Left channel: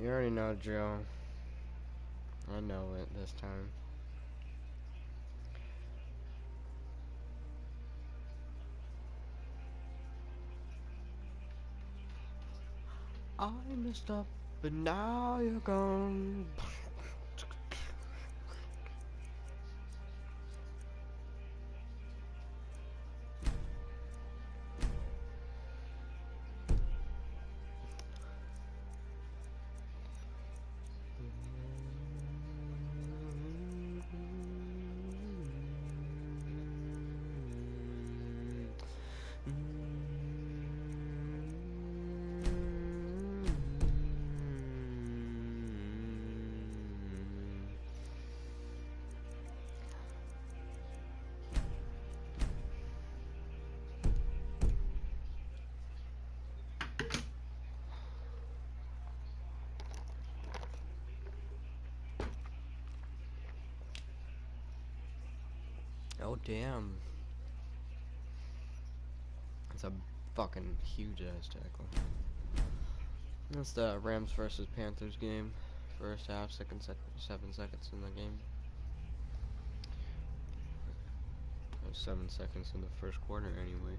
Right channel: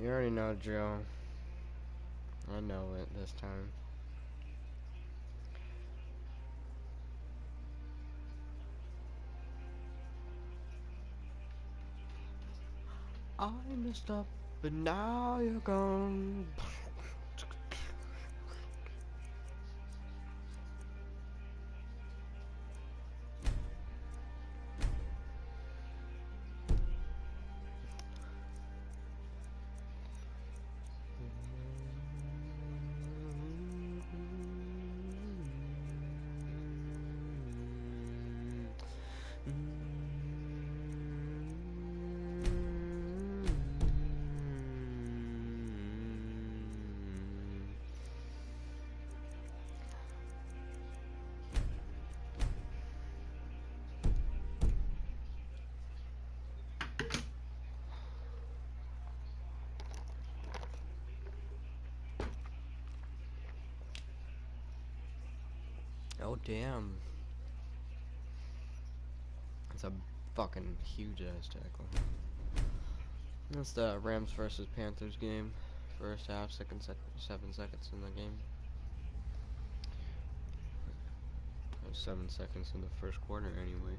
You already know, Joe. I know it this time. I messed up, but now you're gone. Oh damn. It's a fucking huge ass tackle. That's the Rams versus Panthers game. First half, 7 seconds in the game. 7 seconds in the first quarter anyway.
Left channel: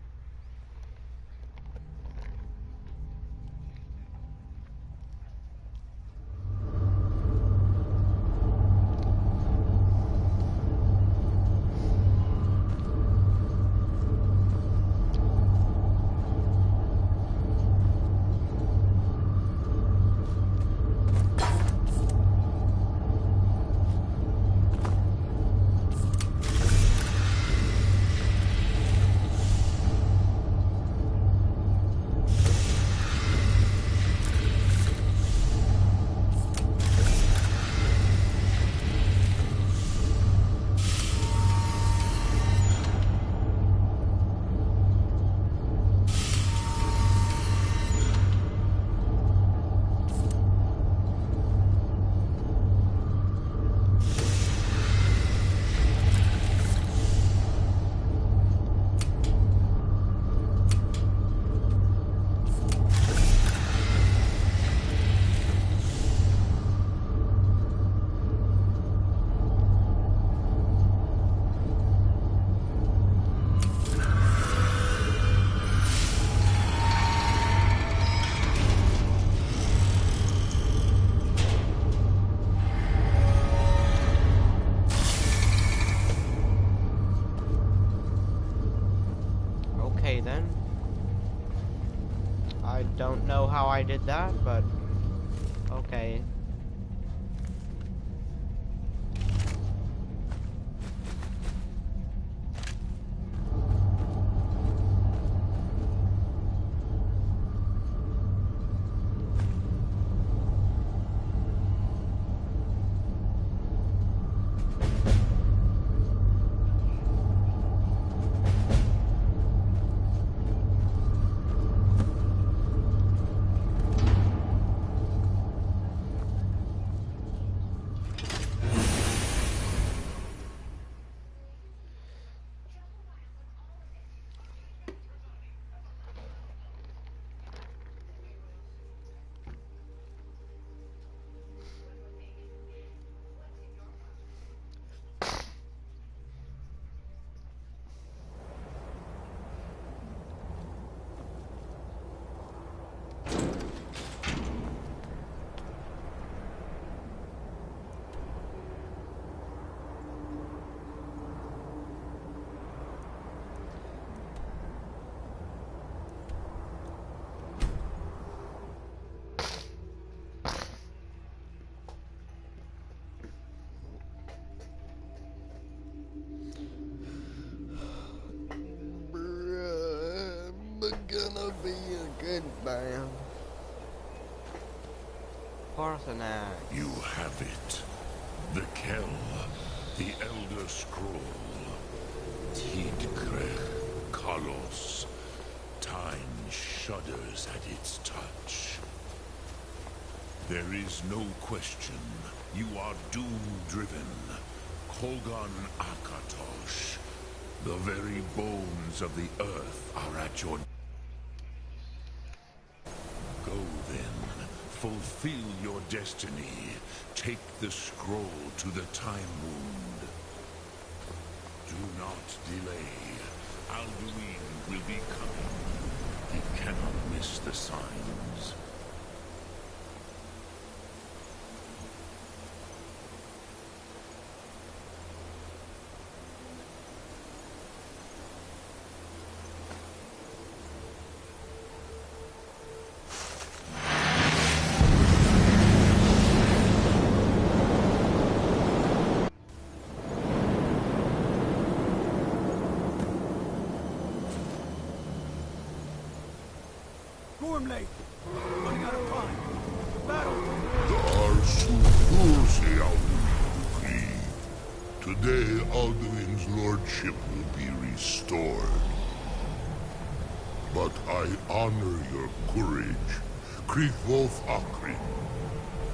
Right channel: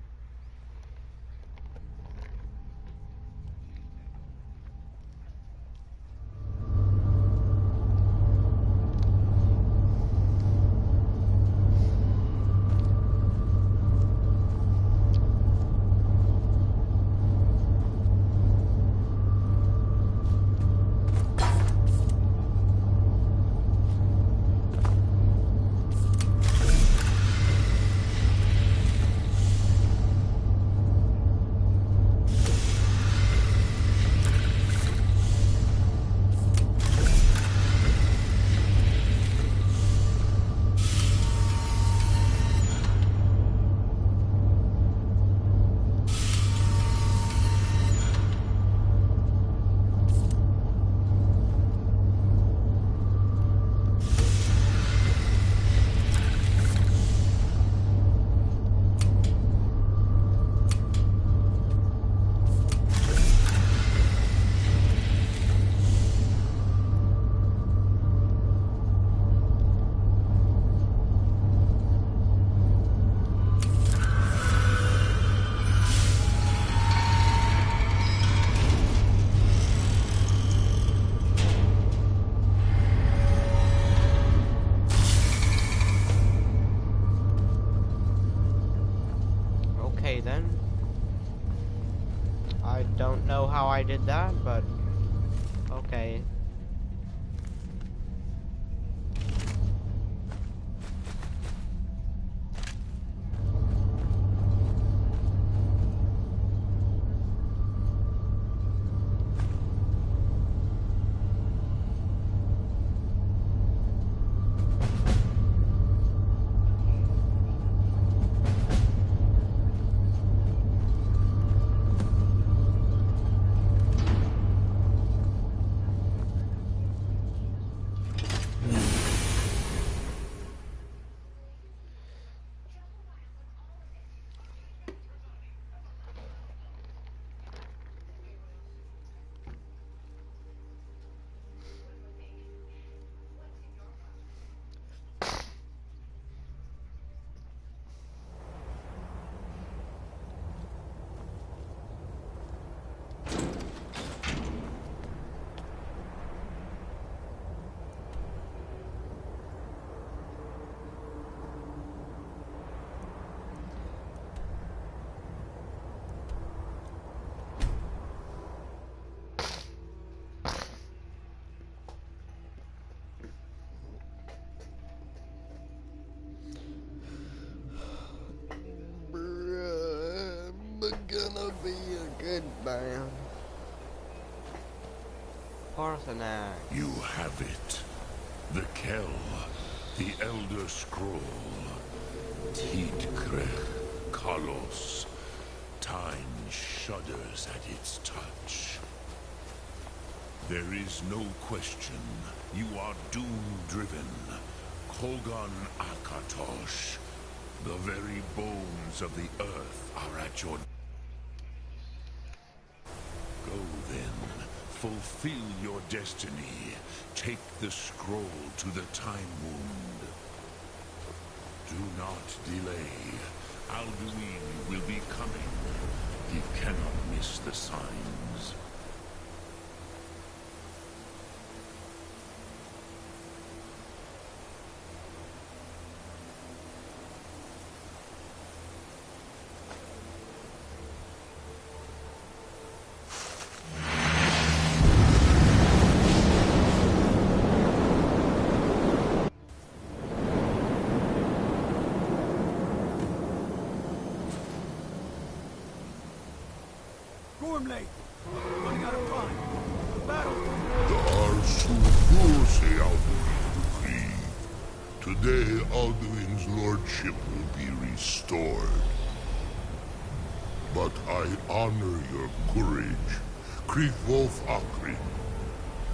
Okay then. I don't know how I did that, but okay. Gonna be a good man. Parthenax. You have it. The Kell, the Elder Scroll. Tidkrech Kalos. Time shudders at its touch. There is no question. You are doom-driven. Kogan Akatosh. The very bones of the earth are at your... Go then, fulfill your destiny, take the scroll to the Time Wound. Do not delay. Alduin will be coming. He cannot miss the signs. Gormley! Running out of time. The battle! Today, Alduin's lordship will be restored. But I honor your courage. Kriegwolf Akrin.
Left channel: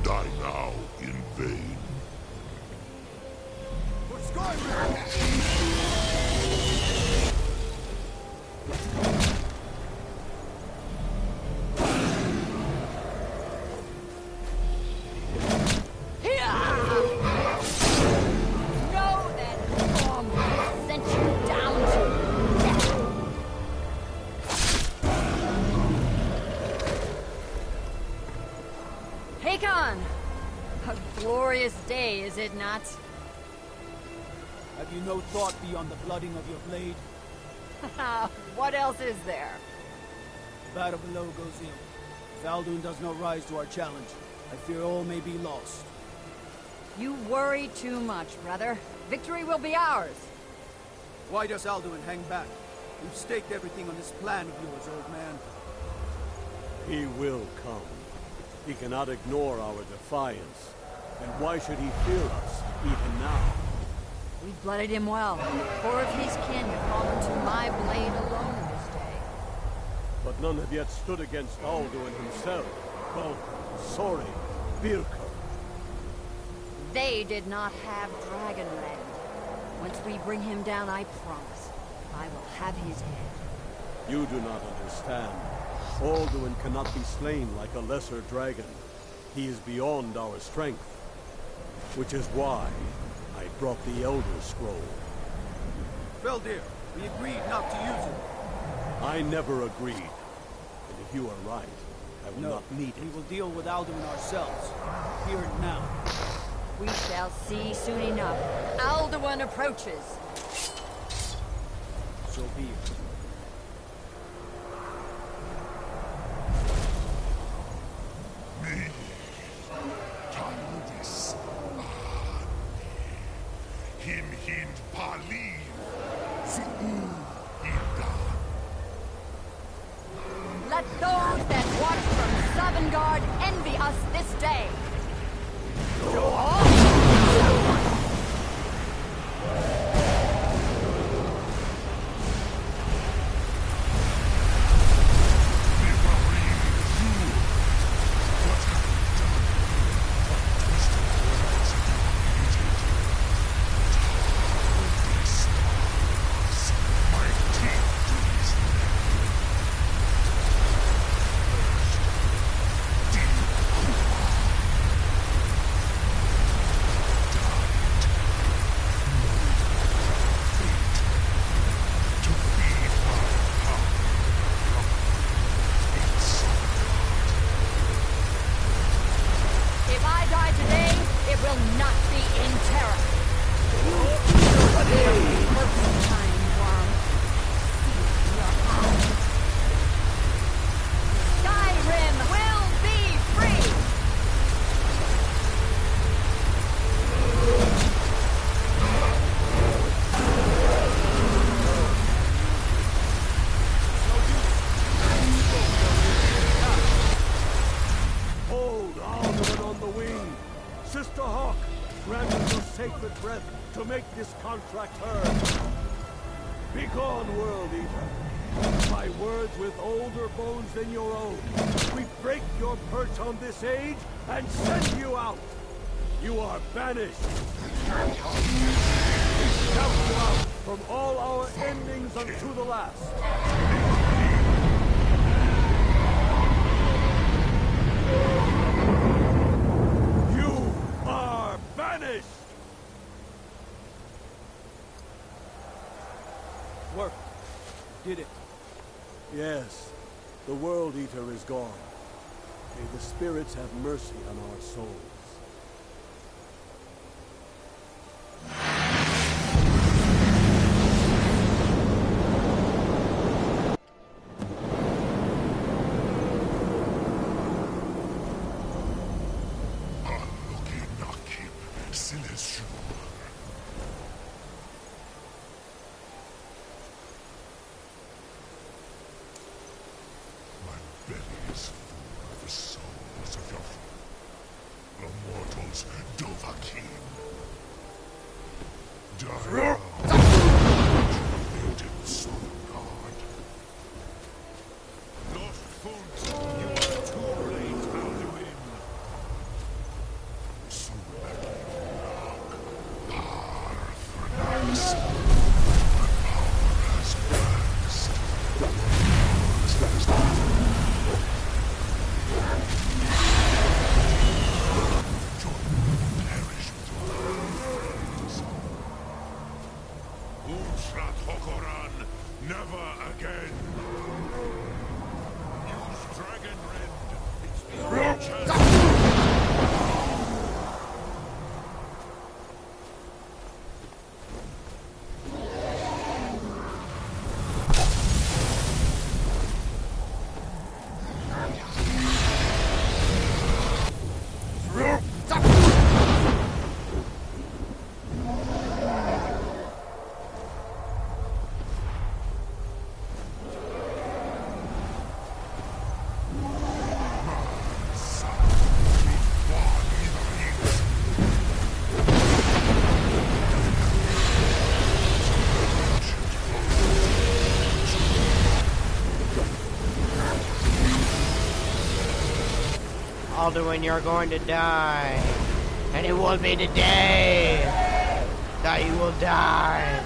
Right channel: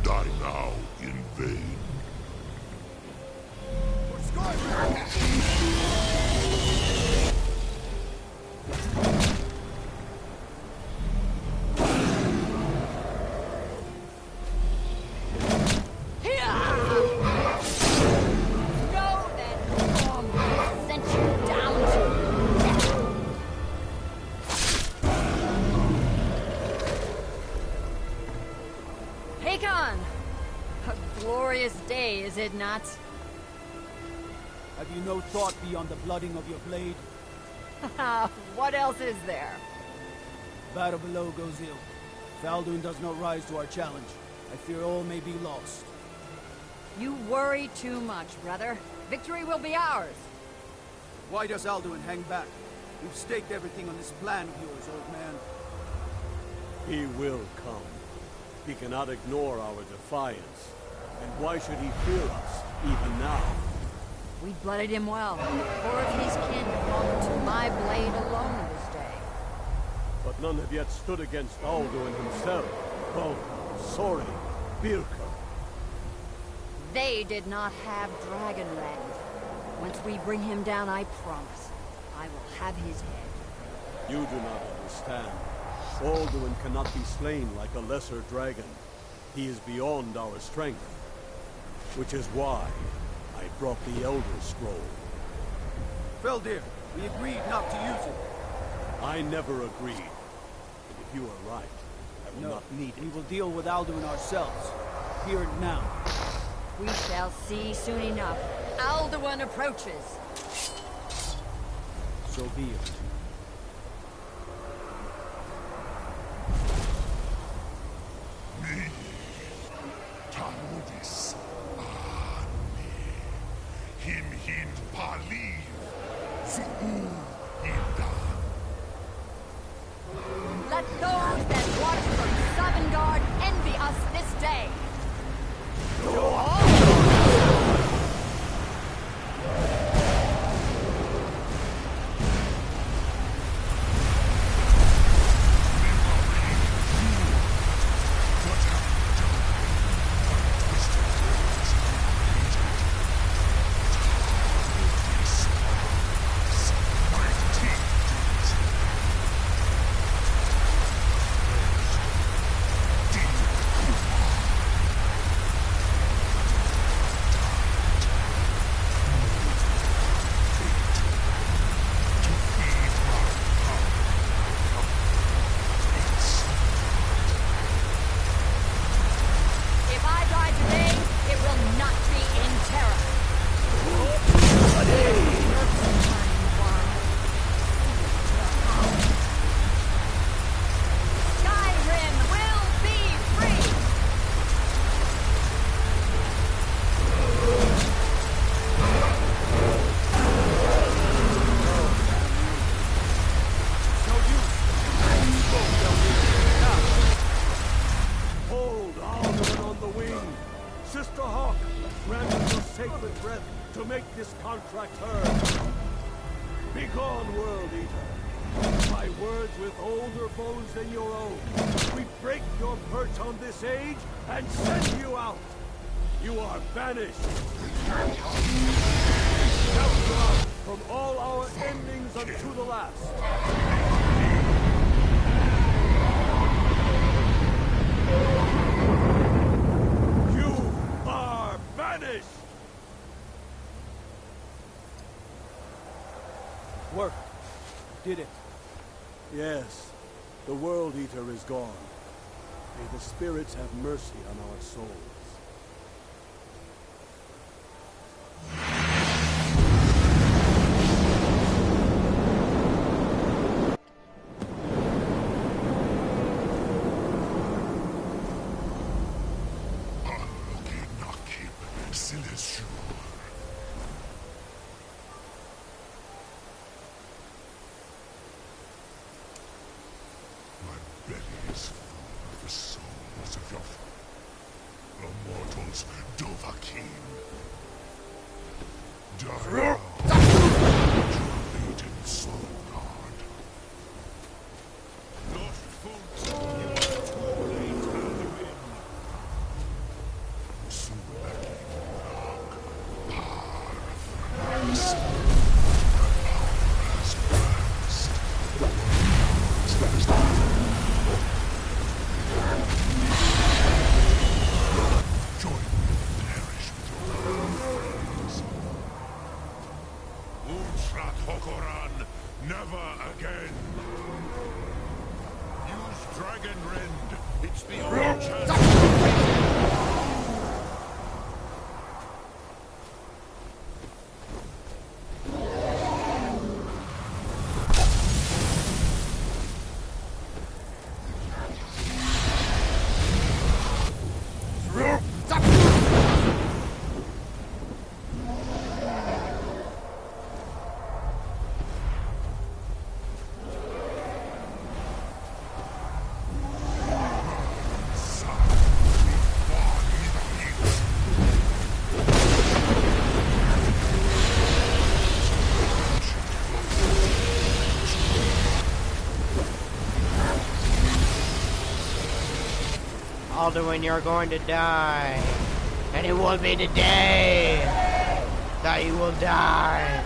Die now in vain. For Skyrim! A glorious day, is it not? Have you no thought beyond the blooding of your blade? What else is there? The battle below goes ill. If Alduin does not rise to our challenge, I fear all may be lost. You worry too much, brother. Victory will be ours. Why does Alduin hang back? We've staked everything on this plan of yours, old man. He will come. He cannot ignore our defiance. And why should he fear us, even now? We blooded him well. Four of his kin have fallen to my blade alone this day. But none have yet stood against Alduin himself. Both Sori, Birker. They did not have Dragonland. Once we bring him down, I promise, I will have his head. You do not understand. Alduin cannot be slain like a lesser dragon. He is beyond our strength. Which is why I brought the Elder Scroll. Feldir, we agreed not to use it. I never agreed. And if you are right, I will not need it. We will deal with Alduin ourselves. Here and now. We shall see soon enough. Alduin approaches. So be it. Taludis Ane. Him Paliv. Zuu Indan. Let those that watch from Sovngarde envy us this day. Skyrim will be free! Hold Alduin on the wing! Sister Hawk, grant us your sacred breath to make this contract heard. Begone, World Eater! My words with older bones than your own. We break your perch on this age and send you out! You are banished! We shout you out from all our endings unto the last! did it. Yes, the World Eater is gone. May the spirits have mercy on our souls. My belly is full of the souls of your mortals, Dovahkiin. Die now, your fated sun god. Lost foot, you are too late, Alduin. Sulaki Murak, Parthranas. My power has passed. What yours has join me and perish with your friends. Unsrat Hokoran, never again. Use Dragon Rend. It's the only chance. Alduin, you're going to die. And it will be today that you will die.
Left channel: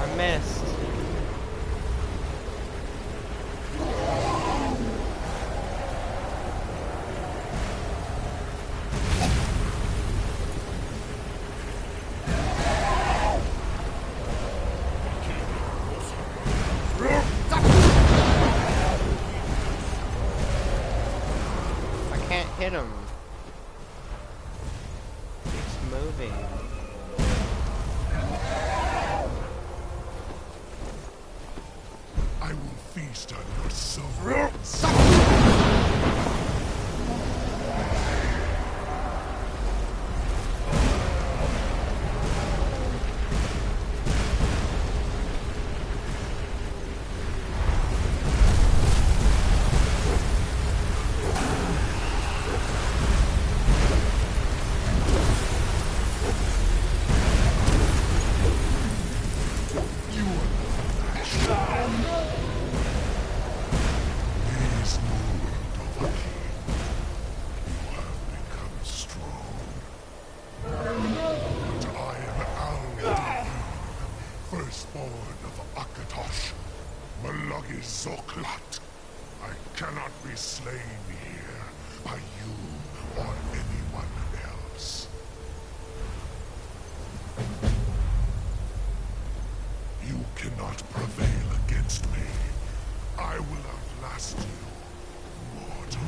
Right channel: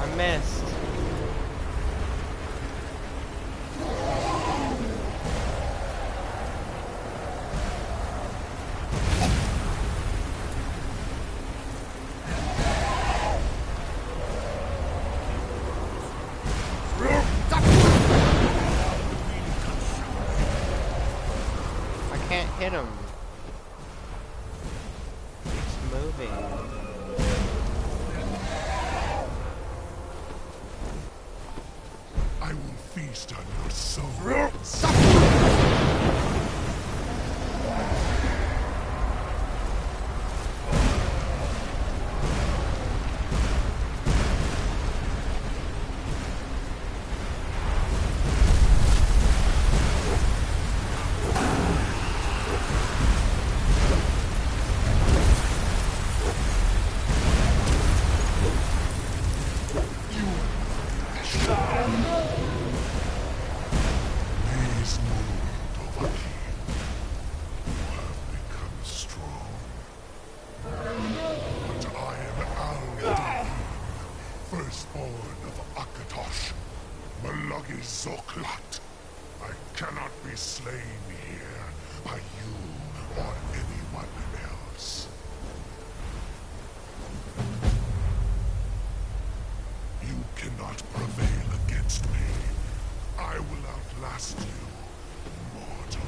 I missed. I can't hit him. It's moving. I will feast on your souls. Please move, Dovahkiin. You have become strong. But I am Alduin, firstborn of Akatosh, Malagi Zoklat. I cannot be slain here by you or anyone else. You cannot prevail against me. I will outlast you, mortal.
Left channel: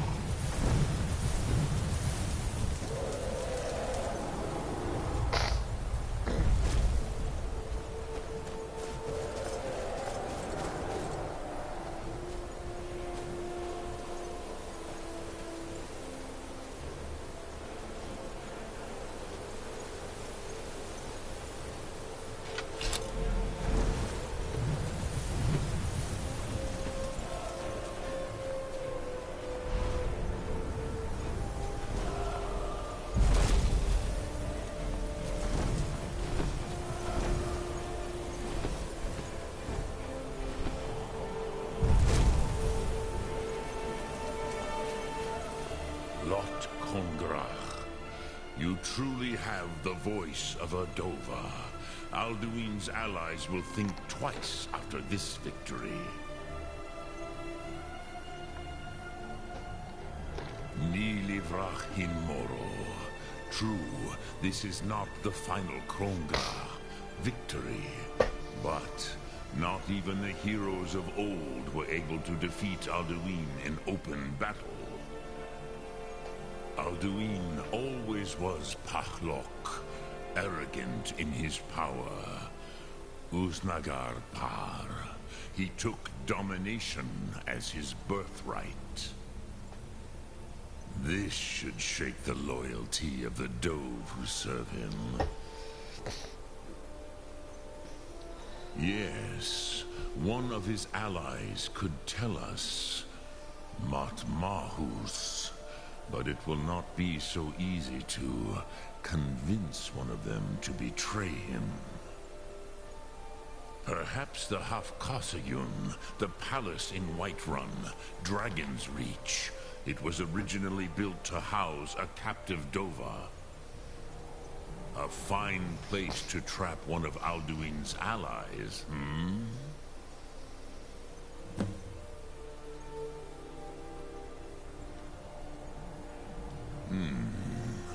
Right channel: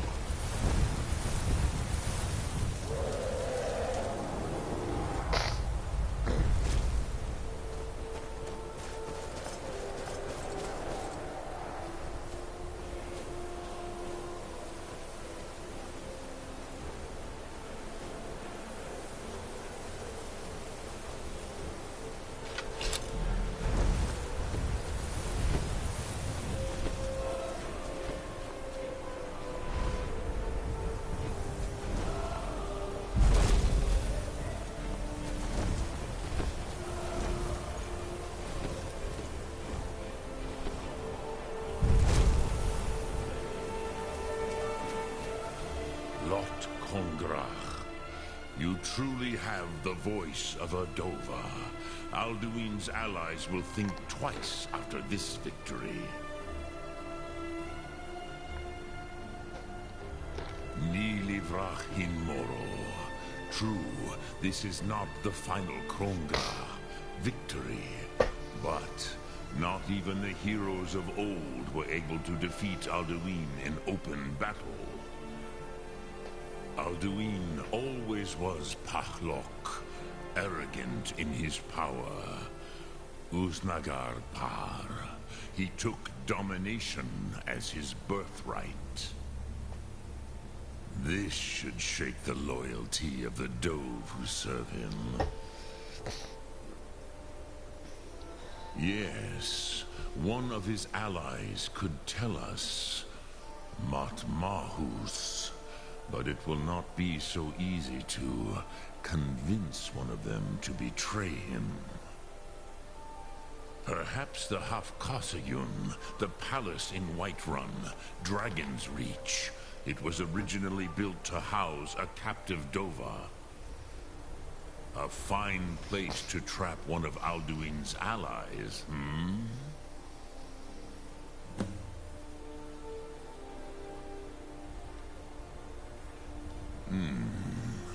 Lot Kongrach. You truly have the voice of a Dova. Alduin's allies will think twice after this victory. Ni livrach hin moro. True, this is not the final Krongra victory, but not even the heroes of old were able to defeat Alduin in open battle. Alduin always was Pahlok, arrogant in his power. Uznagar Par. He took domination as his birthright. This should shake the loyalty of the Dove who serve him. Yes, one of his allies could tell us. Matmahus. But it will not be so easy to convince one of them to betray him. Perhaps the Hafkasayun, the palace in Whiterun, Dragon's Reach. It was originally built to house a captive Dova. A fine place to trap one of Alduin's allies, hmm?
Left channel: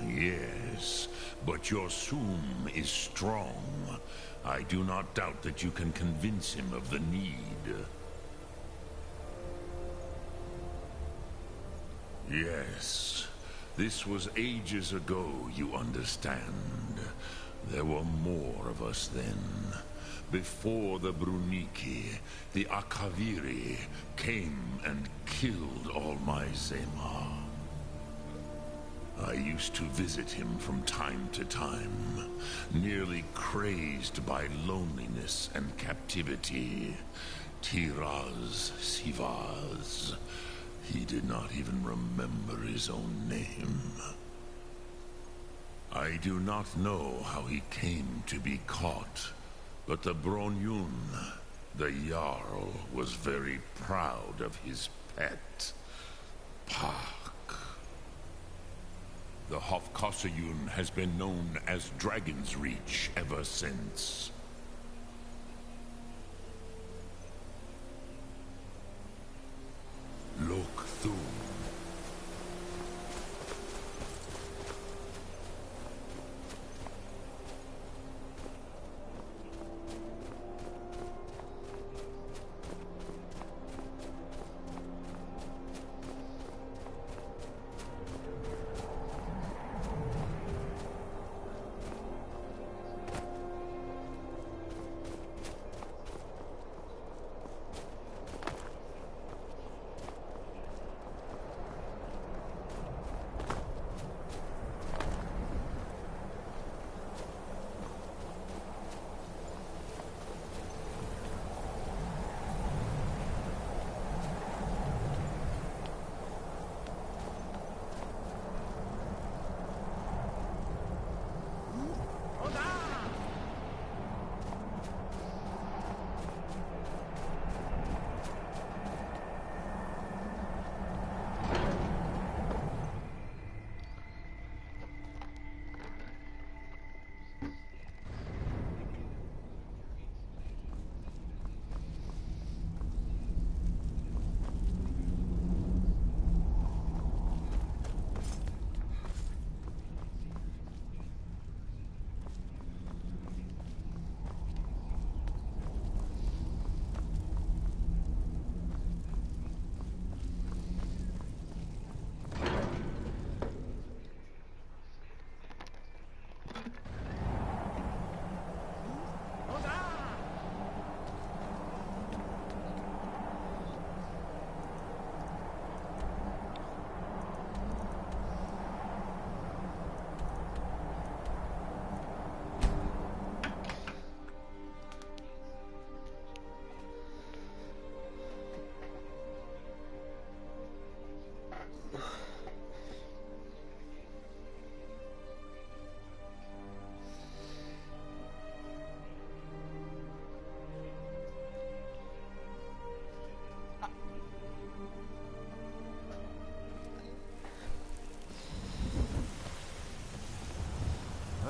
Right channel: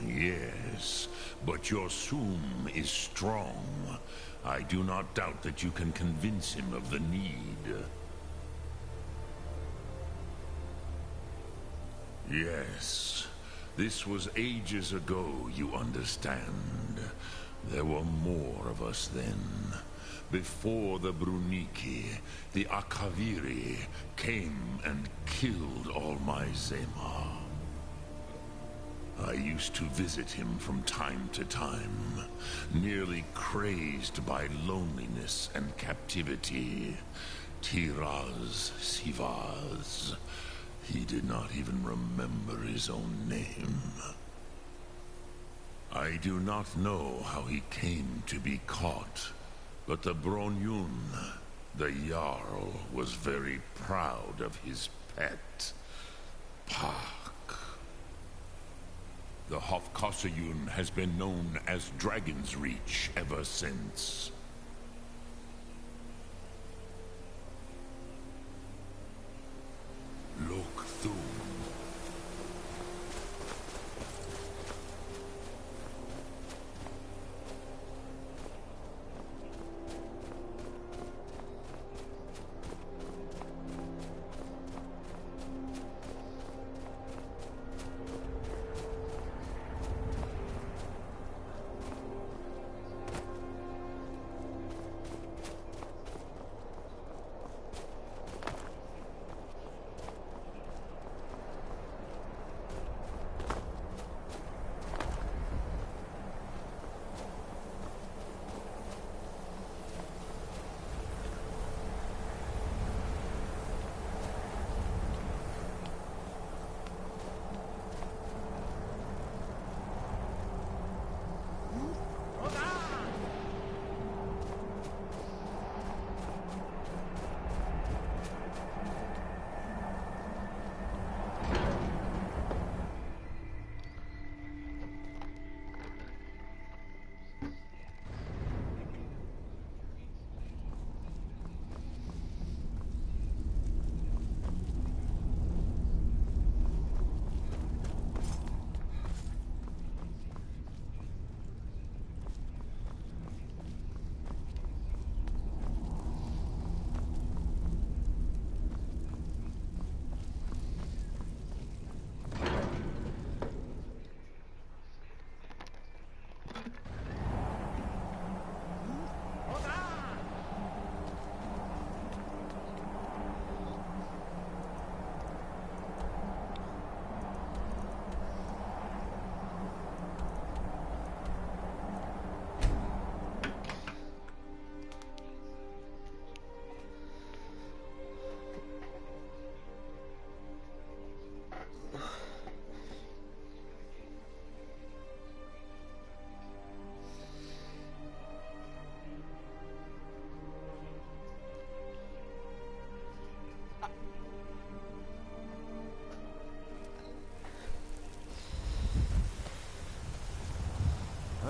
Yes, but your Sum is strong. I do not doubt that you can convince him of the need. Yes, this was ages ago, you understand. There were more of us then. Before the Bruniki, the Akaviri came and killed all my Zema. I used to visit him from time to time, nearly crazed by loneliness and captivity. Tiraz Sivaz. He did not even remember his own name. I do not know how he came to be caught, but the Bronyun, the Jarl, was very proud of his pet, Pak. The Hofkosayun has been known as Dragon's Reach ever since. Look through.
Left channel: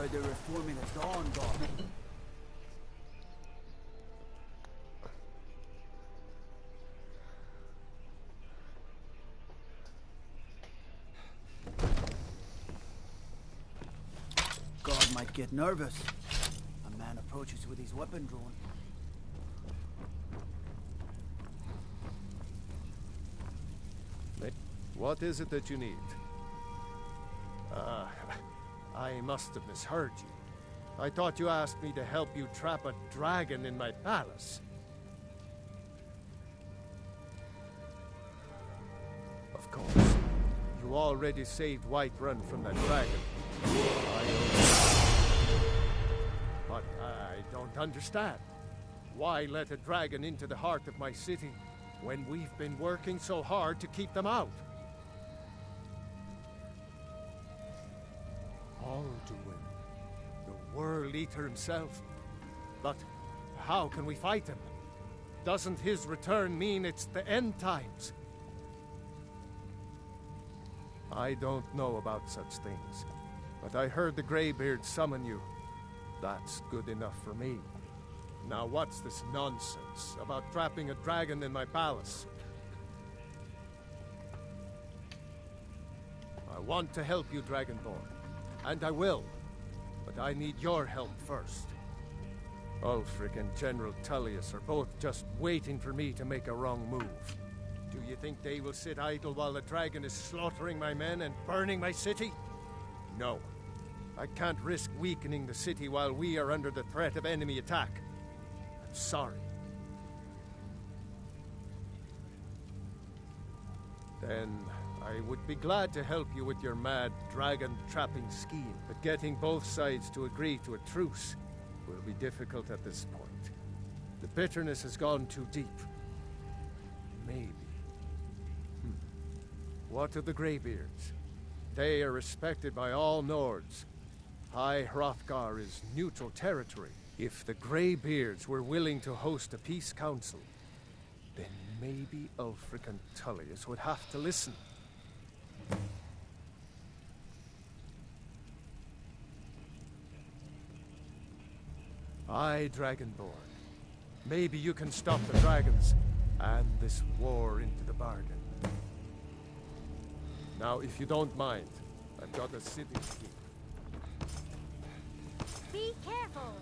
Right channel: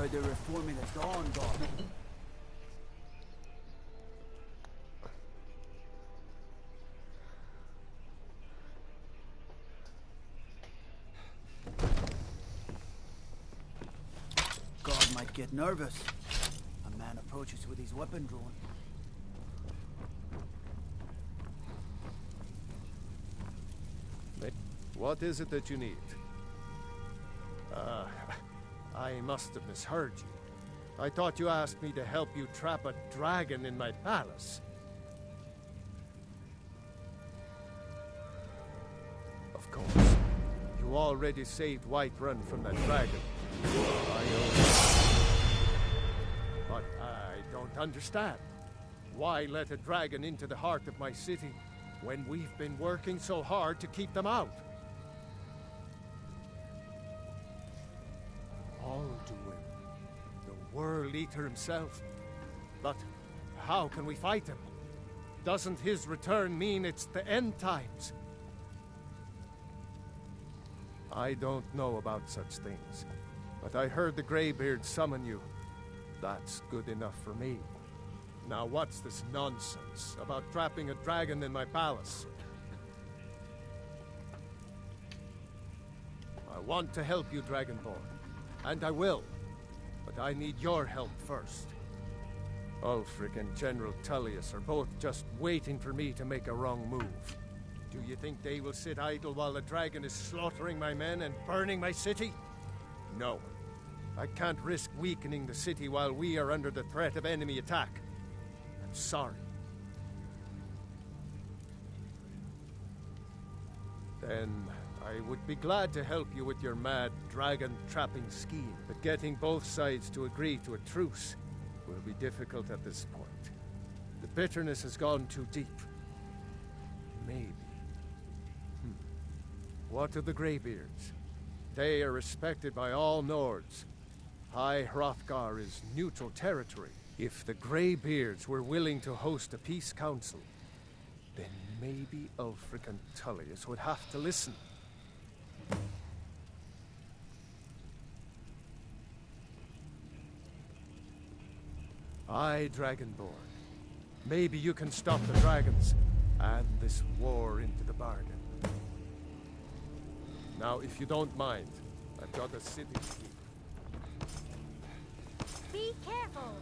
heard they're reforming the Dawn Guard. Guard might get nervous. A man approaches with his weapon drawn. What is it that you need? I must have misheard you. I thought you asked me to help you trap a dragon in my palace. Of course. You already saved Whiterun from that dragon. I owe you. But I don't understand. Why let a dragon into the heart of my city when we've been working so hard to keep them out? Alduin, the World Eater himself. But how can we fight him? Doesn't his return mean it's the end times? I don't know about such things, but I heard the Greybeard summon you. That's good enough for me. Now what's this nonsense about trapping a dragon in my palace? I want to help you, Dragonborn. And I will. But I need your help first. Ulfric and General Tullius are both just waiting for me to make a wrong move. Do you think they will sit idle while the dragon is slaughtering my men and burning my city? No. I can't risk weakening the city while we are under the threat of enemy attack. I'm sorry. Then I would be glad to help you with your mad dragon-trapping scheme, but getting both sides to agree to a truce will be difficult at this point. The bitterness has gone too deep. Maybe. What of the Greybeards? They are respected by all Nords. High Hrothgar is neutral territory. If the Greybeards were willing to host a peace council, then maybe Ulfric and Tullius would have to listen. Aye, Dragonborn. Maybe you can stop the dragons, and this war into the bargain. Now, if you don't mind, I've got a city to keep. Be careful!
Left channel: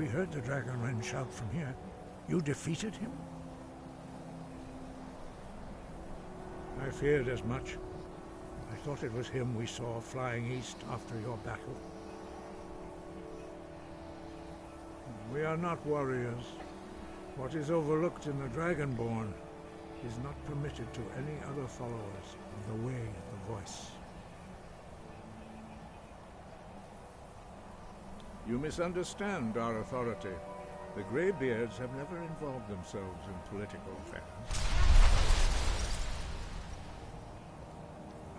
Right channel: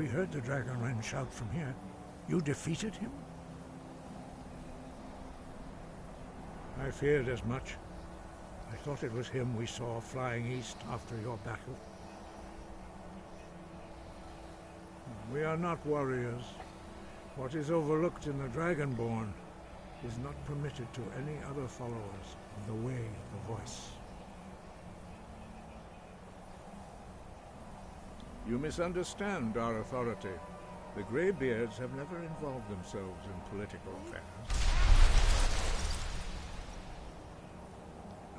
We heard the Dragonren shout from here. You defeated him? I feared as much. I thought it was him we saw flying east after your battle. We are not warriors. What is overlooked in the Dragonborn is not permitted to any other followers of the Way of the Voice. You misunderstand our authority. The Greybeards have never involved themselves in political affairs.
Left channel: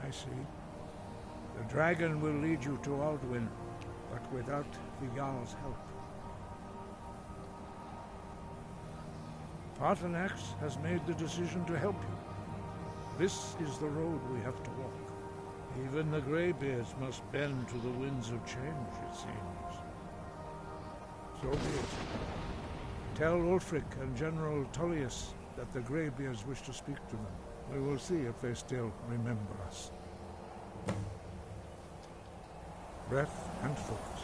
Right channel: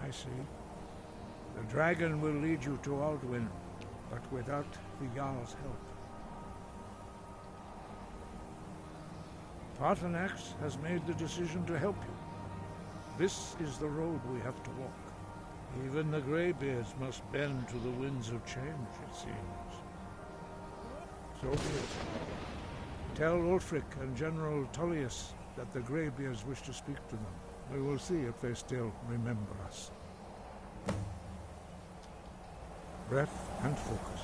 I see. The dragon will lead you to Alduin, but without the Jarl's help. Paarthurnax has made the decision to help you. This is the road we have to walk. Even the Greybeards must bend to the winds of change, it seems. So be it. Tell Ulfric and General Tullius that the Greybeards wish to speak to them. We will see if they still remember us. Breath and focus.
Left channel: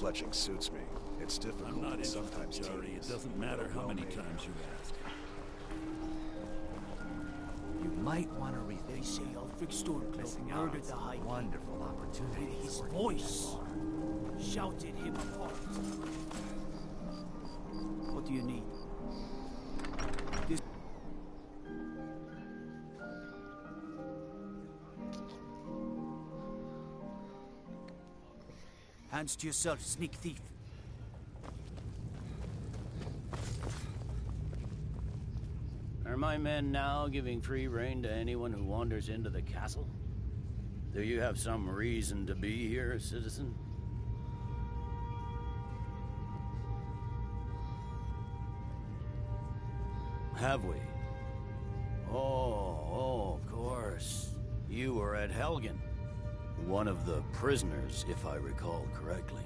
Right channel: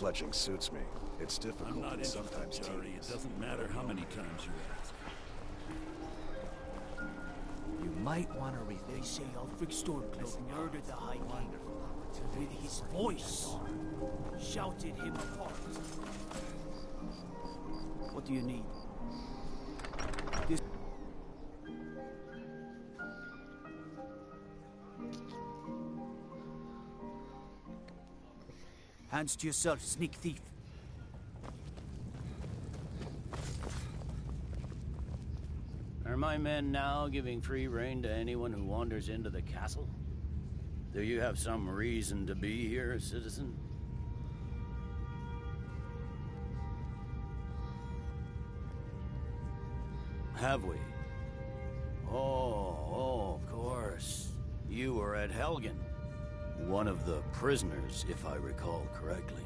Fletching suits me. It's difficult, I'm not and sometimes Jerry. It doesn't matter how many times you ask. You might want to rethink. They say Ulfric Stormcloak murdered the High King. Wonderful opportunity. With his voice, shouted him apart. What do you need? This. Hands to yourself, sneak thief. Are my men now giving free rein to anyone who wanders into the castle? Do you have some reason to be here, citizen? Have we? Oh, of course. You were at Helgen. One of the prisoners, if I recall correctly.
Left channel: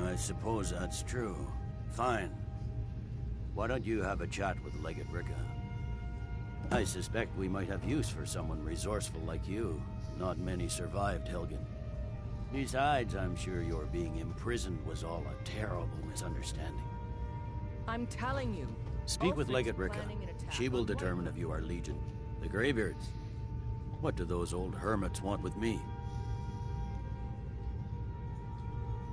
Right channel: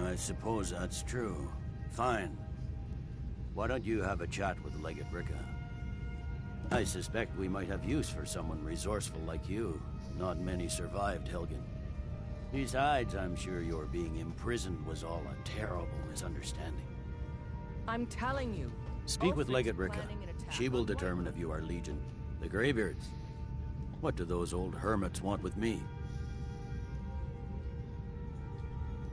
I suppose that's true. Fine. Why don't you have a chat with Legate Ricka? I suspect we might have use for someone resourceful like you. Not many survived Helgen. Besides, I'm sure your being imprisoned was all a terrible misunderstanding. I'm telling you. Speak with Ulfric's Legate Ricka. planning an attack She will on determine Whiterun. if you are Legion. The Greybeards. What do those old hermits want with me?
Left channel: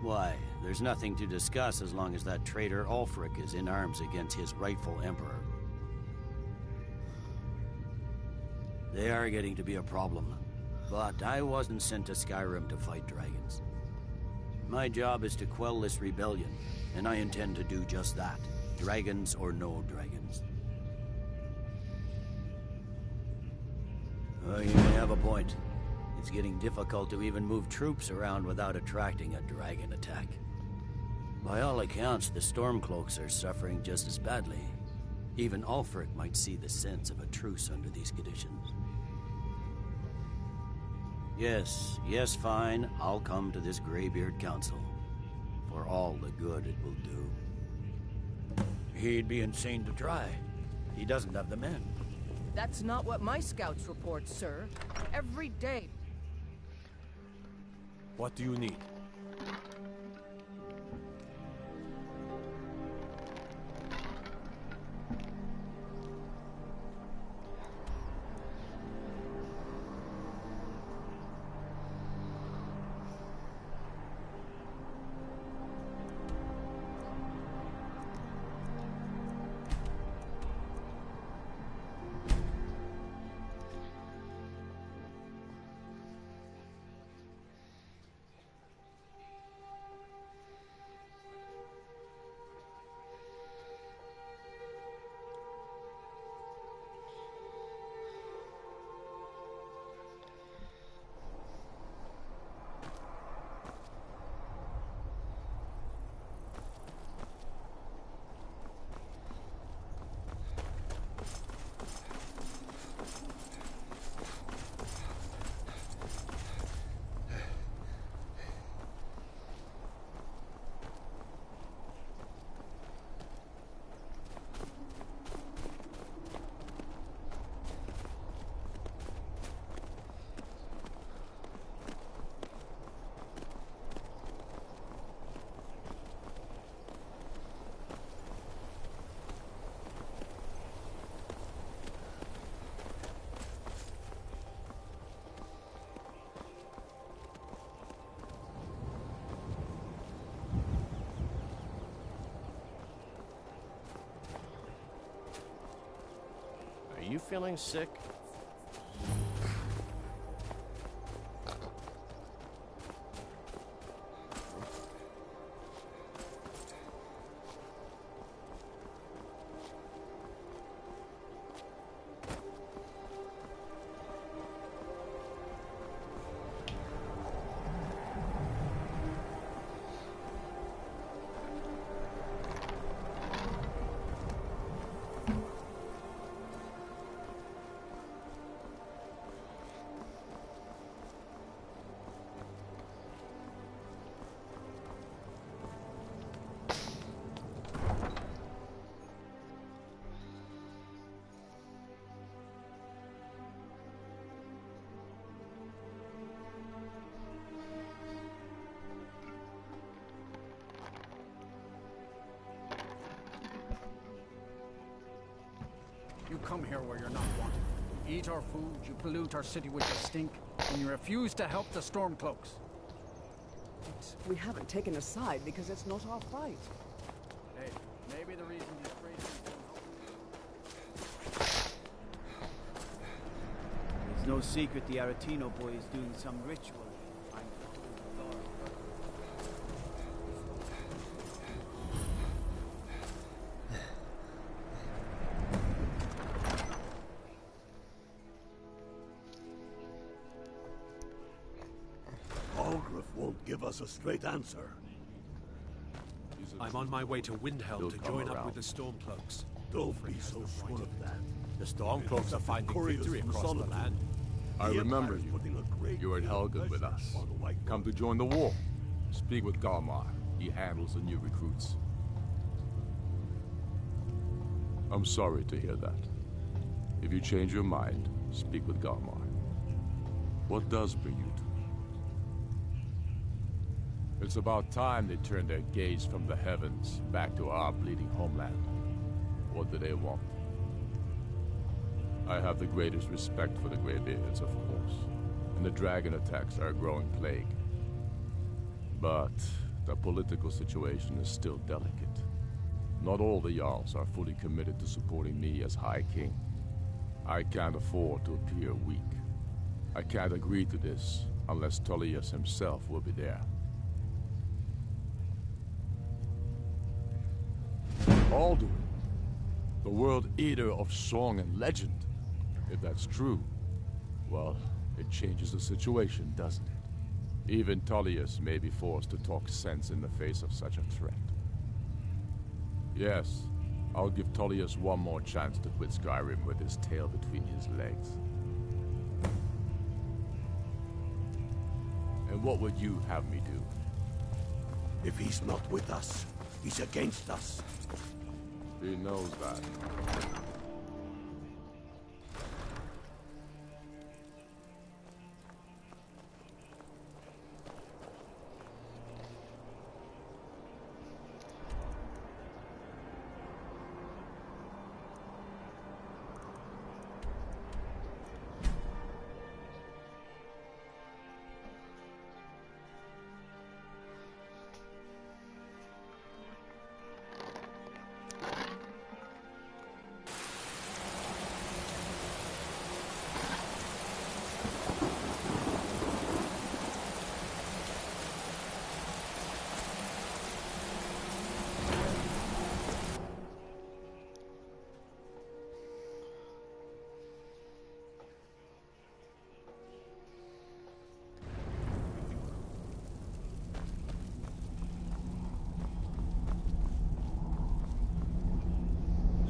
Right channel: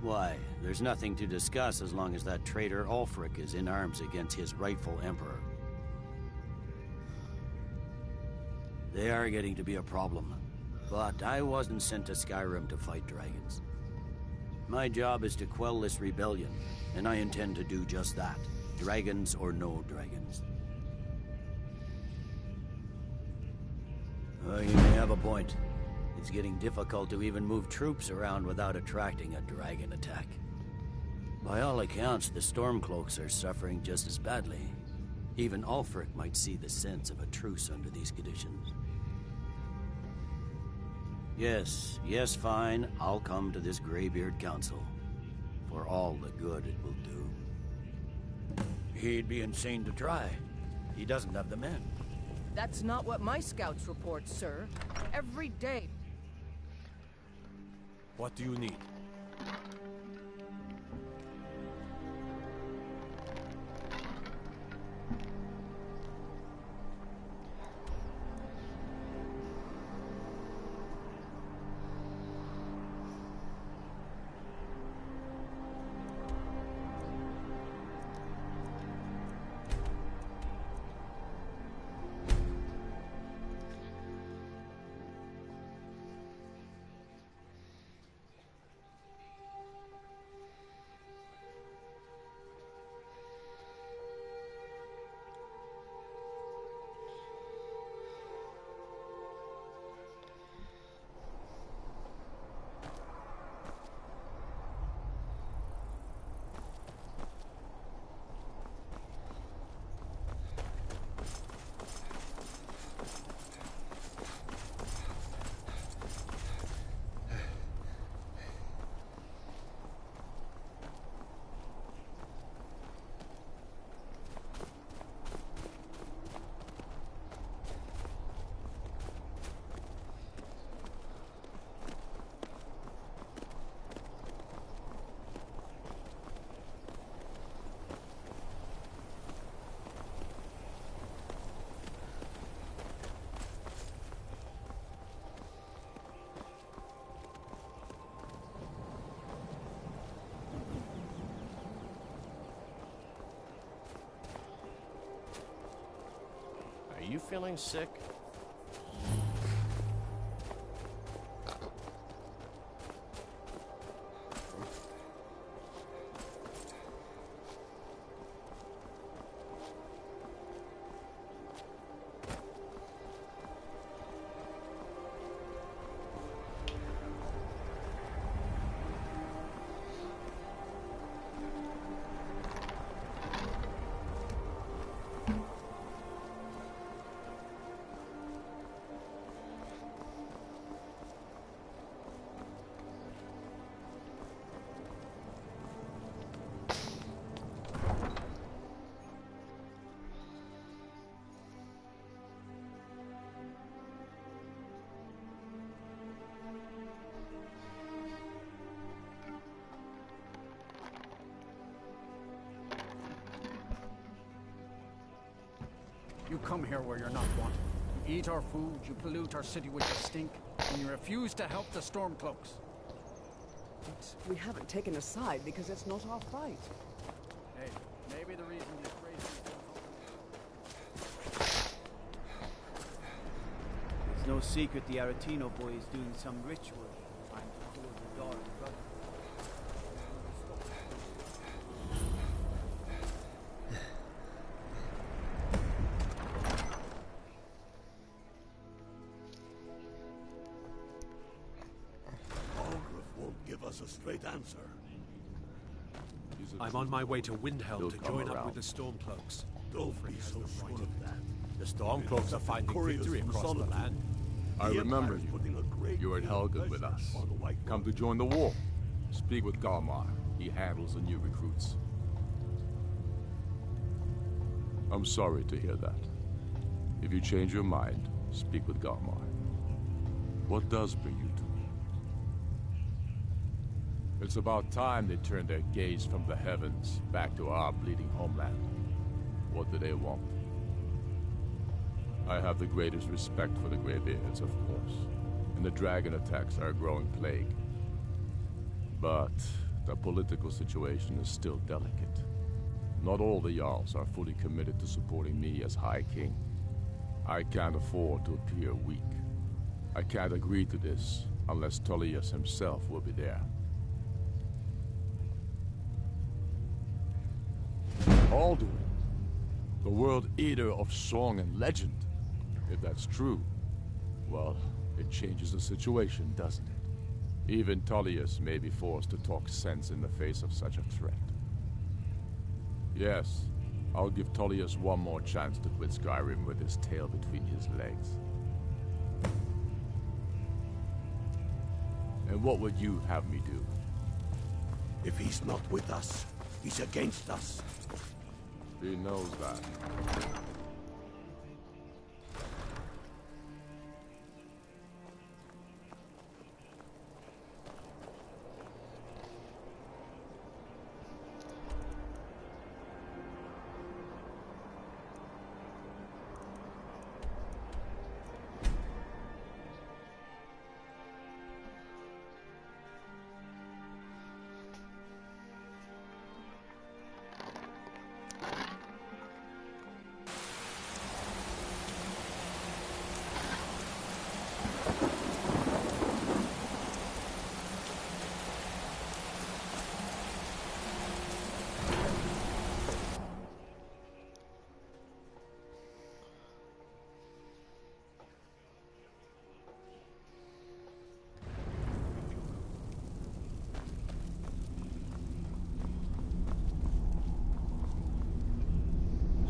Why, there's nothing to discuss as long as that traitor Ulfric is in arms against his rightful emperor. They are getting to be a problem. But I wasn't sent to Skyrim to fight dragons. My job is to quell this rebellion, and I intend to do just that. Dragons or no dragons. You may have a point. It's getting difficult to even move troops around without attracting a dragon attack. By all accounts, the Stormcloaks are suffering just as badly. Even Ulfric might see the sense of a truce under these conditions. Yes, fine. I'll come to this Greybeard Council. For all the good it will do. He'd be insane to try. He doesn't have the men. That's not what my scouts report, sir. Every day. What do you need? you feeling sick? You come here where you're not wanted. You eat our food, you pollute our city with your stink, and you refuse to help the Stormcloaks. But we haven't taken a side because it's not our fight. Hey, maybe the reason these crazies don't help. It's no secret the Aretino boy is doing some ritual trying to hold the door. Give us a straight answer. I'm on my way to Windhelm to join up with the Stormcloaks. Don't be so sure of that. The Stormcloaks are finding victory across the land. I remember you. You were at Helgen with us. Come to join the war. Speak with Galmar. He handles the new recruits. I'm sorry to hear that. If you change your mind, speak with Galmar. What does bring you to me? It's about time they turned their gaze from the heavens back to our bleeding homeland. What do they want? I have the greatest respect for the Greybeards, of course, and the dragon attacks are a growing plague. But the political situation is still delicate. Not all the Jarls are fully committed to supporting me as High King. I can't afford to appear weak. I can't agree to this unless Tullius himself will be there. Alduin, the World Eater of song and legend. If that's true, well, it changes the situation, doesn't it? Even Tullius may be forced to talk sense in the face of such a threat. Yes, I'll give Tullius one more chance to quit Skyrim with his tail between his legs. And what would you have me do? If he's not with us, he's against us. He knows that.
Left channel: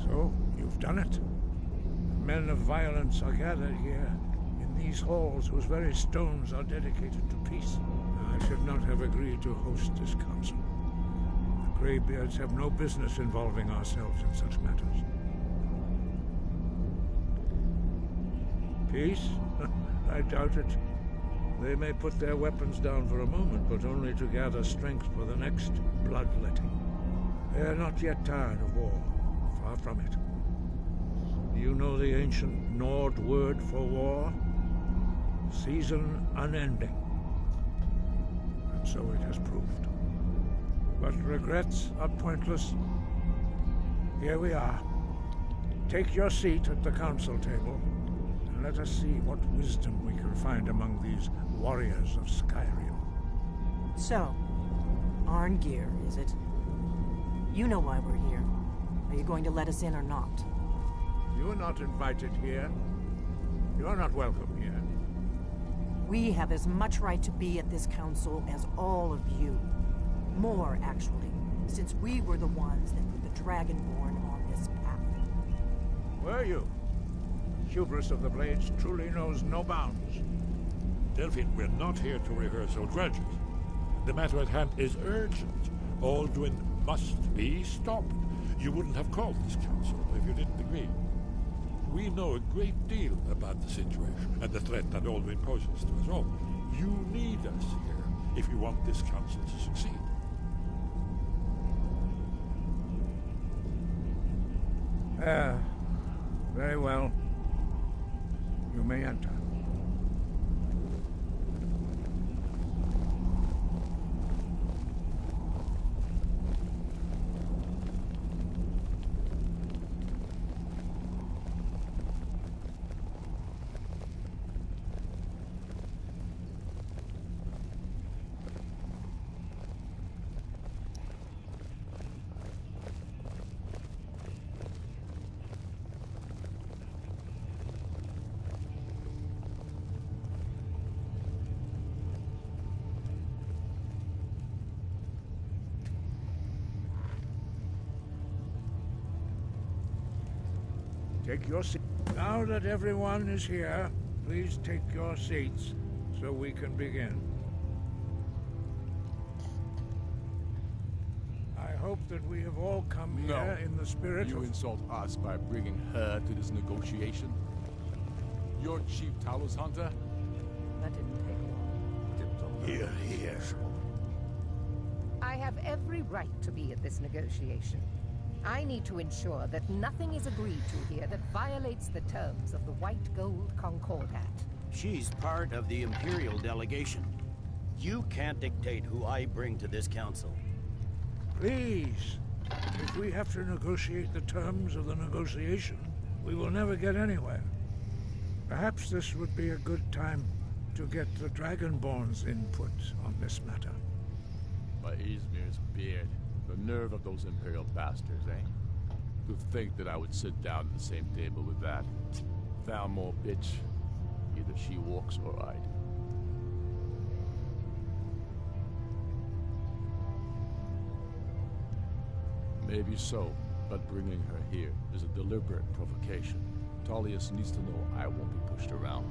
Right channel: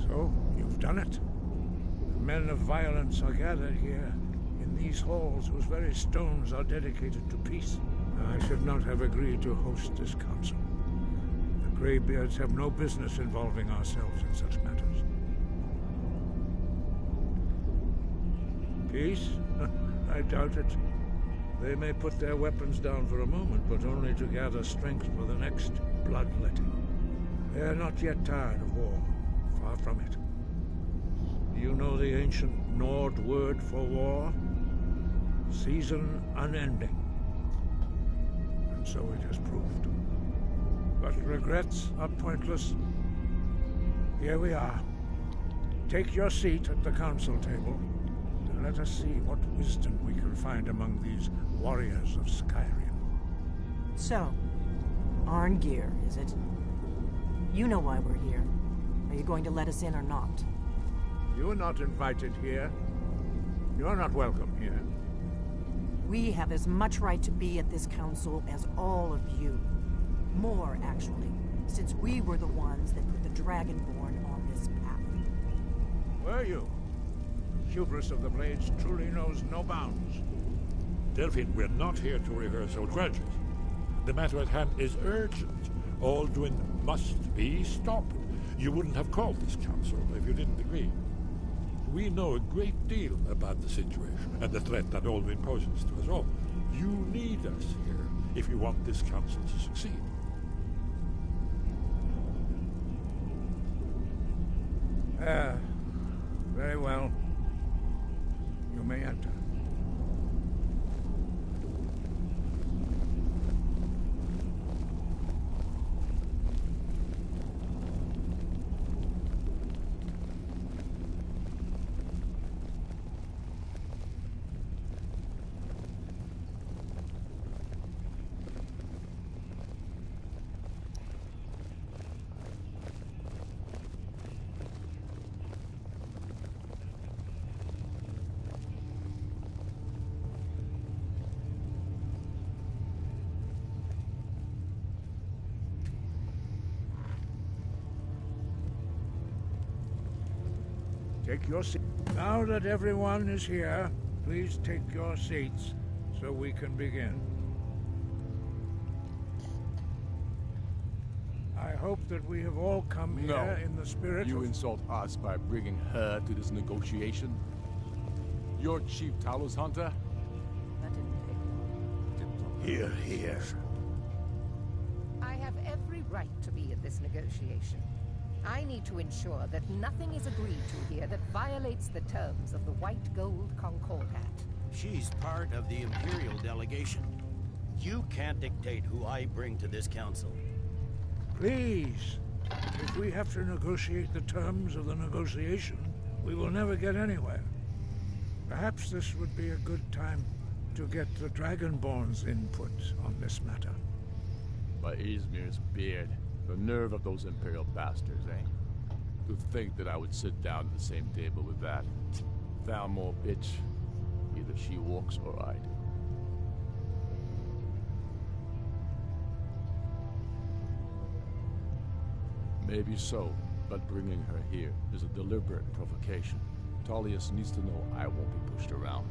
So, you've done it. The men of violence are gathered here, in these halls whose very stones are dedicated to peace. I should not have agreed to host this council. The Greybeards have no business involving ourselves in such matters. Peace? I doubt it. They may put their weapons down for a moment, but only to gather strength for the next bloodletting. They are not yet tired of war. Far from it. Do you know the ancient Nord word for war? Season unending. And so it has proved. But regrets are pointless. Here we are. Take your seat at the council table, and let us see what wisdom we can find among these warriors of Skyrim. So, Arngeir, is it? You know why we're here. Are you going to let us in or not? You are not invited here. You are not welcome here. We have as much right to be at this council as all of you. More, actually, since we were the ones that put the Dragonborn on this path. Were you? The hubris of the Blades truly knows no bounds. Delphine, we're not here to rehearse old grudges. The matter at hand is urgent. Alduin must be stopped. You wouldn't have called this council if you didn't agree. We know a great deal about the situation and the threat that Alduin poses to us all. You need us here if you want this council to succeed. Very well. You may enter. Take your seat. Now that everyone is here, please take your seats so we can begin. I hope that we have all come here in the spirit You of... insult us by bringing her to this negotiation? You're Chief Talos Hunter? That didn't take long. Here, here. I have every right to be at this negotiation. I need to ensure that nothing is agreed to here that violates the terms of the White Gold Concordat. She's part of the Imperial delegation. You can't dictate who I bring to this council. Please, if we have to negotiate the terms of the negotiation, we will never get anywhere. Perhaps this would be a good time to get the Dragonborn's input on this matter. By Izmir's beard. The nerve of those Imperial bastards, eh? To think that I would sit down at the same table with that. Thalmor bitch. Either she walks or I do. Maybe so, but bringing her here is a deliberate provocation. Tullius needs to know I won't be pushed around.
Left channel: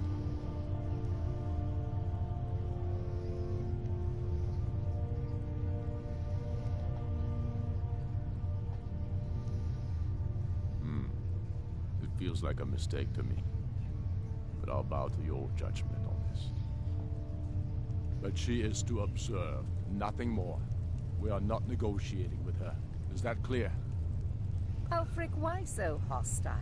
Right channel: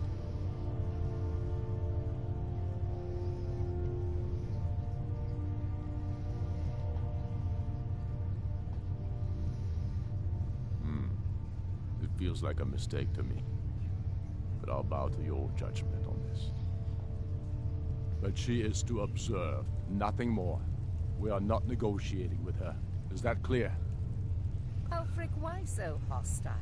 It feels like a mistake to me, but I'll bow to your judgment on this. But she is to observe, nothing more. We are not negotiating with her. Is that clear? Ulfric, why so hostile?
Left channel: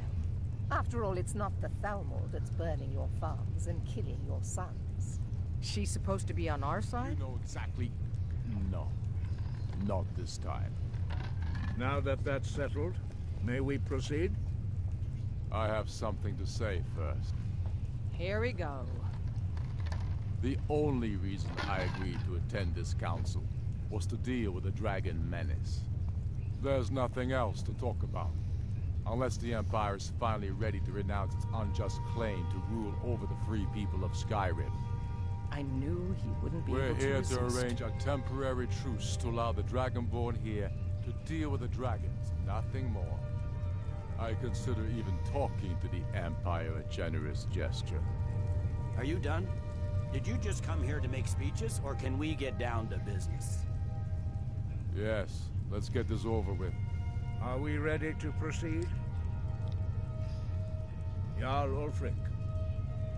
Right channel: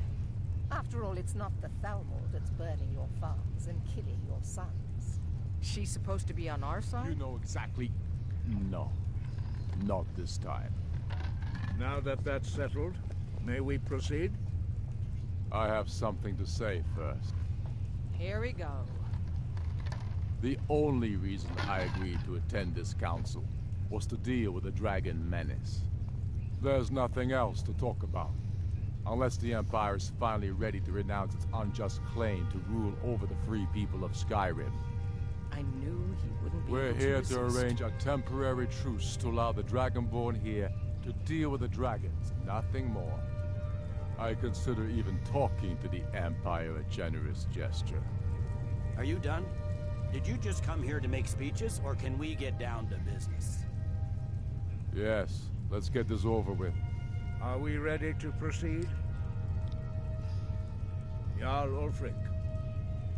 After all, it's not the Thalmor that's burning your farms and killing your sons. She's supposed to be on our side? You know exactly... No. Not this time. Now that that's settled, may we proceed? I have something to say first. Here we go. The only reason I agreed to attend this council was to deal with the dragon menace. There's nothing else to talk about. Unless the Empire is finally ready to renounce its unjust claim to rule over the free people of Skyrim. I knew he wouldn't be We're able to here resist. to arrange a temporary truce to allow the Dragonborn here to deal with the dragons, nothing more. I consider even talking to the Empire a generous gesture. Are you done? Did you just come here to make speeches, or can we get down to business? Yes, let's get this over with. Are we ready to proceed? Jarl Ulfric,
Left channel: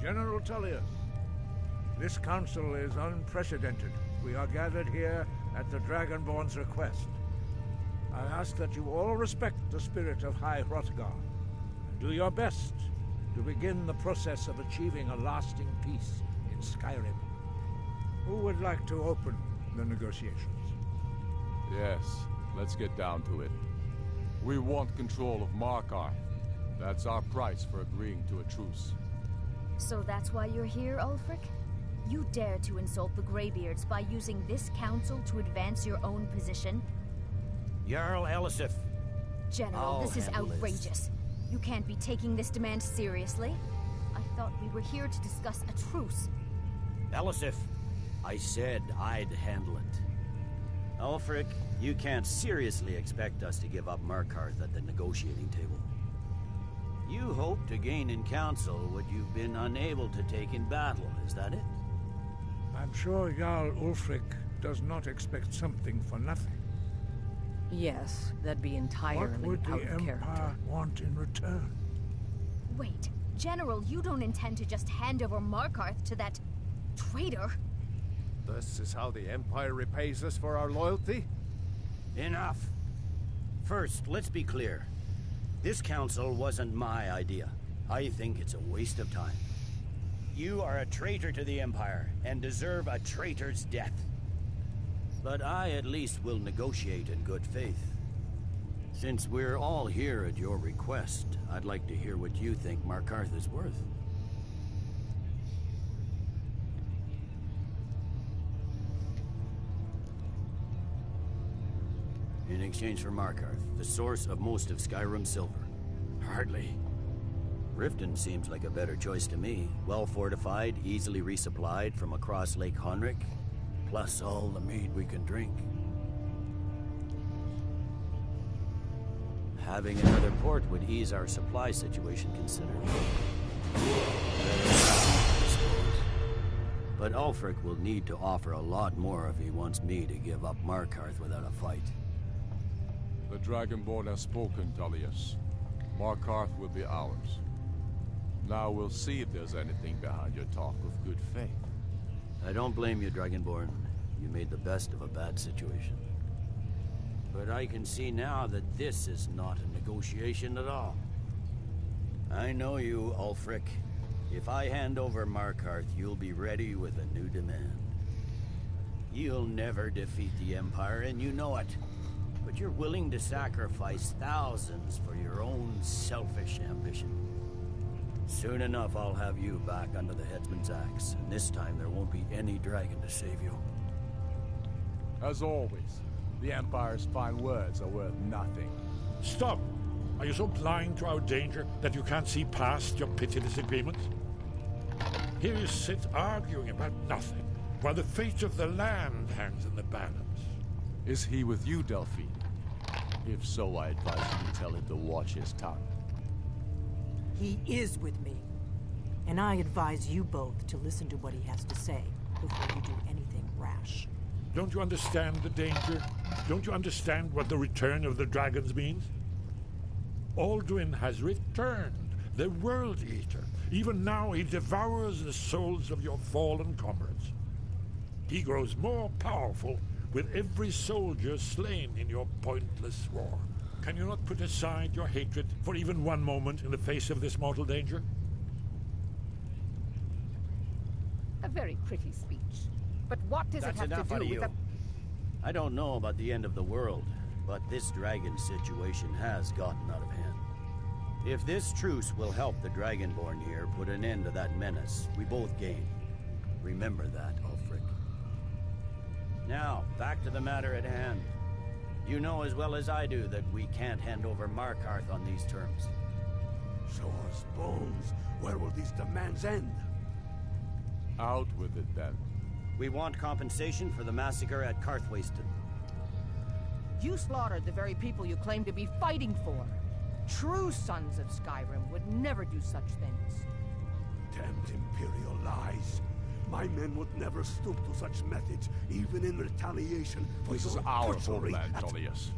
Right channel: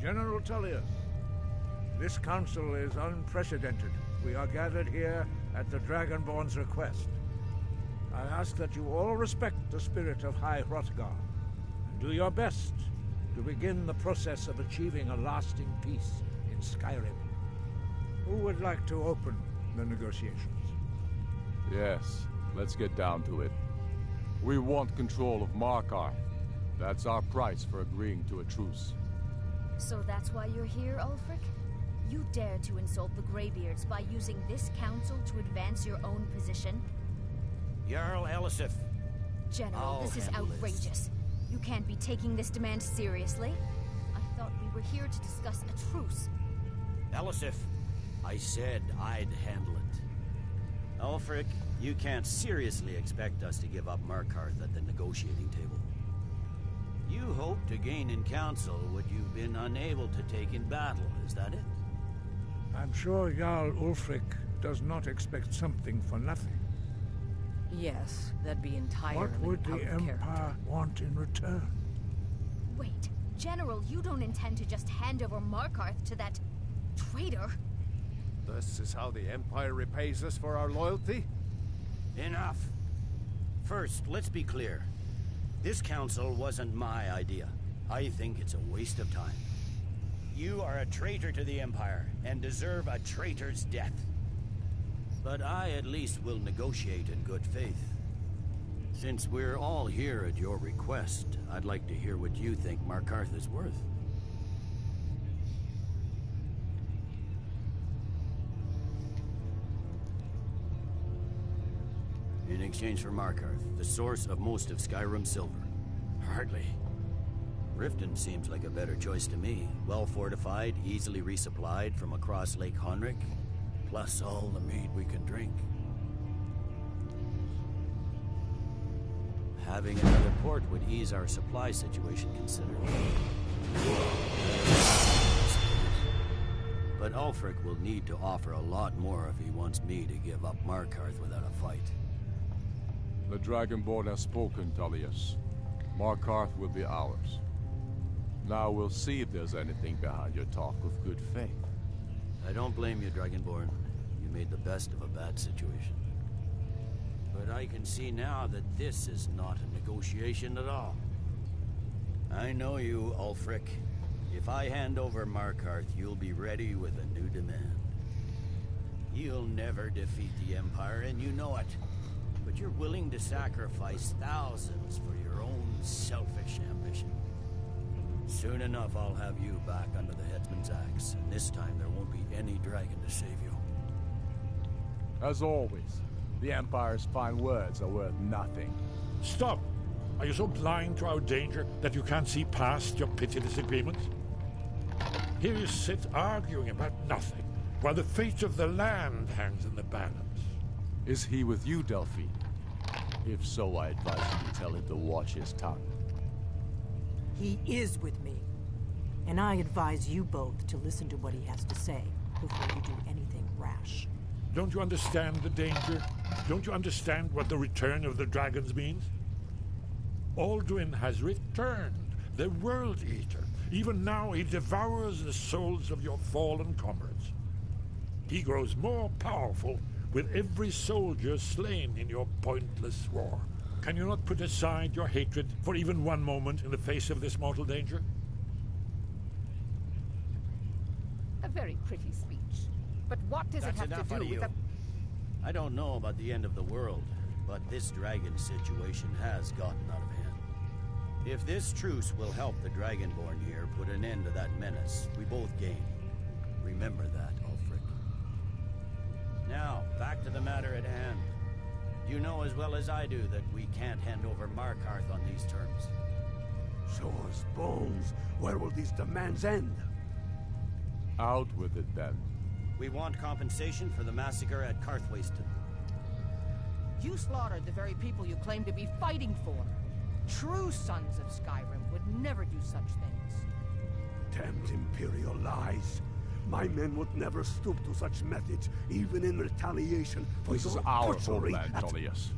General Tullius, this council is unprecedented. We are gathered here at the Dragonborn's request. I ask that you all respect the spirit of High Hrothgar, and do your best to begin the process of achieving a lasting peace in Skyrim. Who would like to open the negotiations? Yes, let's get down to it. We want control of Markarth. That's our price for agreeing to a truce. So that's why you're here, Ulfric? You dare to insult the Greybeards by using this council to advance your own position? Jarl Elisif. General, this is outrageous. You can't be taking this demand seriously. I thought we were here to discuss a truce. Elisif, I said I'd handle it. Ulfric, you can't seriously expect us to give up Markarth at the negotiating table. You hope to gain in council what you've been unable to take in battle, is that it? I'm sure Jarl Ulfric does not expect something for nothing. Yes, that'd be entirely What would out the of character. Empire want in return? Wait, General, you don't intend to just hand over Markarth to that traitor? This is how the Empire repays us for our loyalty? Enough. First, let's be clear. This council wasn't my idea. I think it's a waste of time. You are a traitor to the Empire, and deserve a traitor's death. But I at least will negotiate in good faith. Since we're all here at your request, I'd like to hear what you think Markarth is worth. In exchange for Markarth, the source of most of Skyrim's silver. Hardly. Riften seems like a better choice to me. Well fortified, easily resupplied from across Lake Honric, plus all the mead we can drink. Having another port would ease our supply situation considerably. But Ulfric will need to offer a lot more if he wants me to give up Markarth without a fight. The Dragonborn has spoken, Tullius. Markarth will be ours. Now we'll see if there's anything behind your talk of good faith. I don't blame you, Dragonborn. You made the best of a bad situation. But I can see now that this is not a negotiation at all. I know you, Ulfric. If I hand over Markarth, you'll be ready with a new demand. You'll never defeat the Empire, and you know it. But you're willing to sacrifice thousands for your own selfish ambition. Soon enough, I'll have you back under the headsman's axe, and this time there won't be any dragon to save you. As always, the Empire's fine words are worth nothing. Stop! Are you so blind to our danger that you can't see past your petty disagreements? Here you sit arguing about nothing, while the fate of the land hangs in the balance. Is he with you, Delphine? If so, I advise you to tell him to watch his tongue. He is with me. And I advise you both to listen to what he has to say before you do anything rash. Don't you understand the danger? Don't you understand what the return of the dragons means? Alduin has returned, the World Eater. Even now he devours the souls of your fallen comrades. He grows more powerful with every soldier slain in your pointless war. Can you not put aside your hatred for even one moment in the face of this mortal danger? A very pretty speech. But what does it have to do with a... I don't know about the end of the world, but this dragon situation has gotten out of hand. If this truce will help the Dragonborn here put an end to that menace, we both gain. Remember that, Ulfric. Now, back to the matter at hand. You know as well as I do that we can't hand over Markarth on these terms. Show us bones. Where will these demands end? Out with it, then. We want compensation for the massacre at Karthwasten. You slaughtered the very people you claim to be fighting for. True sons of Skyrim would never do such things. Damned Imperial lies. My men would never stoop to such methods, even in retaliation for This is your our butchery homeland, at... Tullius.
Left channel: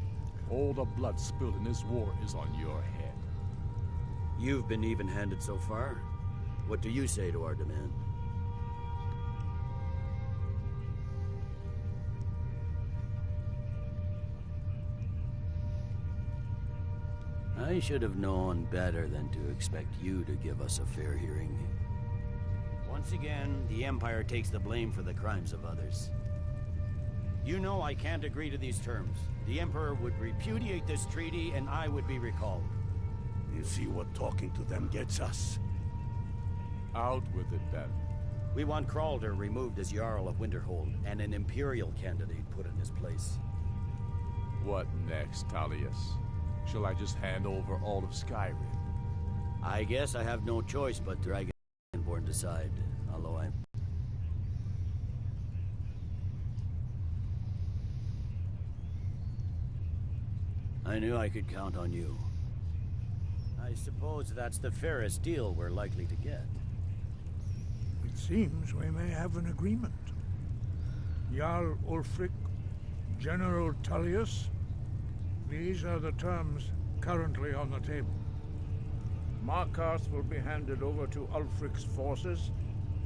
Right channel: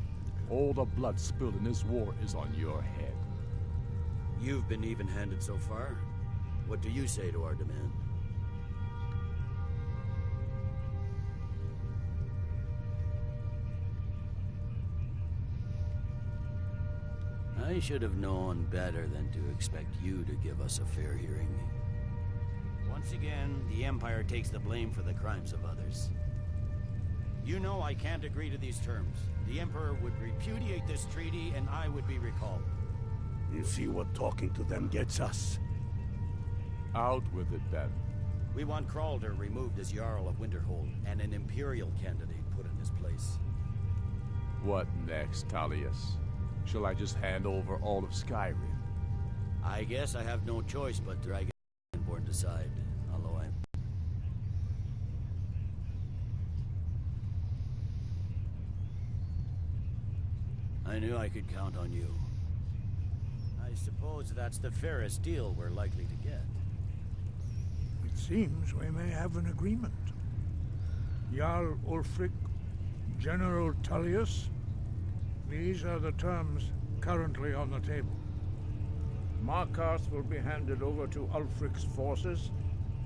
All the blood spilled in this war is on your head. You've been even-handed so far. What do you say to our demand? I should have known better than to expect you to give us a fair hearing. Once again, the Empire takes the blame for the crimes of others. You know I can't agree to these terms. The Emperor would repudiate this treaty and I would be recalled. You see what talking to them gets us? Out with it, then. We want Kralder removed as Jarl of Winterhold, and an Imperial candidate put in his place. What next, Tullius? Shall I just hand over all of Skyrim? I guess I have no choice but Dragonborn decide, although I knew I could count on you. I suppose that's the fairest deal we're likely to get. It seems we may have an agreement. Jarl Ulfric, General Tullius, these are the terms currently on the table. Markarth will be handed over to Ulfric's forces,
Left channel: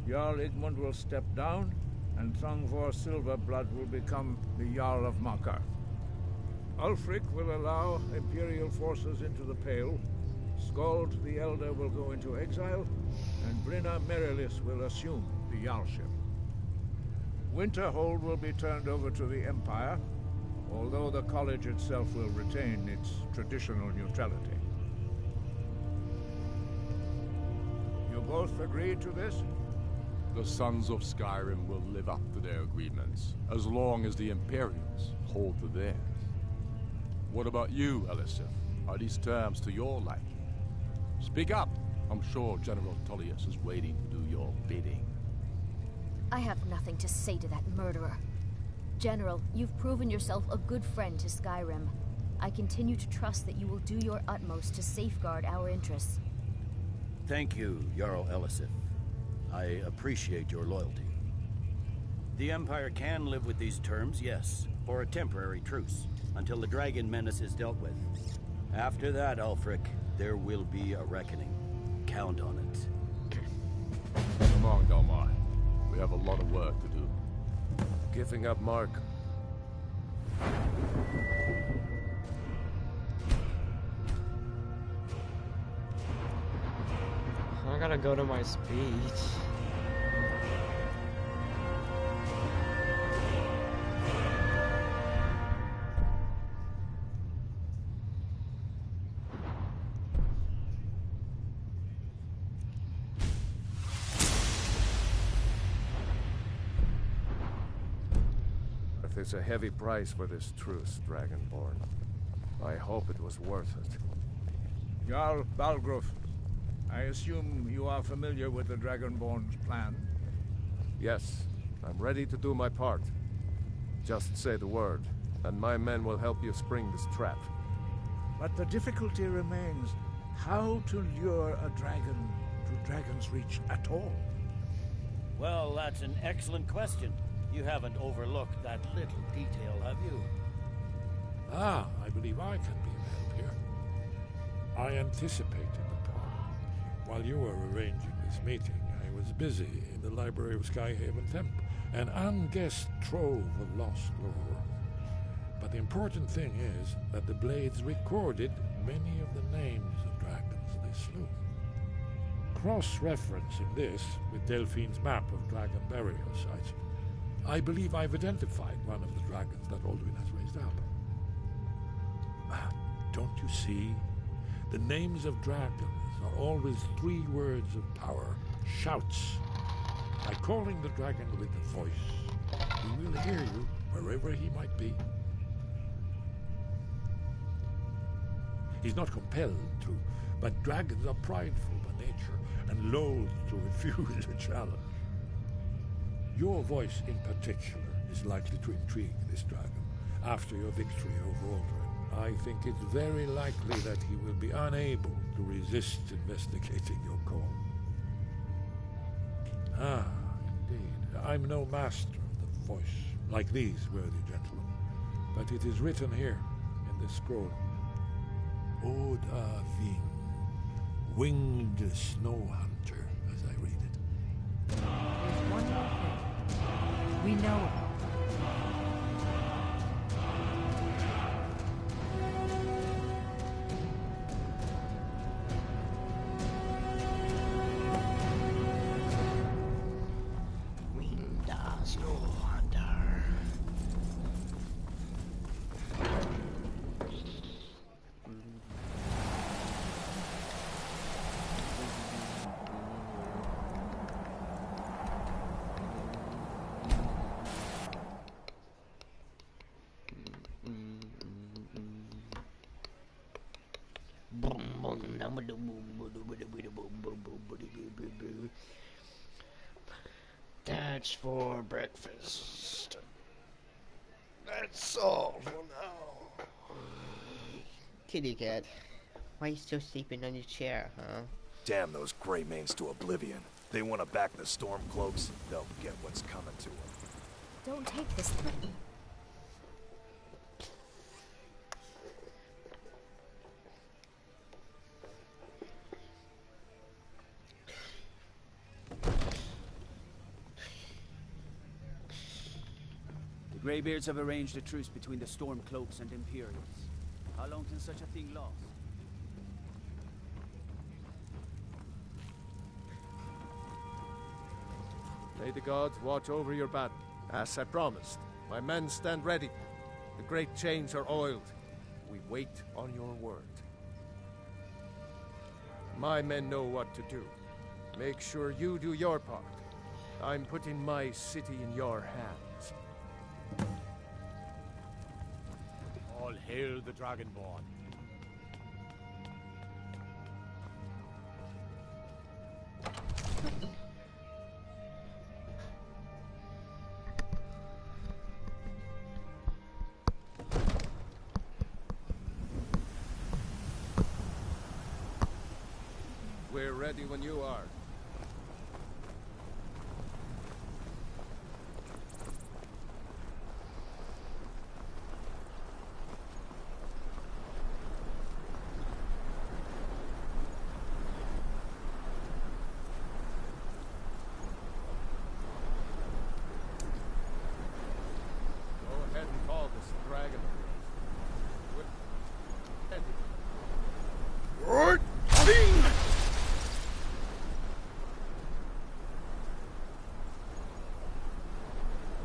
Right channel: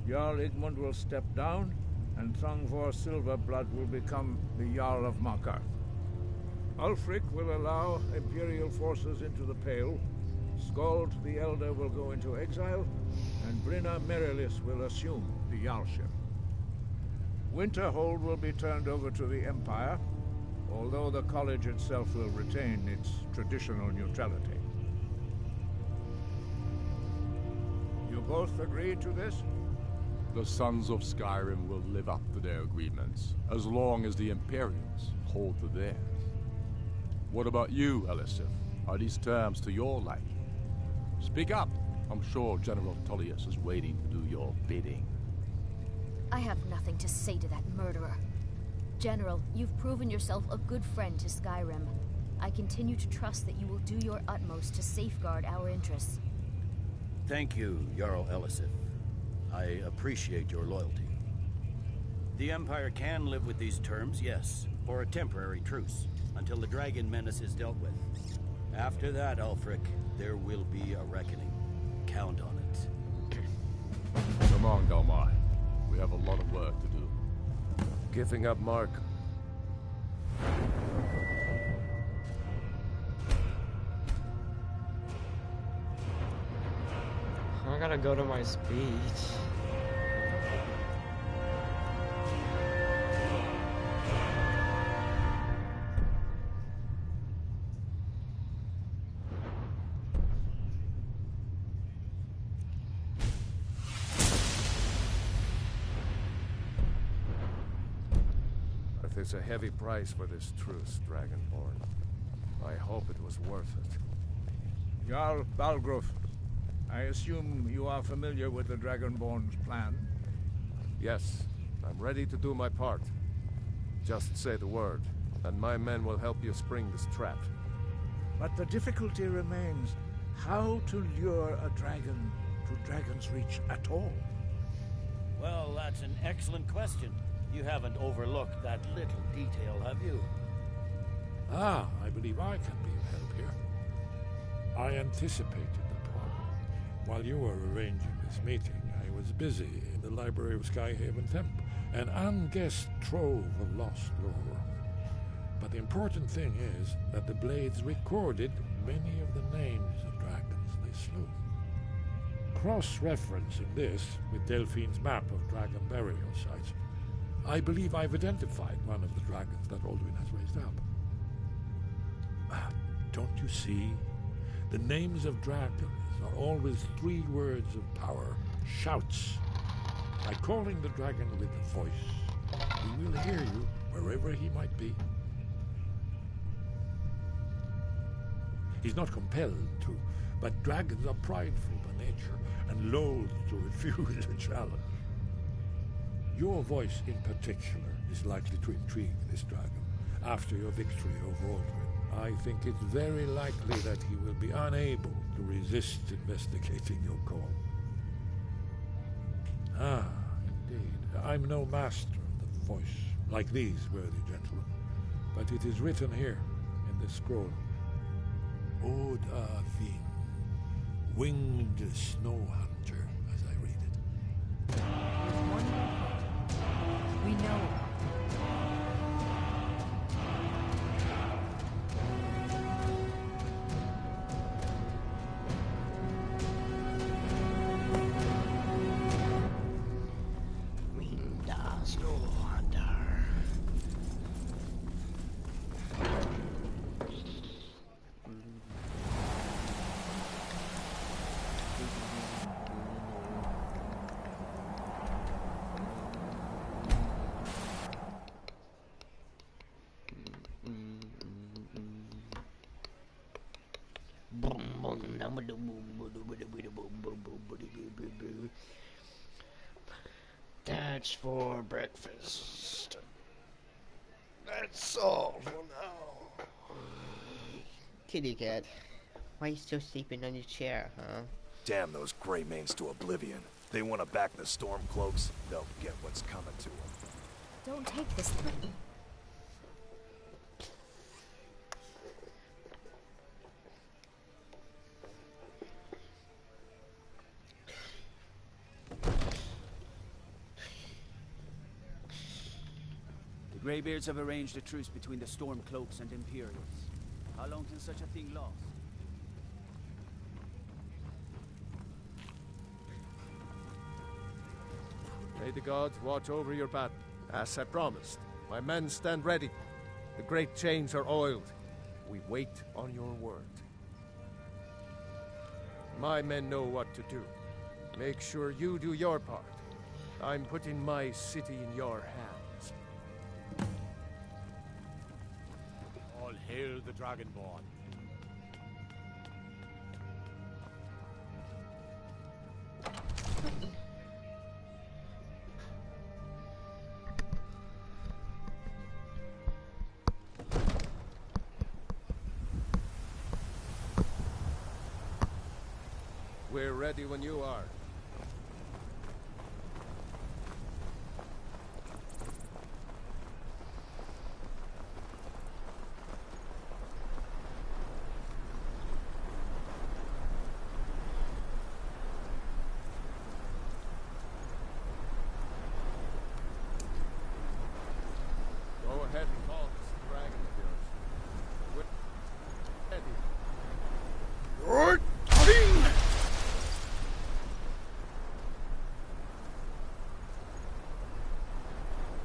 Jarl Igmund will step down, and Thongvor Silverblood will become the Jarl of Markarth. Ulfric will allow Imperial forces into the Pale, Skald the Elder will go into exile, and Brinna Merilis will assume the Jarlship. Winterhold will be turned over to the Empire, although the college itself will retain its traditional neutrality. You both agree to this? The Sons of Skyrim will live up to their agreements, as long as the Imperials hold to theirs. What about you, Elisif? Are these terms to your liking? Speak up! I'm sure General Tullius is waiting to do your bidding. I have nothing to say to that murderer. General, you've proven yourself a good friend to Skyrim. I continue to trust that you will do your utmost to safeguard our interests. Thank you, Jarl Elisif. I appreciate your loyalty. The Empire can live with these terms, yes, for a temporary truce, until the dragon menace is dealt with. After that, Ulfric, there will be a reckoning. Count on it. Come on, Dalmar. We have a lot of work to do. Giving up, Mark. I gotta go to my speech. It's a heavy price for this truce, Dragonborn. I hope it was worth it. Jarl Balgruf, I assume you are familiar with the Dragonborn's plan? Yes, I'm ready to do my part. Just say the word, and my men will help you spring this trap. But the difficulty remains how to lure a dragon to Dragon's Reach at all. Well, that's an excellent question. You haven't overlooked that little detail, have you? Ah, I believe I can be of help here. I anticipated the problem. While you were arranging this meeting, I was busy in the library of Skyhaven Temple, an unguessed trove of lost lore. But the important thing is that the Blades recorded many of the names of dragons they slew. Cross-referencing this with Delphine's map of dragon burial sites, I believe I've identified one of the dragons that Alduin has raised up. Don't you see? The names of dragons are always 3 words of power, shouts. By calling the dragon with a voice, he will hear you wherever he might be. He's not compelled to, but dragons are prideful by nature and loath to refuse a challenge. Your voice in particular is likely to intrigue this dragon after your victory over Alduin. I think it's very likely that he will be unable to resist investigating your call. Ah, indeed. I'm no master of the voice, like these worthy gentlemen, but it is written here in this scroll. Oda Ving, winged snow hunter, as I read it. There's one more thing we know about them. much for breakfast. That's all for now. Kitty cat, why are you still sleeping on your chair, huh? Damn those Greymanes to oblivion. They want to back the Stormcloaks, they'll get what's coming to them. Don't take this. The Greybeards have arranged a truce between the Stormcloaks and Imperials. How long can such a thing last? May the gods watch over your battle. As I promised, my men stand ready. The great chains are oiled. We wait on your word. My men know what to do. Make sure you do your part. I'm putting my city in your hands. All hail the Dragonborn. We're ready when you are. Go ahead and call this dragon of yours. We're ready. Right.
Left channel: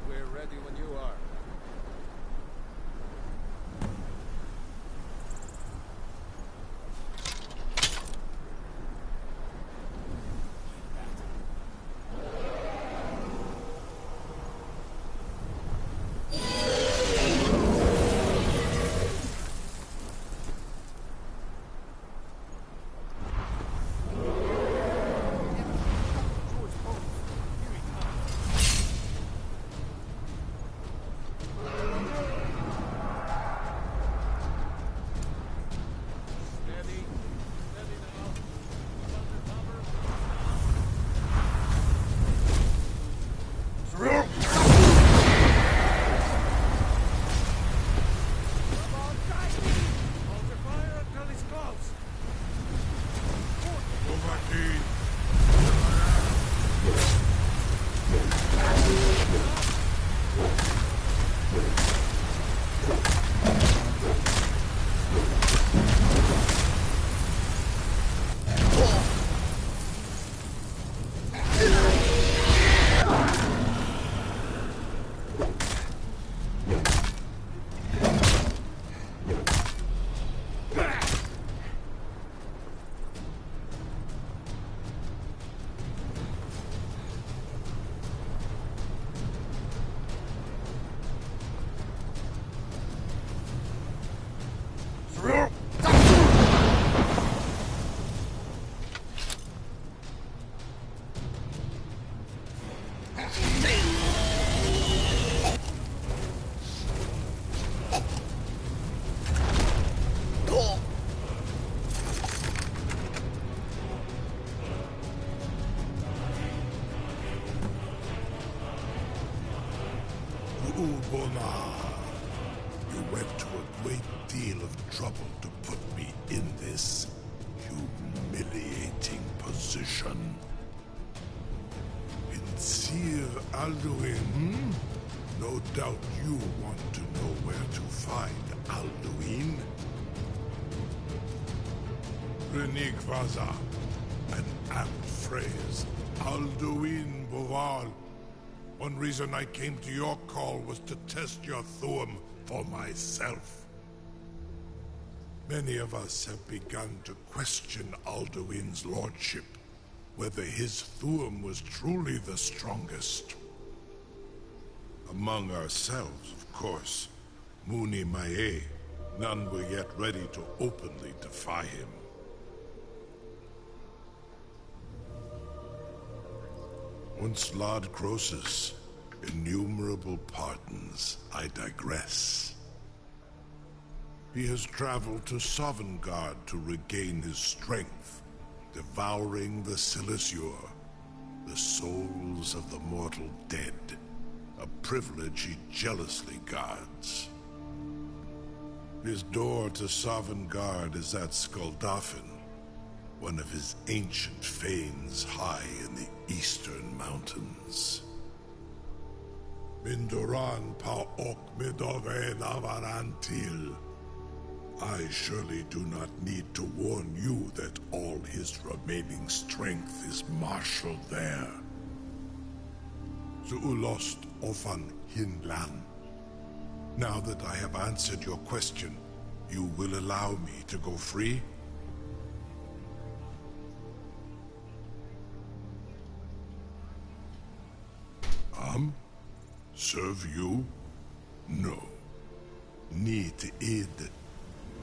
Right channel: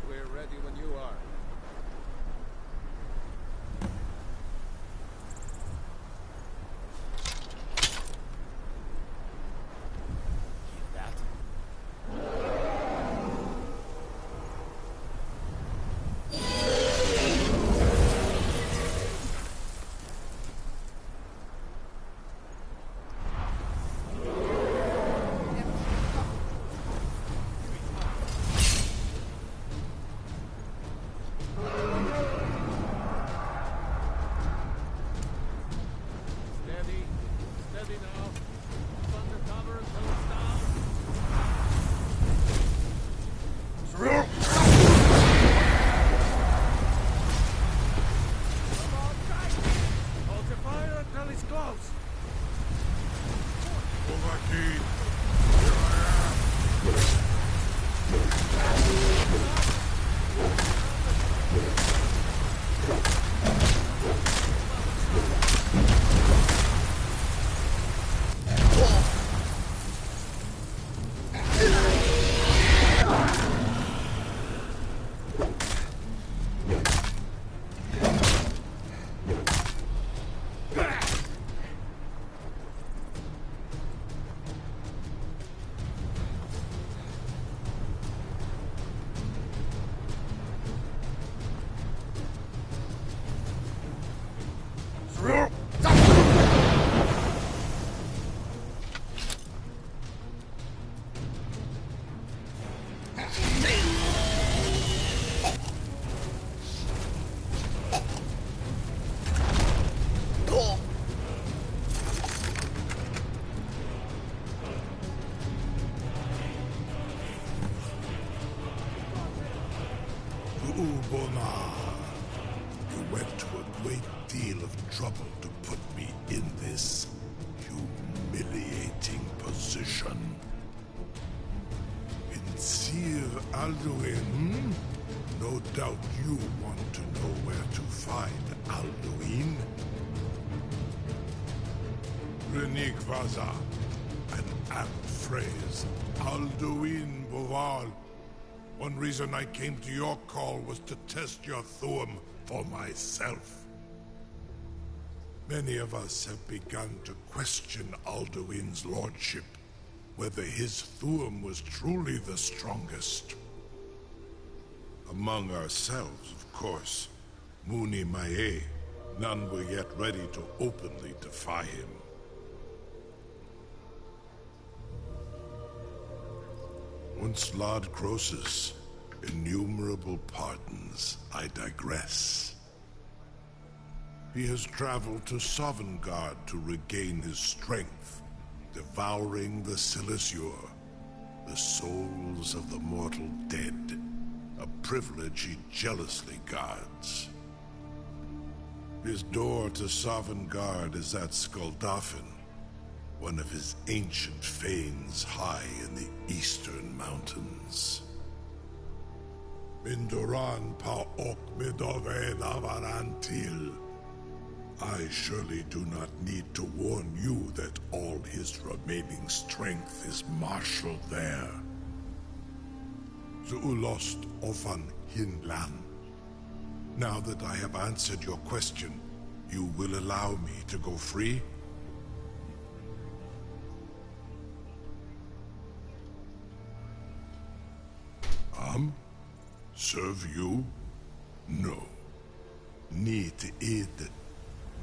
We're ready when you are. You went to a great deal of trouble to put me in this humiliating position. Vincir Alduin, No doubt you want to know where to find Alduin. Renik Vaza, an apt phrase. Alduin Boval. One reason I came to your call was to test your Thuum for myself. Many of us have begun to question Alduin's lordship, whether his Thuum was truly the strongest. Among ourselves, of course, Muni Mae, none were yet ready to openly defy him. Once Lord Croesus, innumerable pardons, I digress. He has traveled to Sovngarde to regain his strength, devouring the Silesure, the souls of the mortal dead, a privilege he jealously guards. His door to Sovngarde is at Skuldafn, one of his ancient fanes high in the eastern mountains. Mindoran pa ok midove navarantil. I surely do not need to warn you that all his remaining strength is marshaled there. Zuulost ofan hinlan. Now that I have answered your question, you will allow me to go free? Serve you? No. Need id.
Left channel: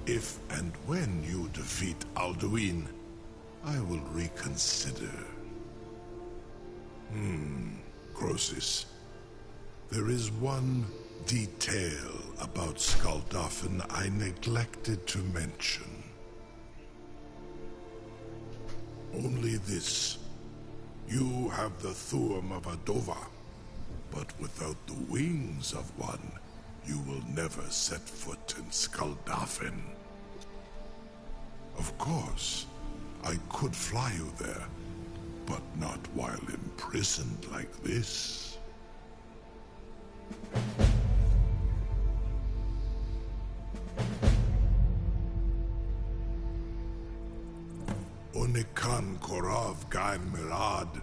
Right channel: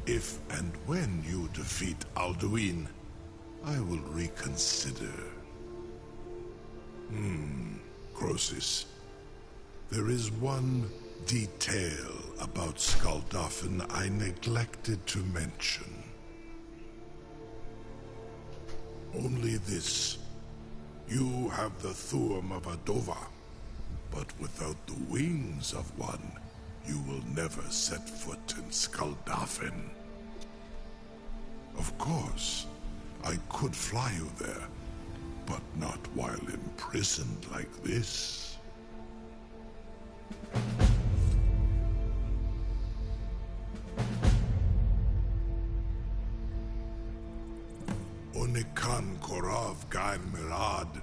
If and when you defeat Alduin, I will reconsider. Croesus. There is one detail about Skuldafn I neglected to mention. Only this. You have the Thuum of a Dova, but without the wings of one, you will never set foot in Skuldafn. Of course, I could fly you there, but not while imprisoned like this. Onikan Korav Gain Mirad.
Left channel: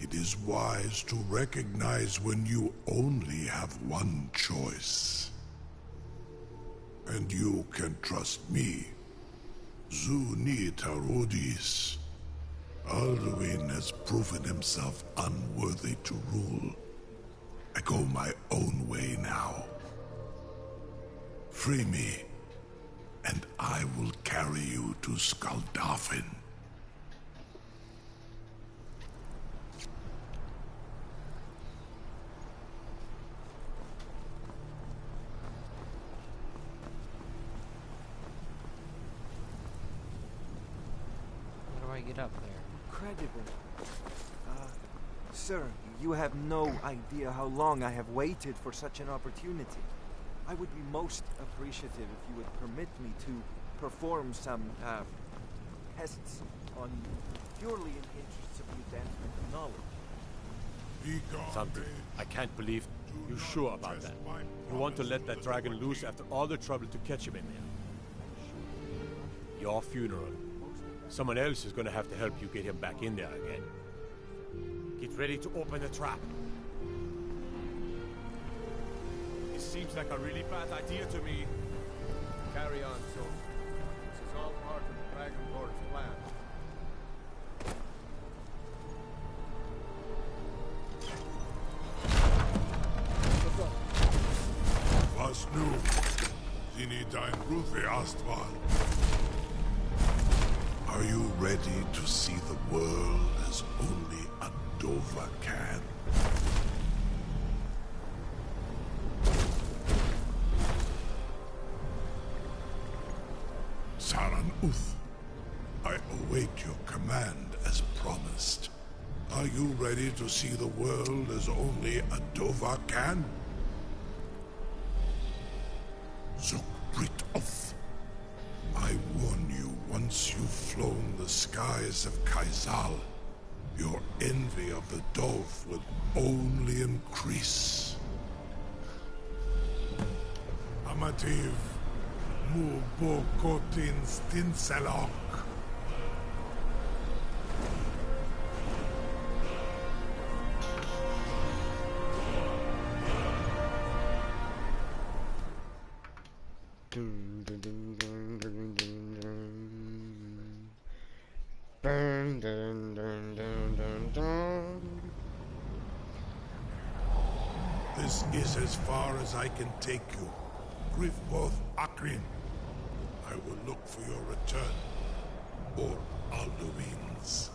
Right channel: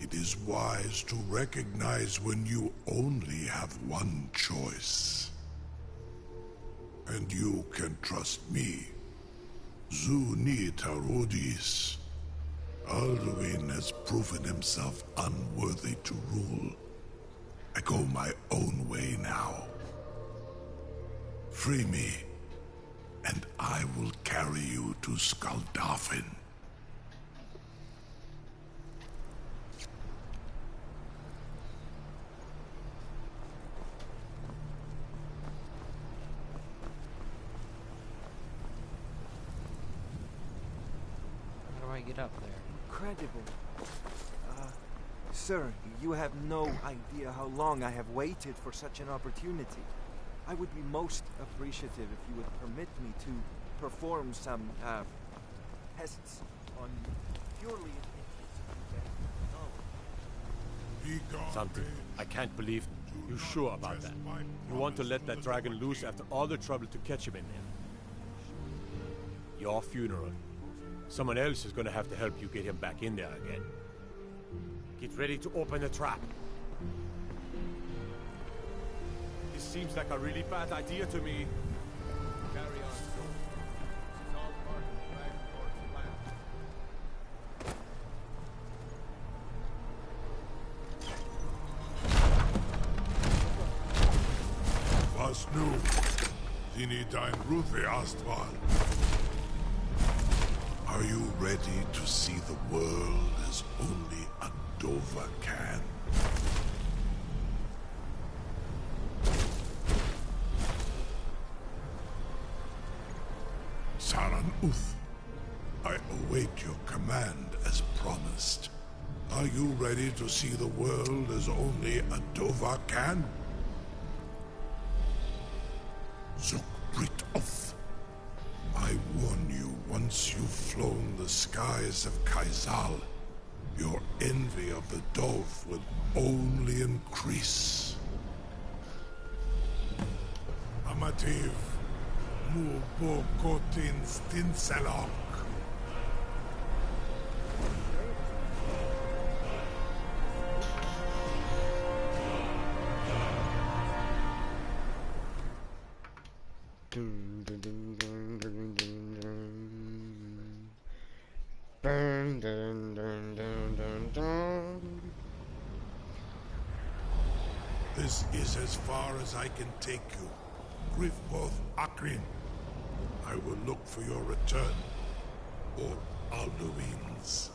It is wise to recognize when you only have one choice. And you can trust me. Zuni Tarudis. Alduin has proven himself unworthy to rule. I go my own way now. Free me, and I will carry you to Skuldafn. Get up there. Incredible. Sir, you have no idea how long I have waited for such an opportunity. I would be most appreciative if you would permit me to perform some, tests on you, purely in the interests of the advancement of knowledge. Something. I can't believe you sure about that. You want to let that dragon loose after all the trouble to catch him in there. Your funeral. Someone else is gonna have to help you get him back in there again. Get ready to open the trap. This seems like a really bad idea to me. Carry on, soldier. This is all part of the Dragon Lord's plan. Was nu? Zini dein Rufe Astral. Are you ready to see the world as only a Dova can? Saran Uth, I await your command as promised. Are you ready to see the world as only a Dova can? Zuk Brit Uth, I warn you, once you've flown the skies of Kaizal, your envy of the Dove will only increase. Amativ, mu bo kotin stinselok. This is as far as I can take you. Grifboth Akrin. I will look for your return, or Alduin's.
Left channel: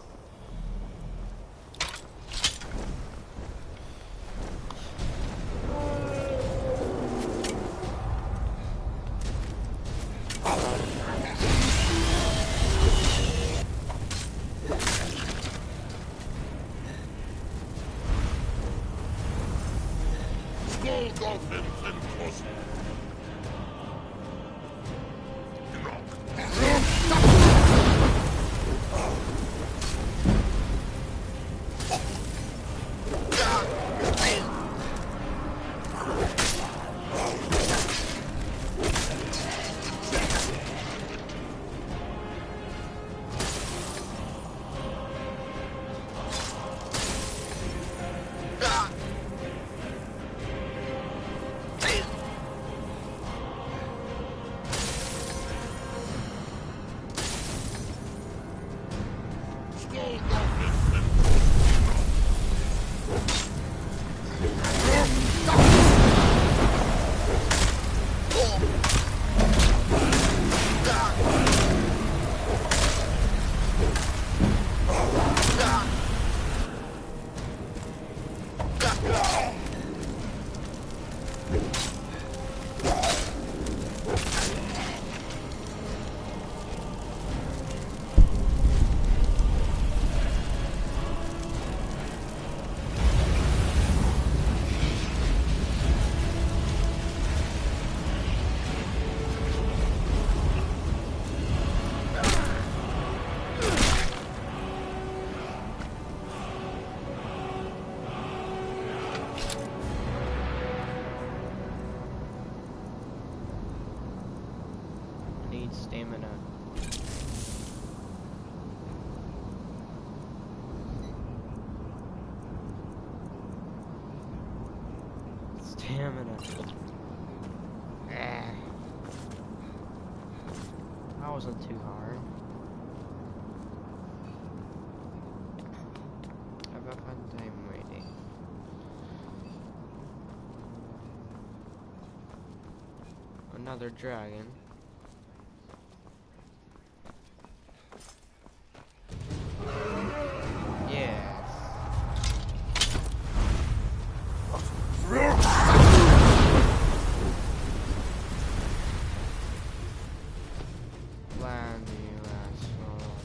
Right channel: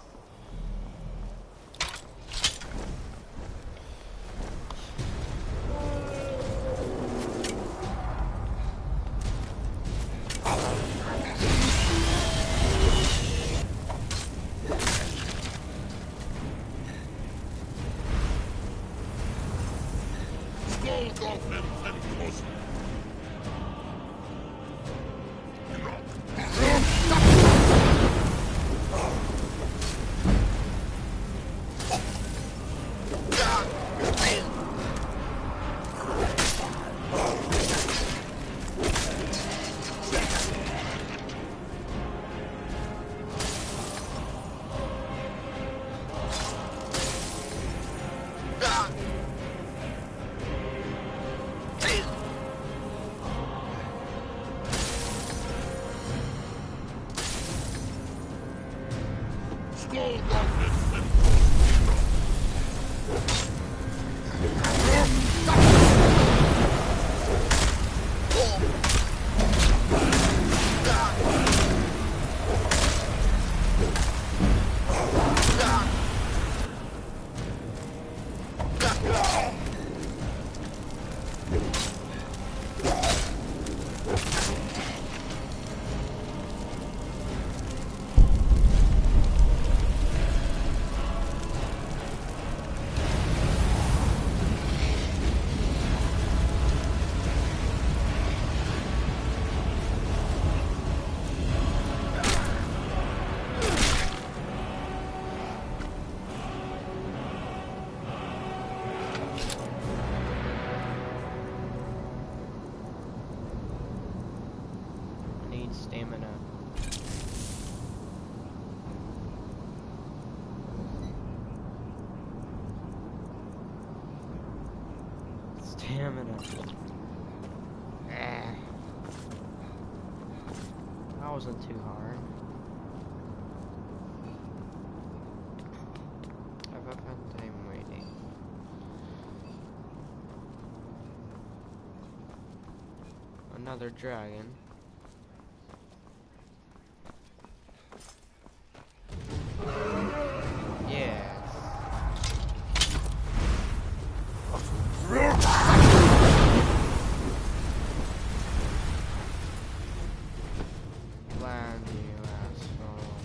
Need stamina. Stamina. That wasn't too hard. I've had time waiting. Another dragon. Land, you asshole.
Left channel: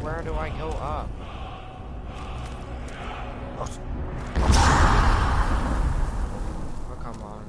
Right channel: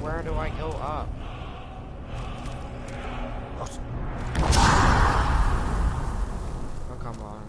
Where do I go up? Oh, come on.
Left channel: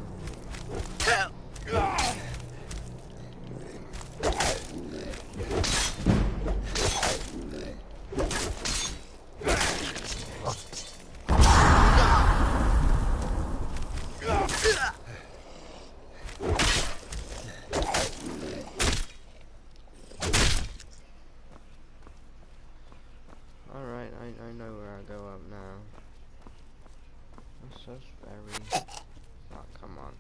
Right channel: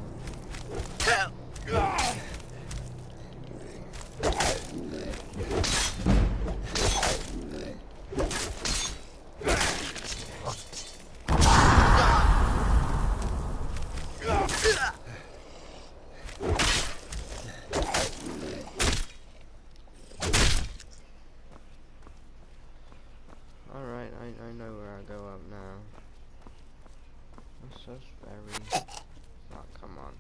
Alright, I know where I go up now. This is very... Oh, come on.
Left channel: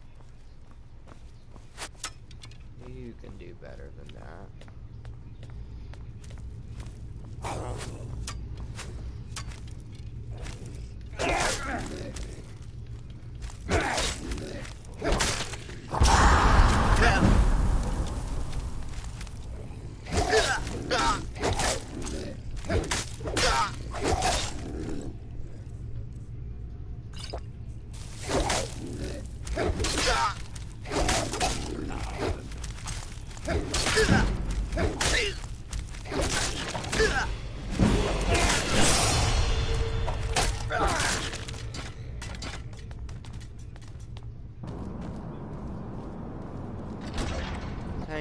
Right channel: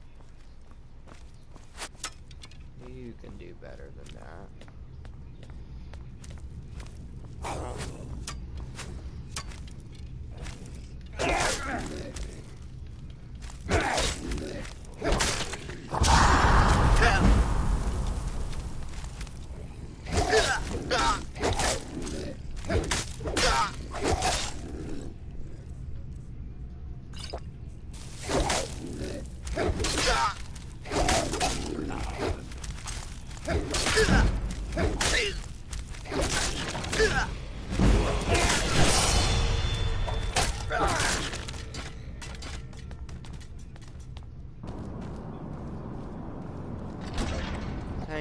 You can do better than that.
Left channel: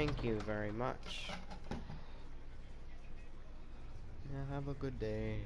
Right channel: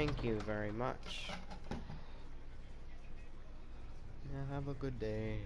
Thank you very much. Yeah, have a good day.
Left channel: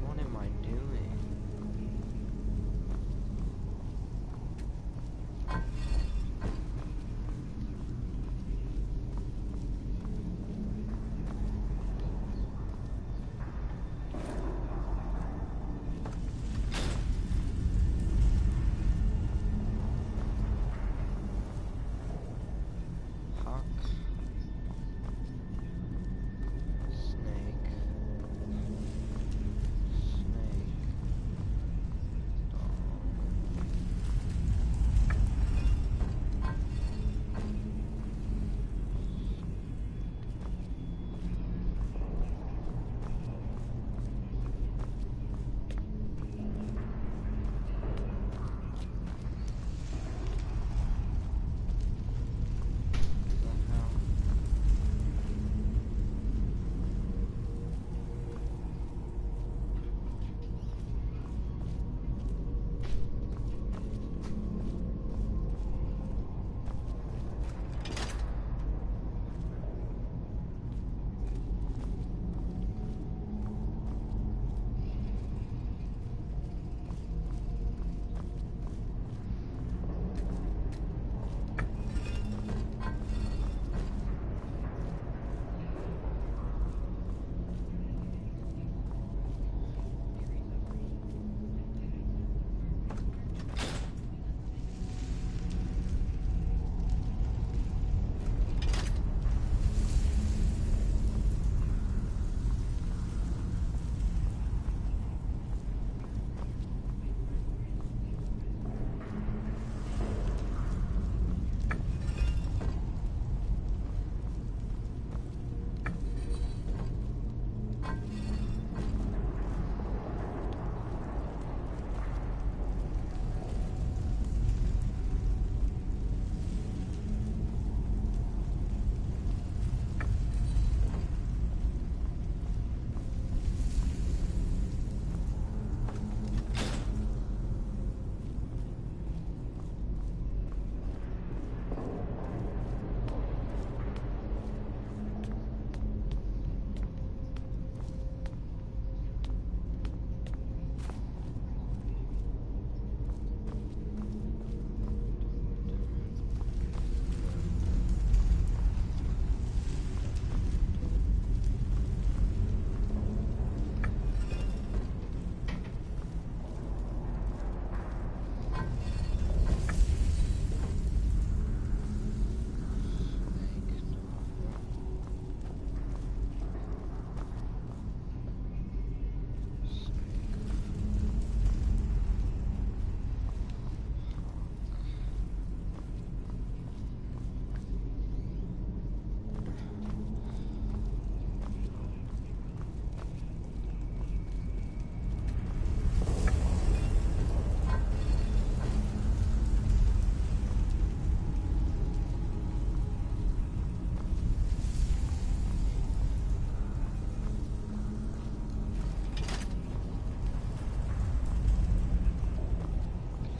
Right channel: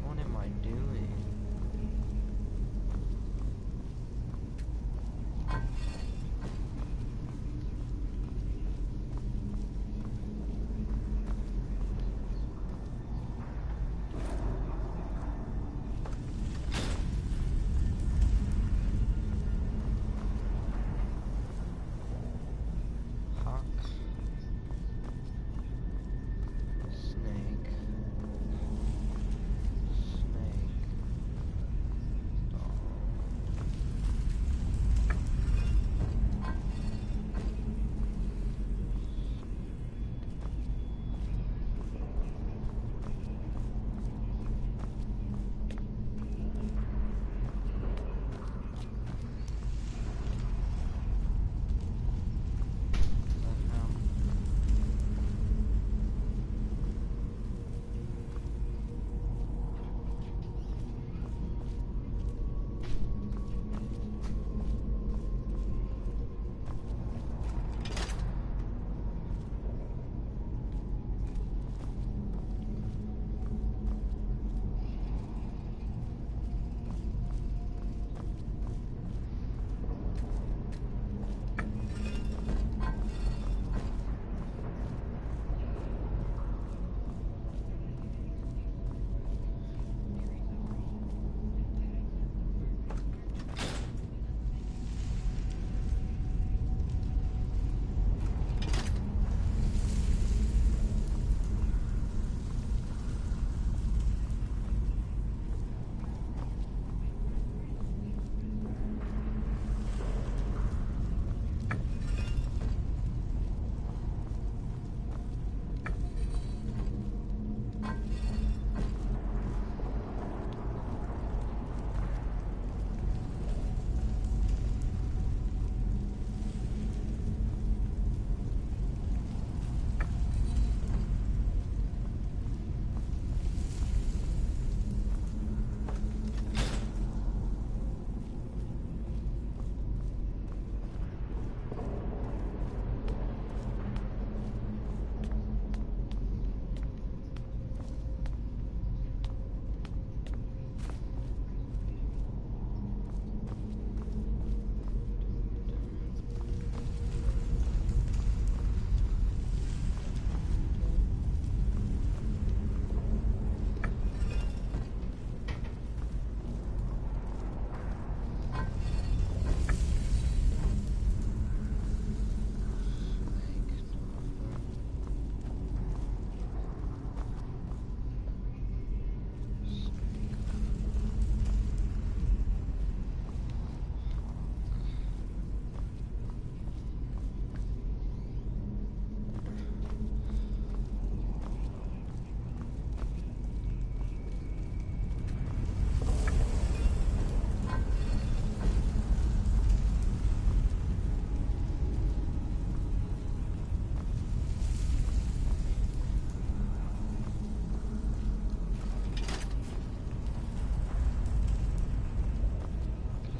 What am I doing? Hawk. Snake. Snake.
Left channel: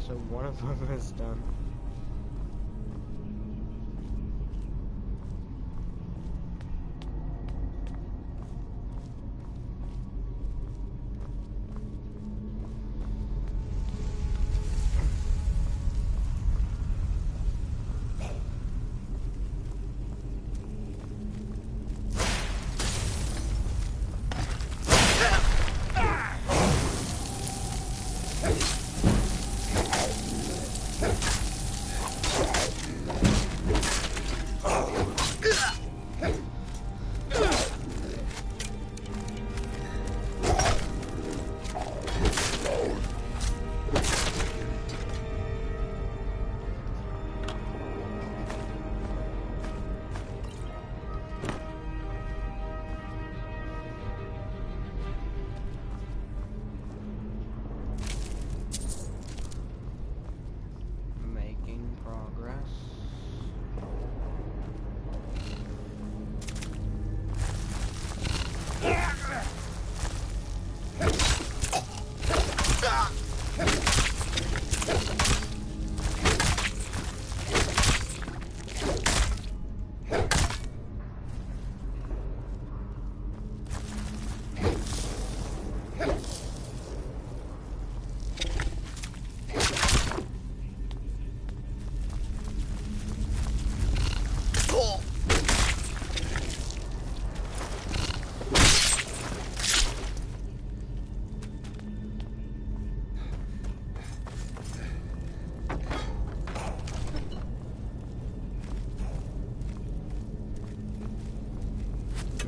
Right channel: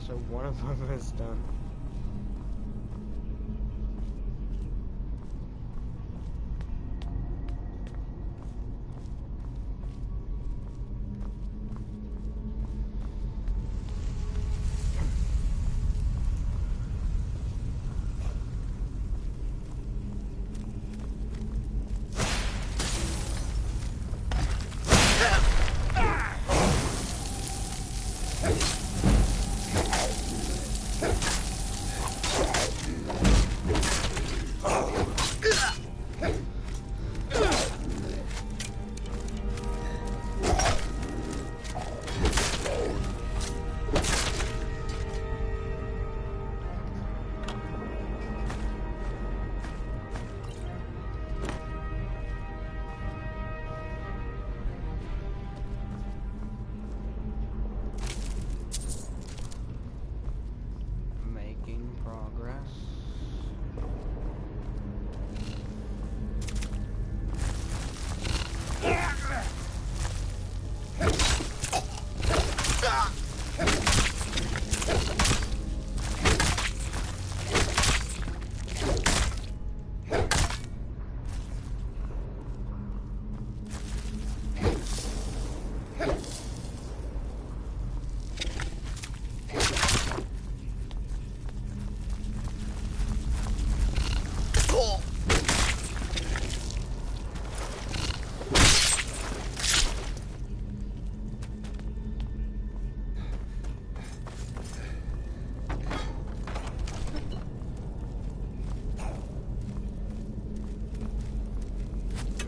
So one of them is done. Making progress.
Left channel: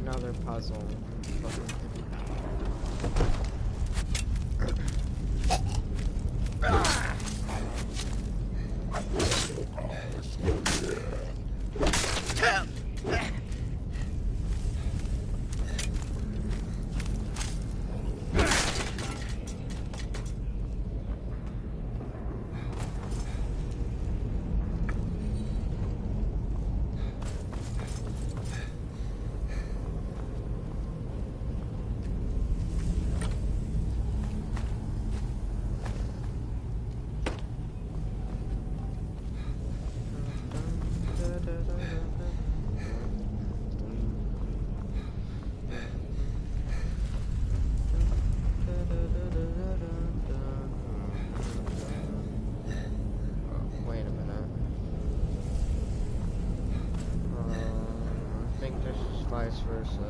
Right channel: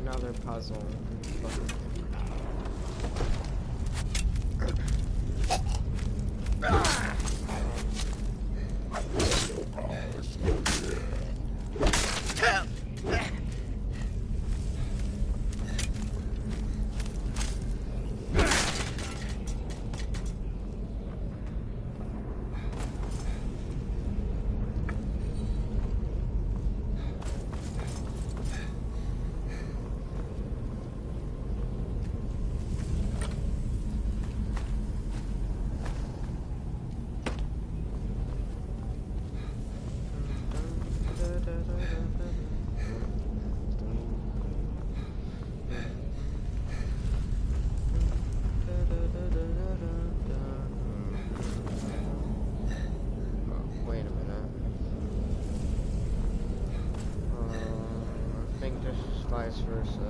Another puzzle. Wait a minute. I think this is vice versa.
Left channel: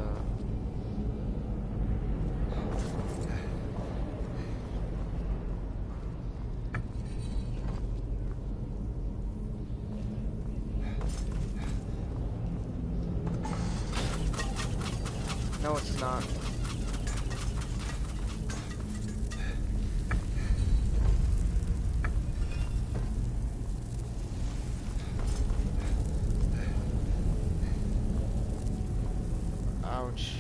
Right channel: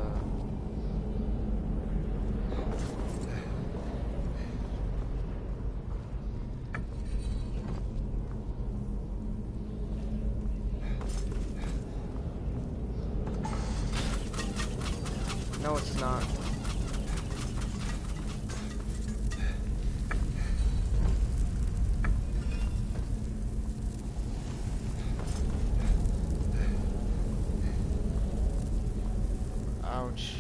No, it's not. Ouch.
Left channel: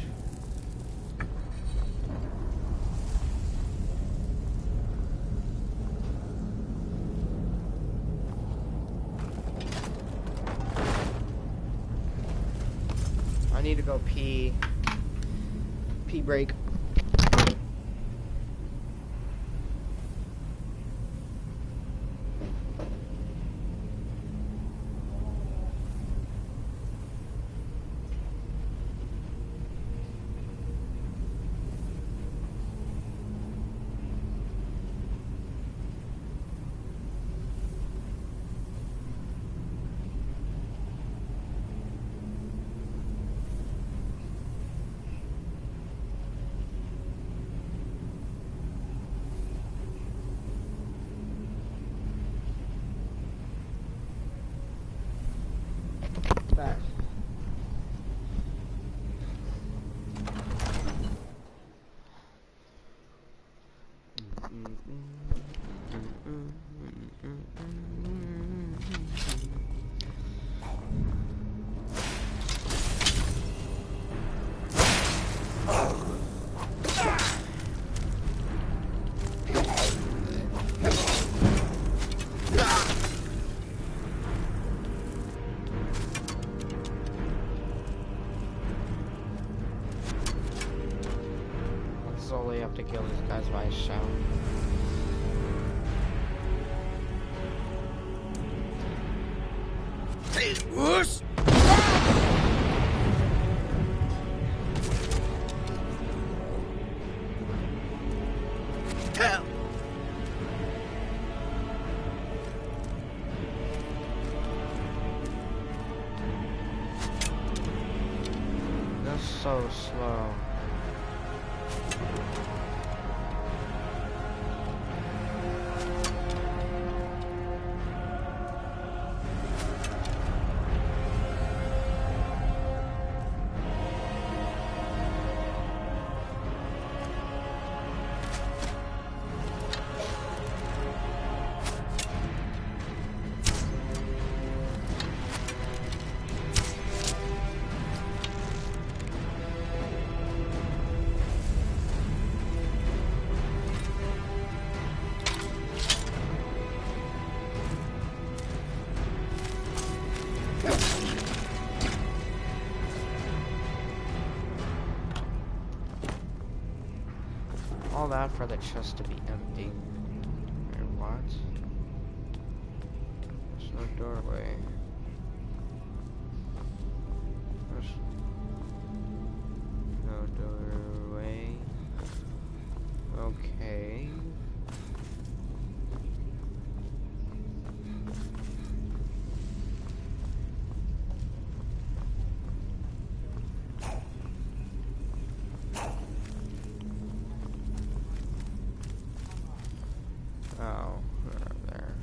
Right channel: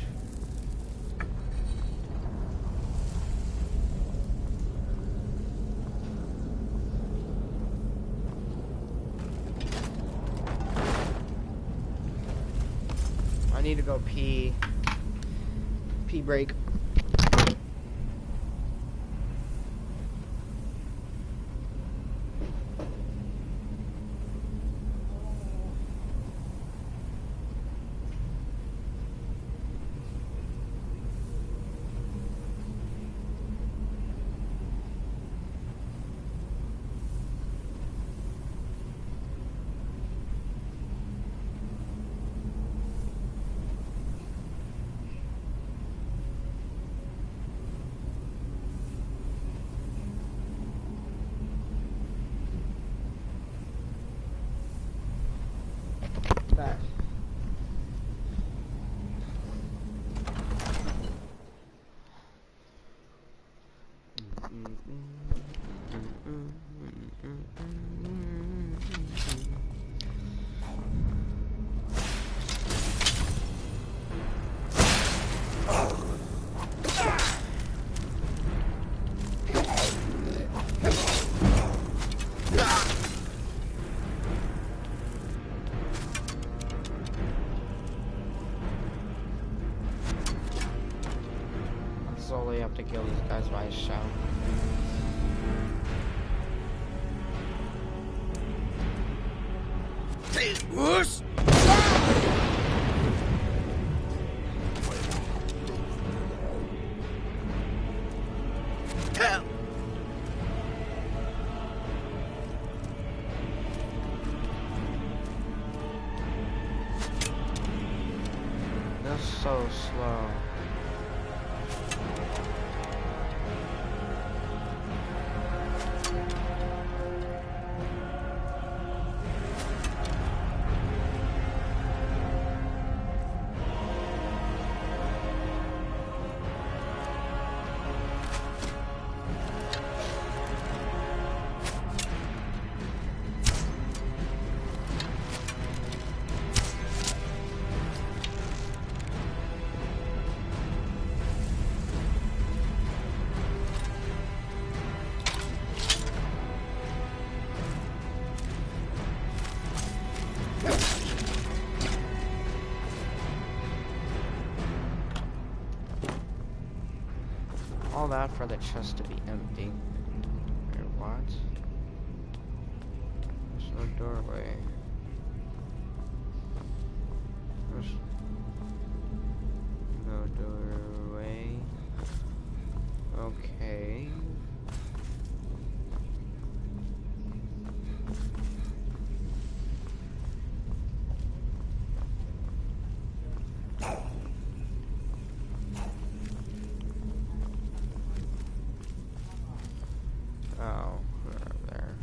I need to go pee. Pee break. Back. Solely have to kill these guys by a shout. Whoosh! That's so slow. All that for the chest to be empty. Or what? There's no doorway. There's no doorway. Okay. Oh, we're over there.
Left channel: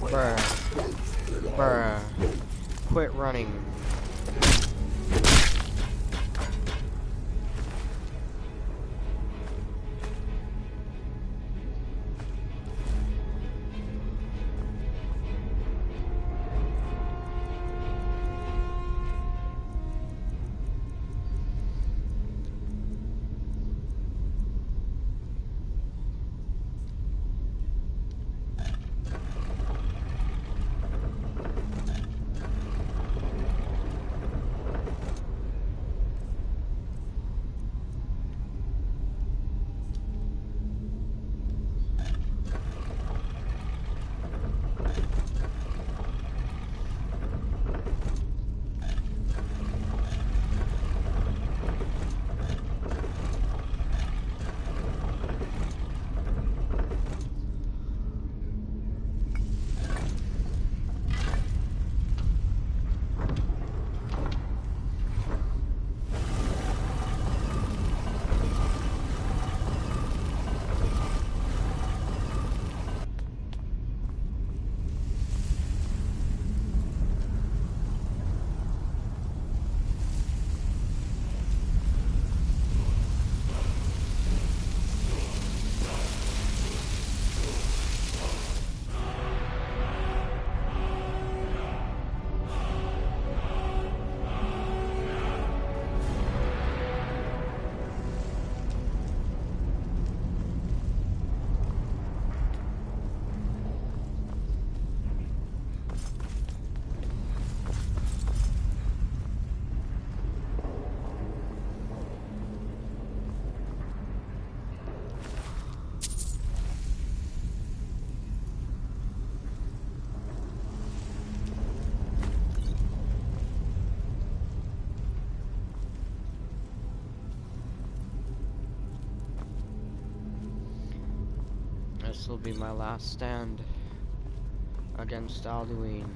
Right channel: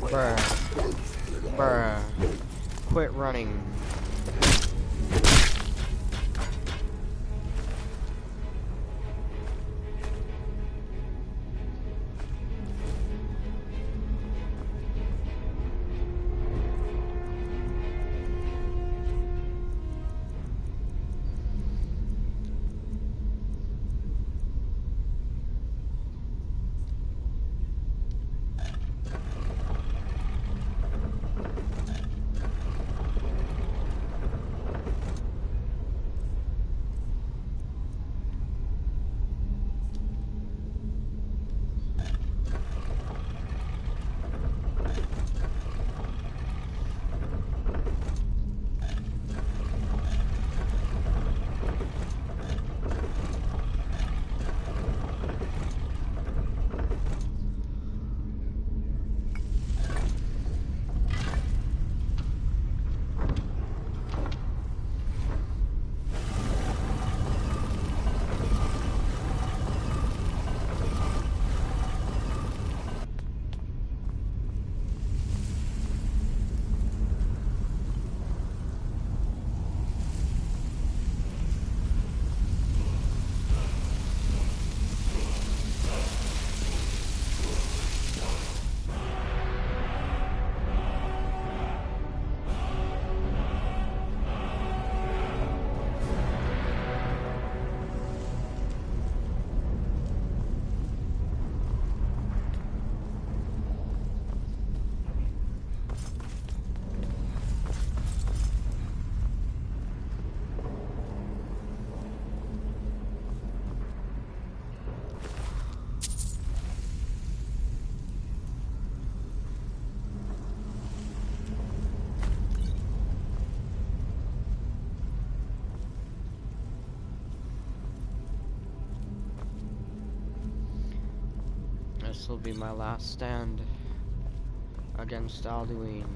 Bruh. Bruh. Quit running. This will be my last stand against Alduin.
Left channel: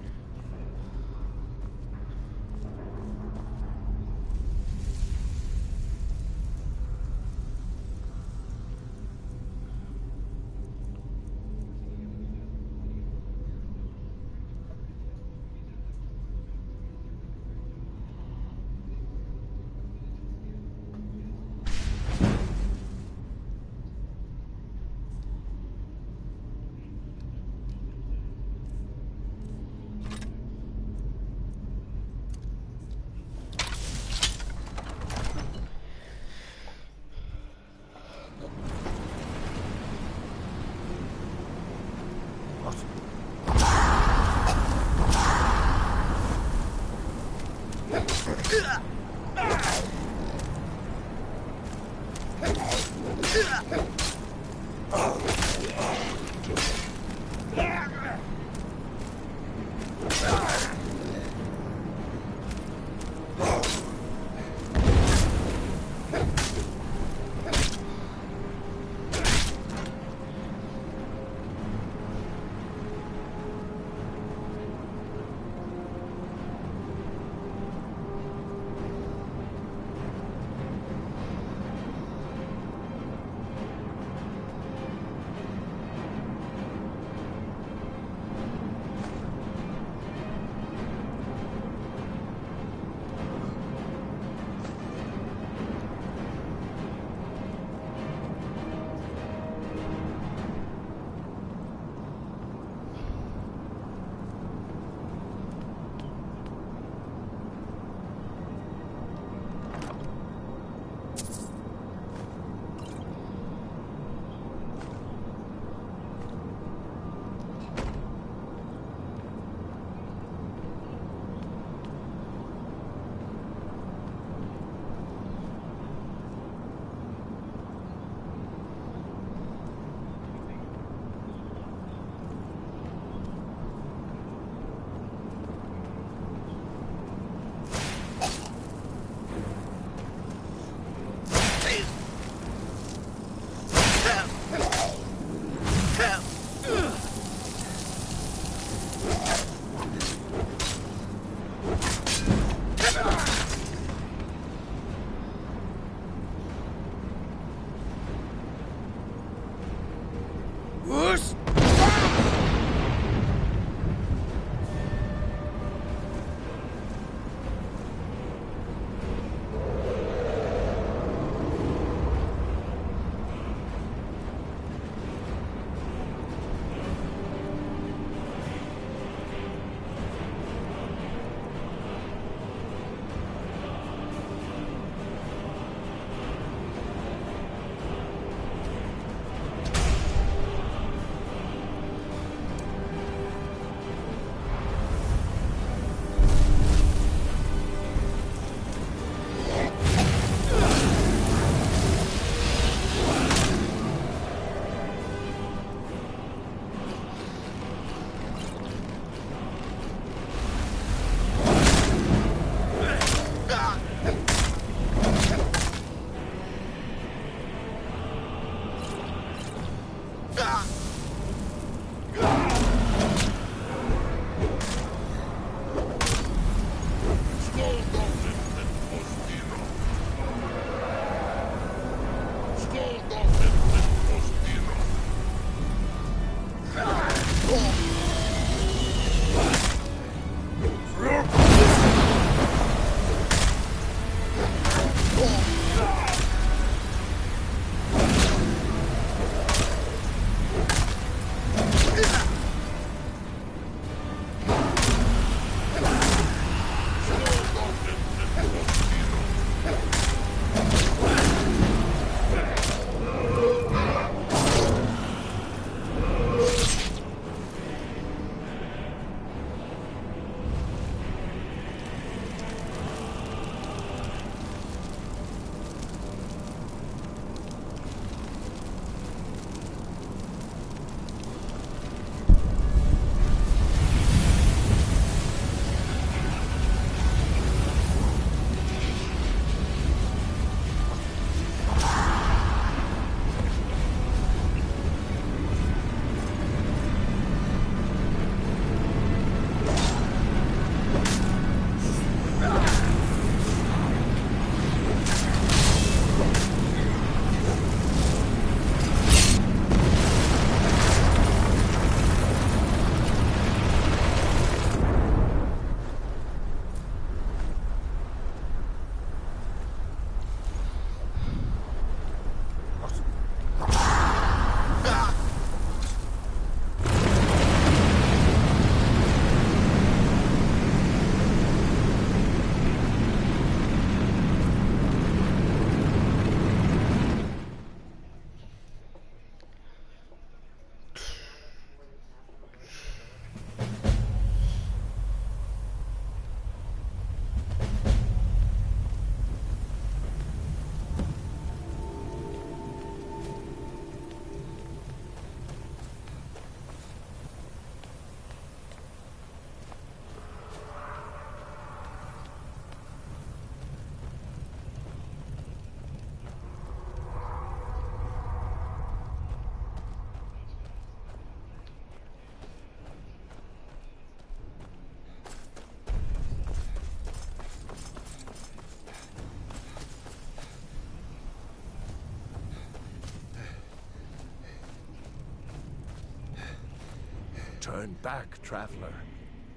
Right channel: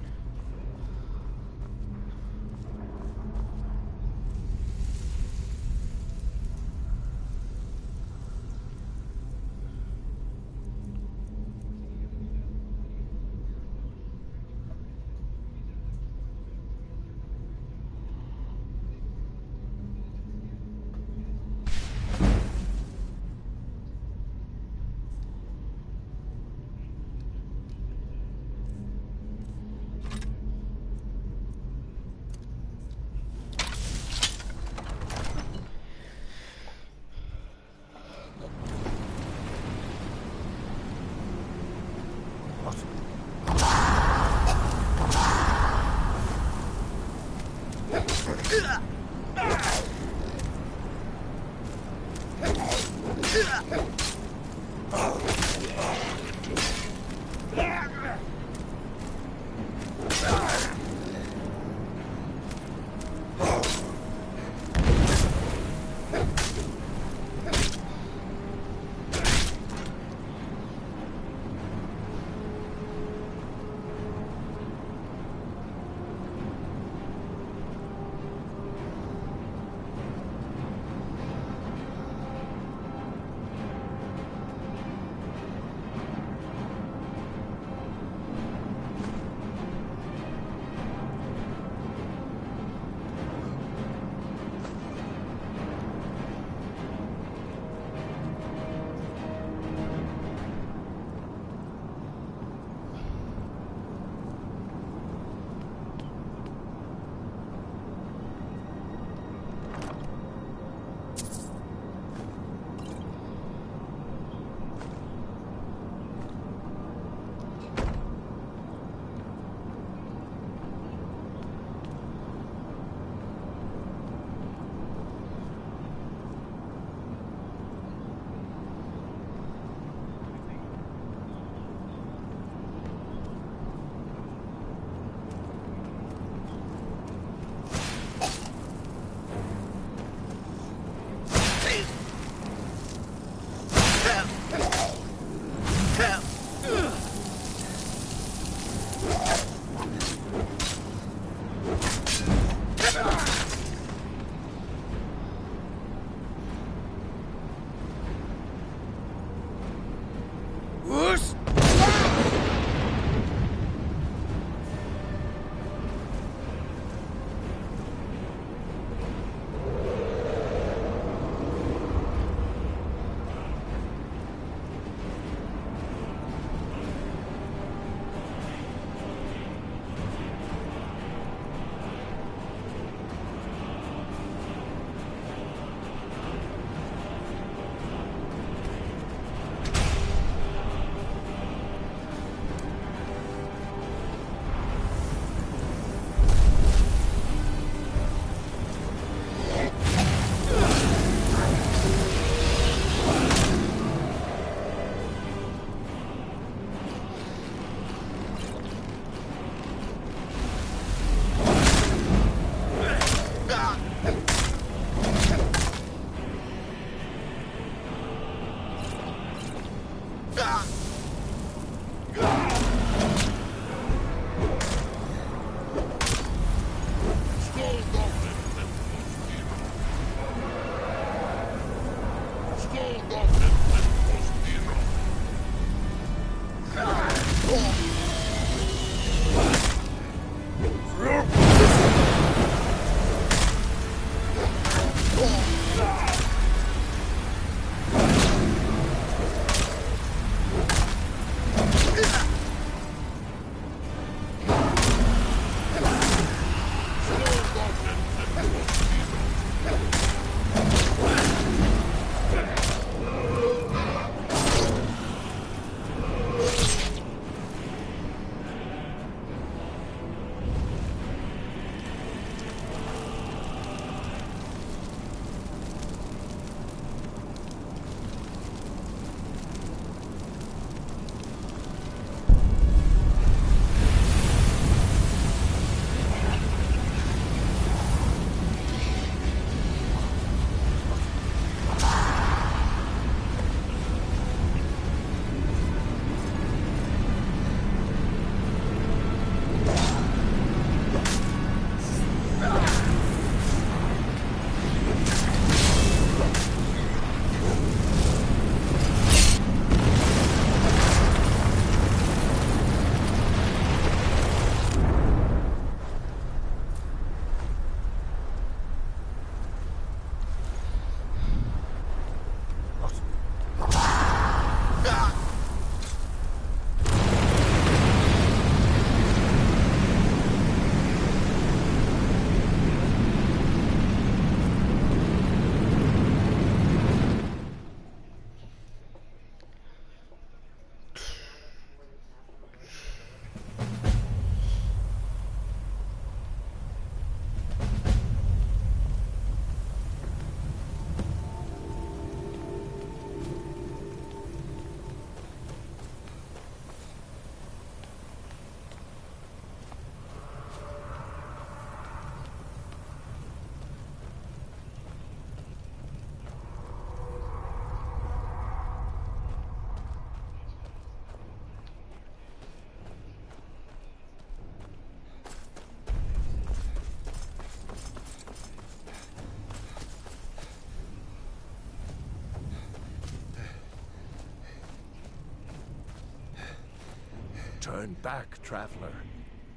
Turn back, traveler.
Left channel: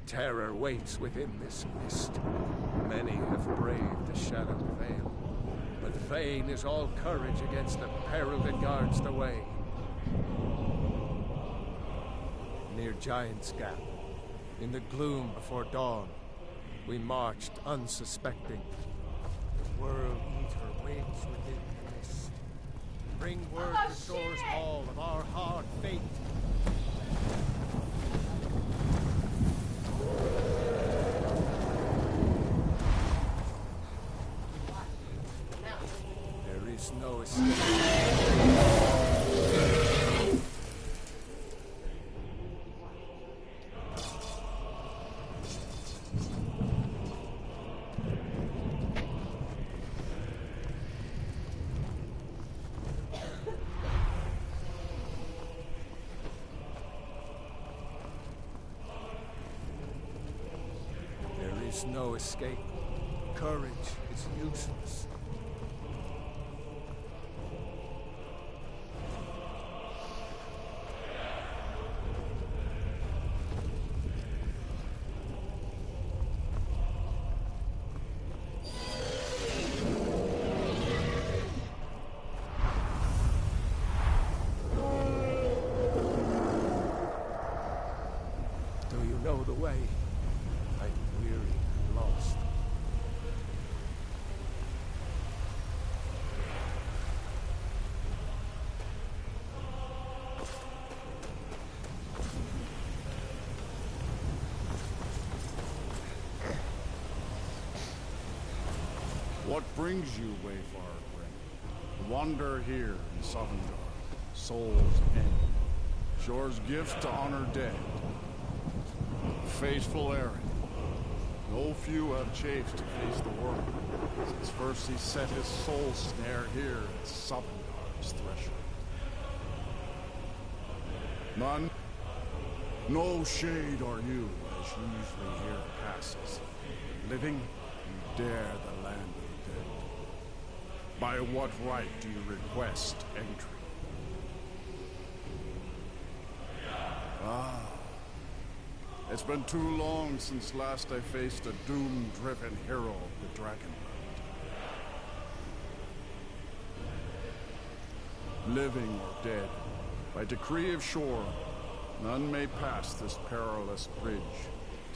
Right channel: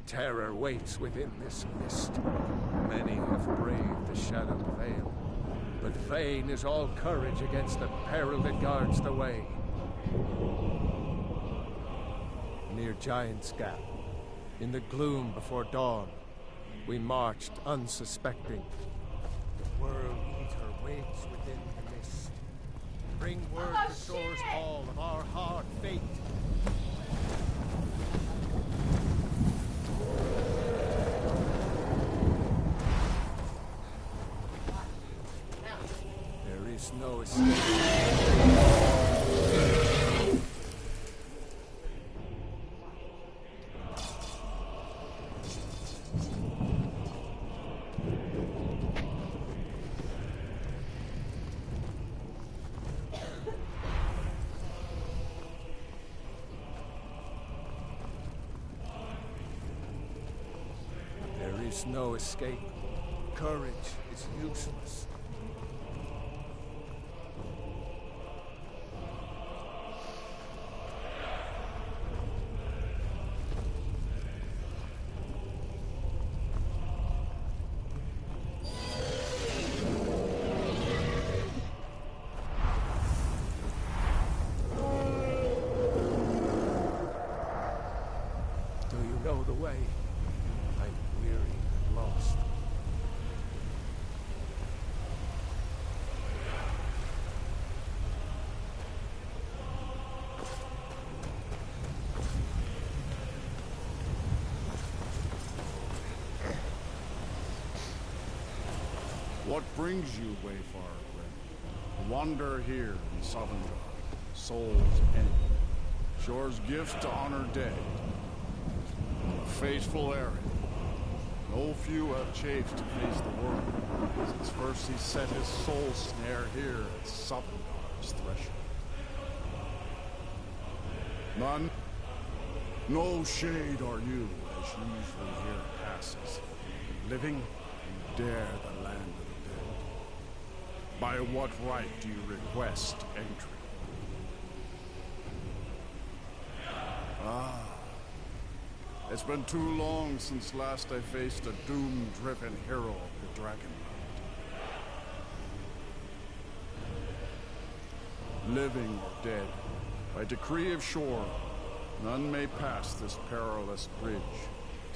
Terror waits within this mist. Many have braved the shadowed veil, but vain is all courage against the peril that guards the way. Near Giant's Gap, in the gloom before dawn, we marched unsuspecting. The World Eater waits within the mist. Bring word to Thor's Hall of our hard fate. There is no escape. There is no escape. Courage is useless. Do you know the way? I'm weary and lost. What brings you, Wayfarer Grim? Wander here in Sovngarde, Soul's End. Shore's gift to honor dead. A fateful errand. No few have chafed to face the world, since first he set his soul snare here at Sovngarde's threshold. None? No shade are you, as usually here passes. But living, you dare the land of the dead. By what right do you request entry? Ah. It's been too long since last I faced a doom-driven hero of the Dragonland. Living or dead, by decree of Shore, none may pass this perilous bridge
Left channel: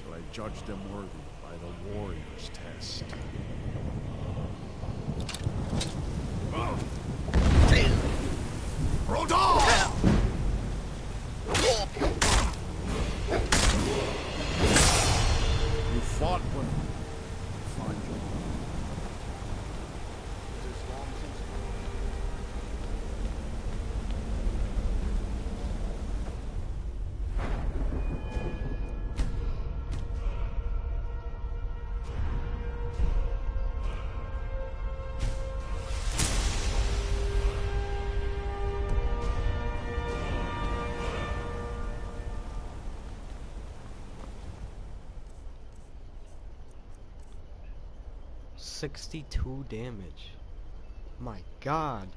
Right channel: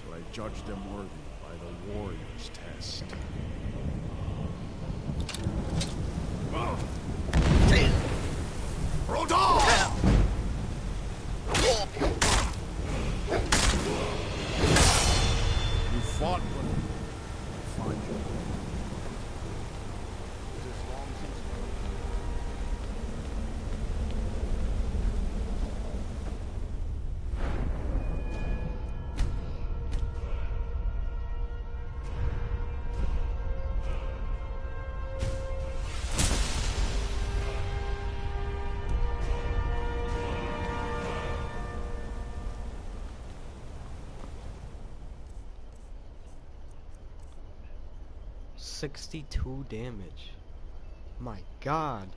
till I judge them worthy by the warrior's test. Rodolph! You fought when I find you. It is long since. $62 damage. My God.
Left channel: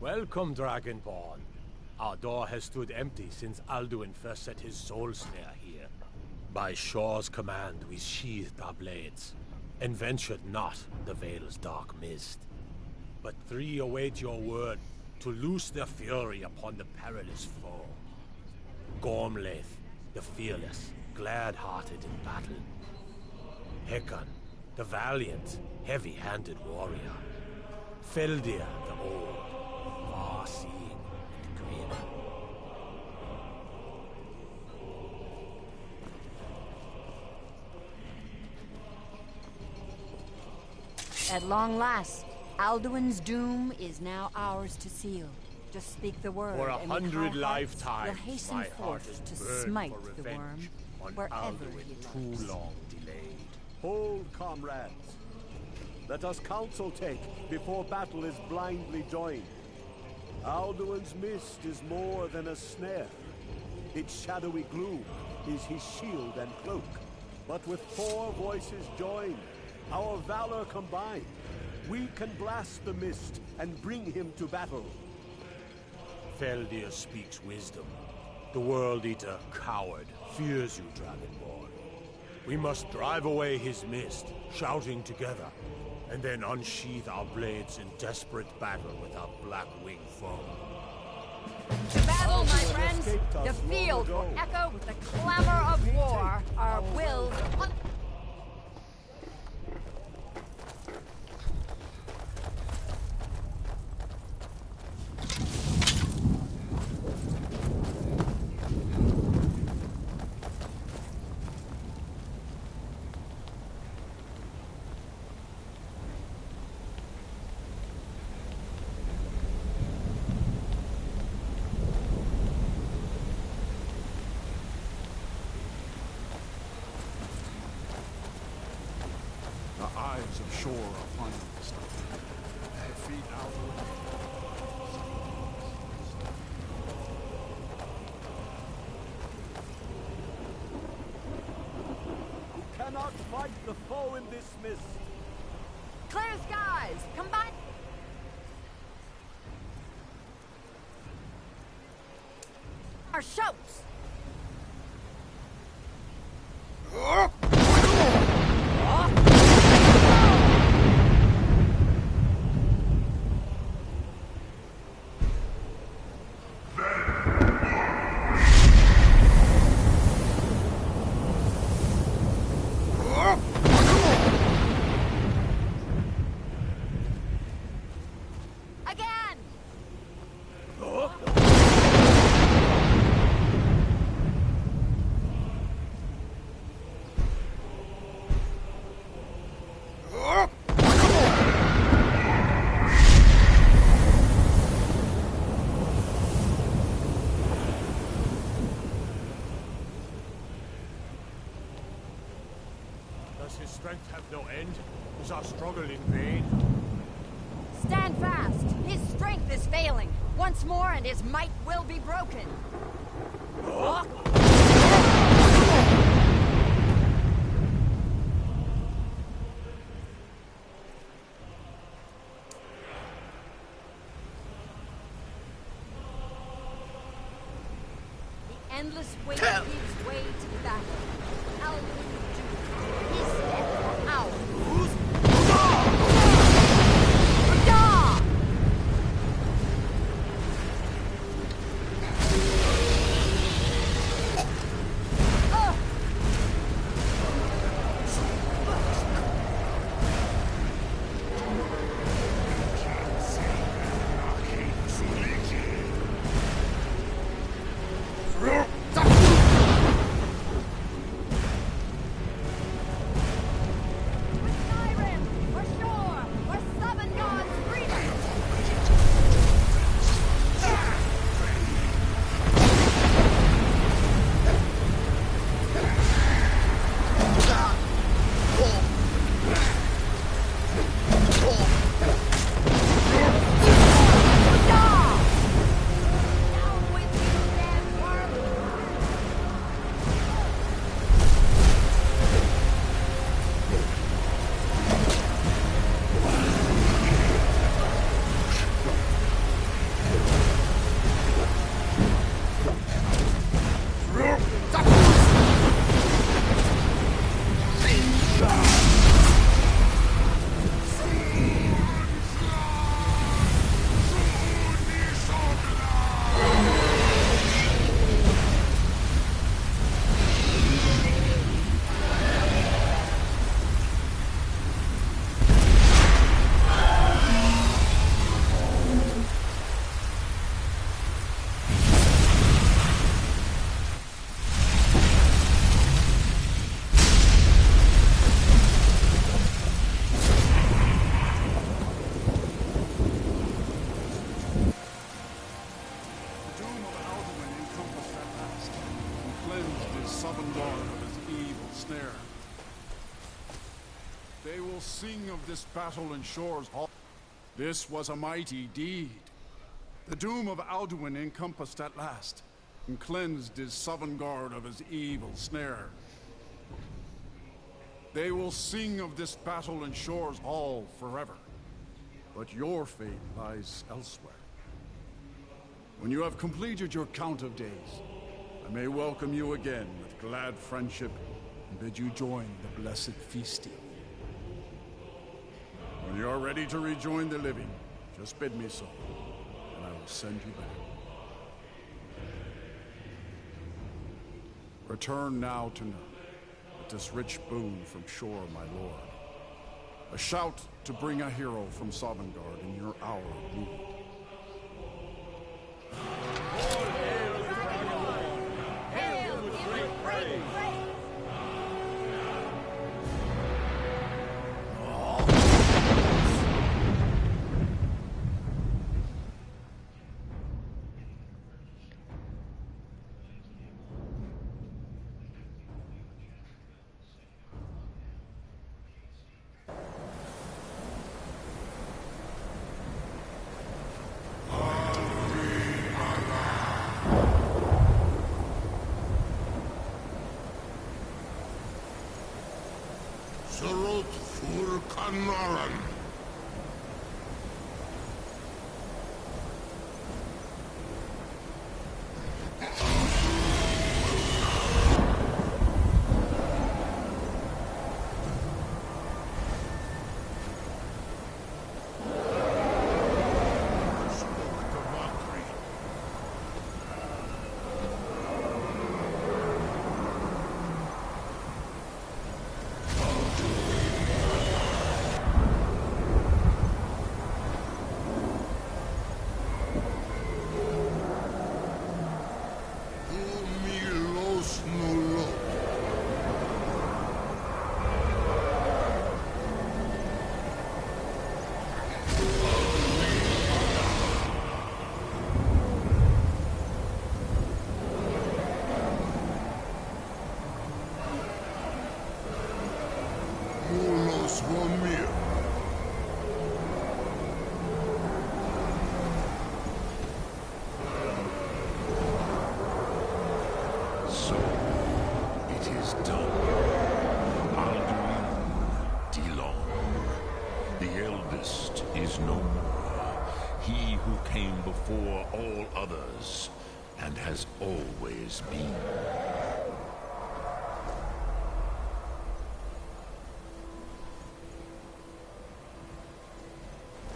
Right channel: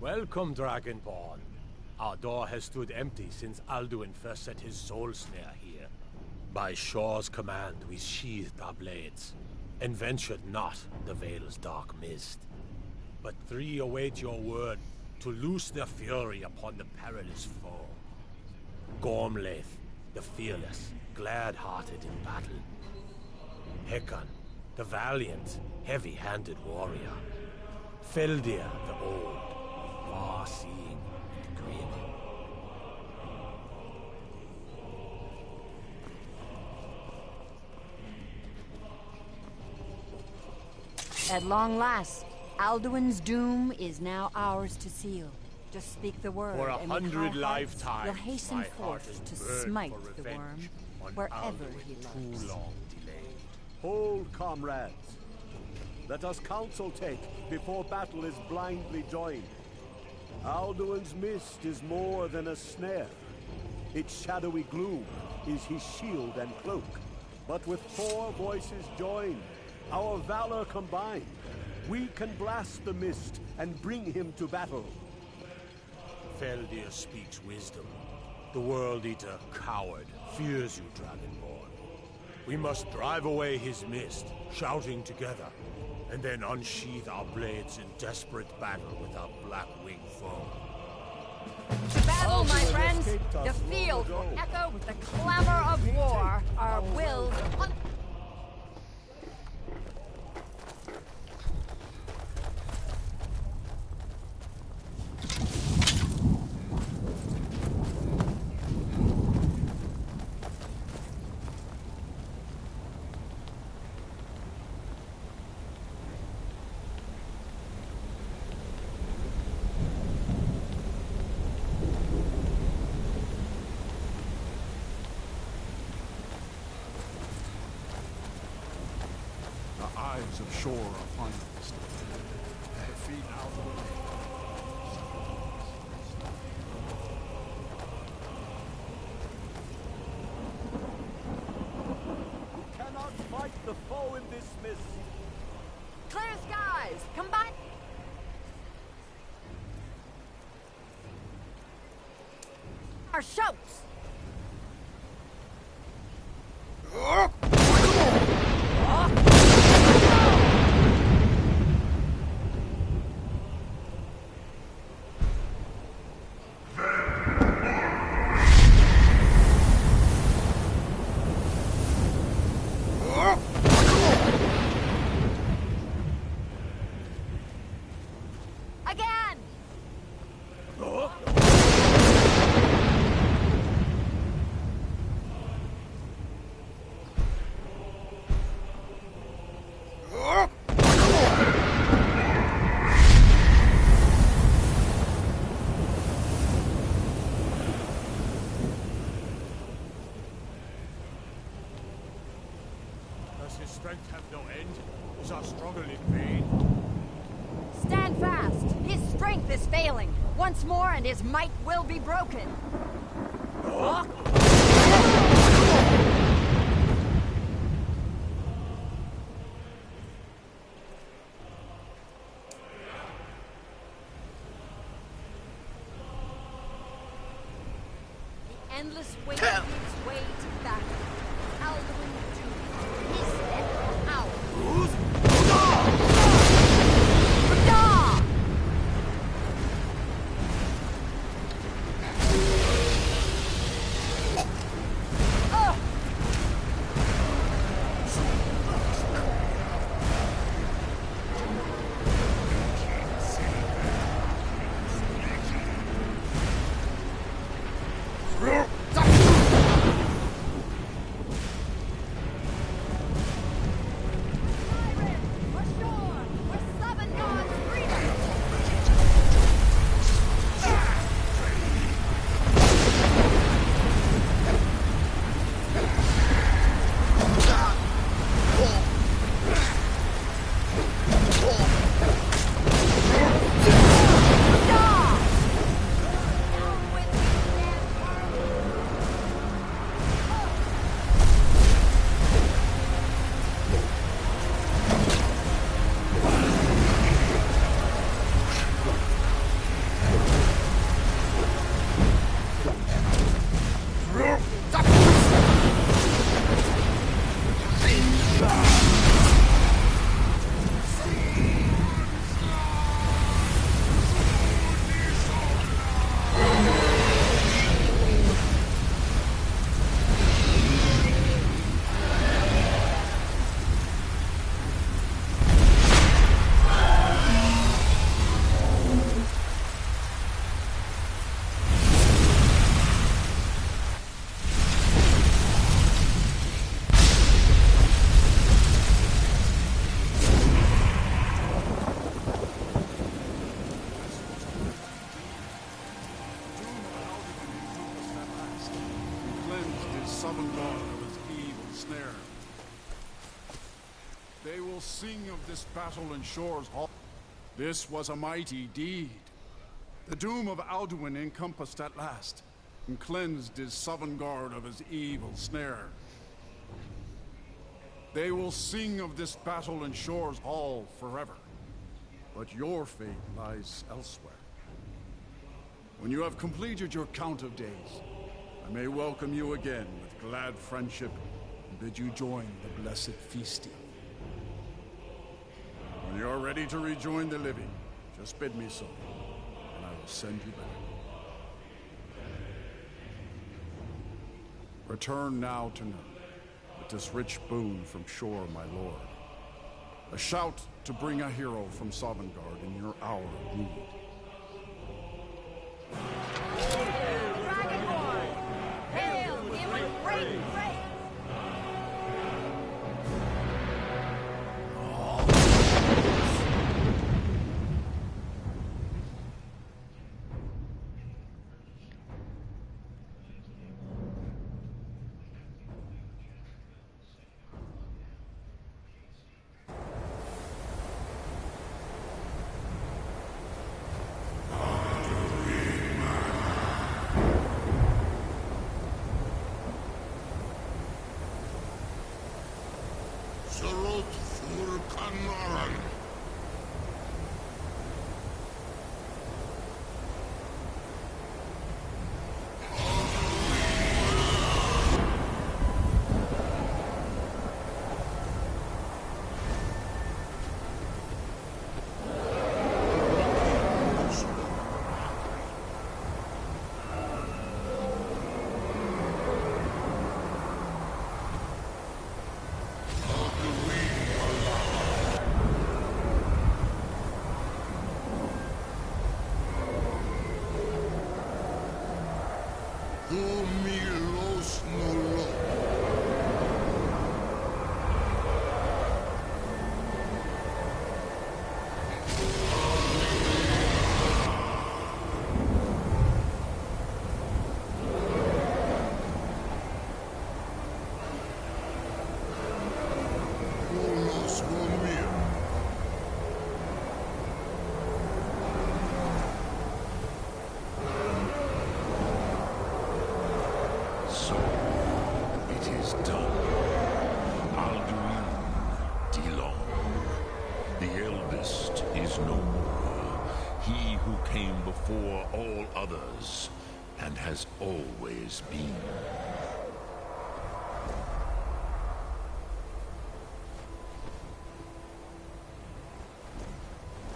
Welcome, Dragonborn. Our door has stood empty since Alduin first set his soul snare here. By Shore's command, we sheathed our blades, and ventured not the Vale's dark mist. But three await your word to loose their fury upon the perilous foe. Gormlaith, the fearless, glad-hearted in battle. Hekon, the valiant, heavy-handed warrior. Feldir, the old, far-seeing and grim. At long last, Alduin's doom is now ours to seal. Just speak the word, For and with 100 high hearts, lifetimes, we'll hasten my heart forth has to burned smite for the revenge worm on wherever Alduin he loves. too long delayed. Hold, comrades. Let us counsel take before battle is blindly joined. Alduin's mist is more than a snare. Its shadowy gloom is his shield and cloak. But with 4 voices joined, our valor combined, we can blast the mist and bring him to battle. Feldir speaks wisdom. The World Eater, coward, fears you, Dragonborn. We must drive away his mist, shouting together, and then unsheath our blades in desperate battle with our black-winged foe. To battle, my Alduin friends! escaped us The long field ago. will echo with the clamor of war. Our wills... The eyes of Shore are upon us. Defeat Alduin. We cannot fight the foe in this mist. Clear skies! Combine... Our shouts! Again! Does his strength have no end? Is our struggle in vain? Stand fast! His strength is failing. Once more and his might will be broken. The endless wait gives way to battle. Alduin doomed. His death, ours. cleansed his Sovngarde of his evil snare. They will sing of this battle in Shor's Hall. This was a mighty deed. The doom of Alduin encompassed at last, and cleansed his Sovngarde of his evil snare. They will sing of this battle in Shor's Hall forever. But your fate lies elsewhere. When you have completed your count of days, I may welcome you again with glad friendship and bid you join the blessed feasting. When you are ready to rejoin the living, just bid me so, and I will send you back. Return now to Nurn, with this rich boon from Shor, my lord. A shout to bring a hero from Sovngarde in your hour of need. Hail, give him praise! Surut fur Kanaran. So, it is done. Alduin Dilong, the eldest, is no more. He who came before all others, and has always been.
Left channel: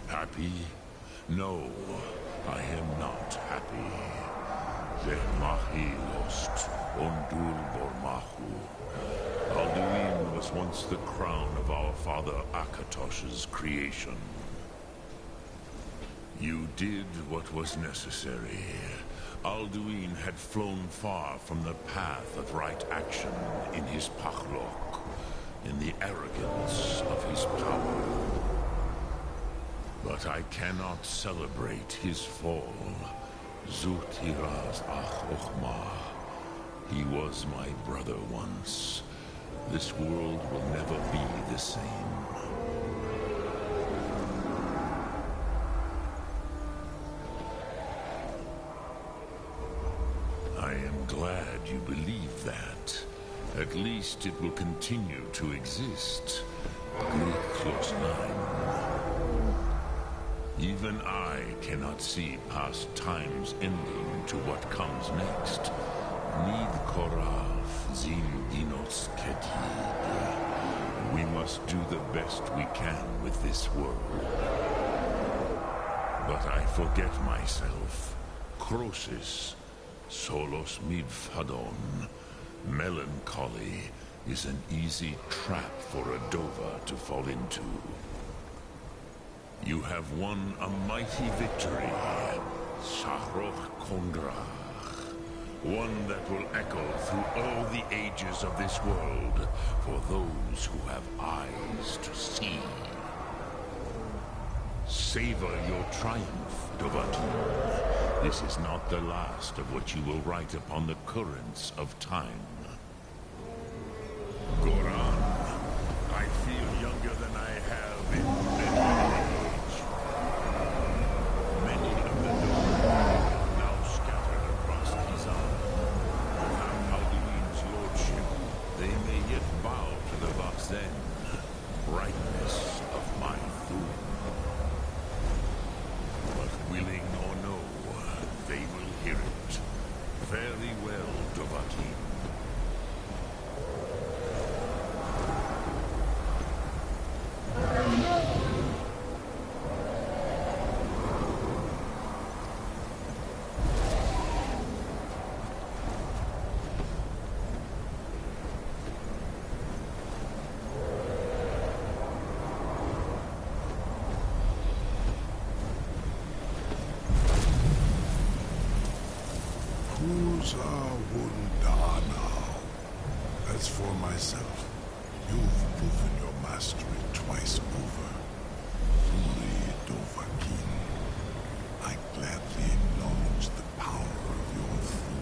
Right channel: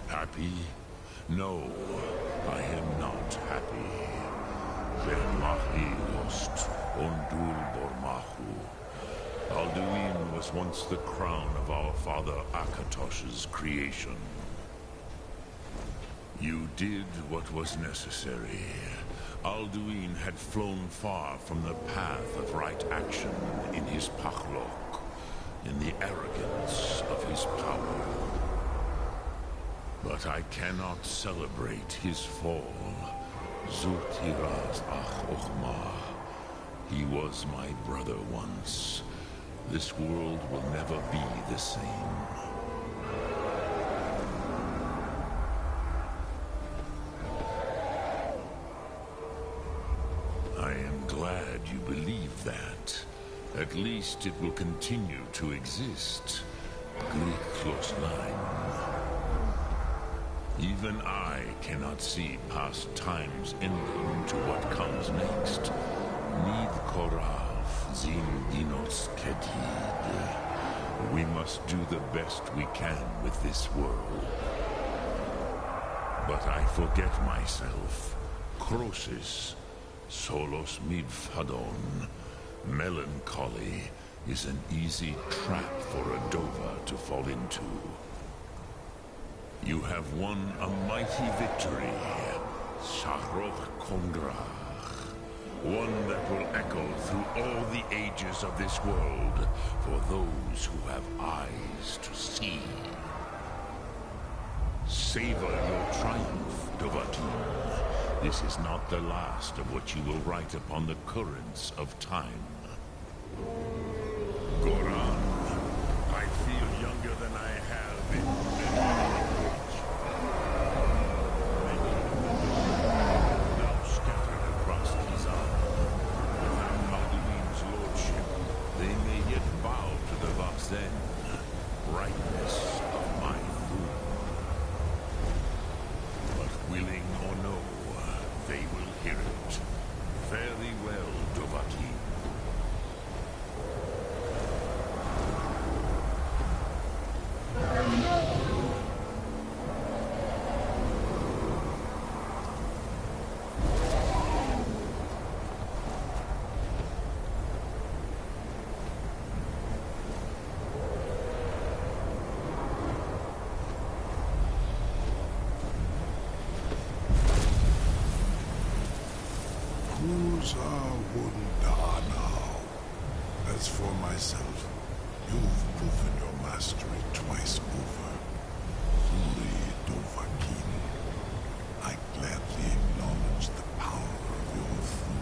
Happy? No, I am not happy. Vermahi lost, Ondul Bormahu. Alduin was once the crown of our father Akatosh's creation. You did what was necessary. Alduin had flown far from the path of right action in his Pachlok, in the arrogance of his power. But I cannot celebrate his fall. Zutiraz Ach Ochma. He was my brother once. This world will never be the same. I am glad you believe that. At least it will continue to exist. Even I cannot see past time's ending to what comes next. Nid Korav Zin Dinos Kedid. We must do the best we can with this world. But I forget myself. Crosis, Solos Midfadon. Melancholy is an easy trap for a Dova to fall into. You have won a mighty victory, Shahroch Kondrach. One that will echo through all the ages of this world for those who have eyes to see. Savor your triumph, Dovahkiin. This is not the last of what you will write upon the currents of time. Goran, I feel younger than I have in many age. Many of the Dora now scattered across Kizan. Without Alduin's lordship, they may yet bow to the Voxen, brightness of my Thum. But willing or no, they will hear it. Very well, Dovahkiin. As for myself, you've proven your mastery twice over. Furi Dovahkiin, I gladly acknowledge the power of your Thum.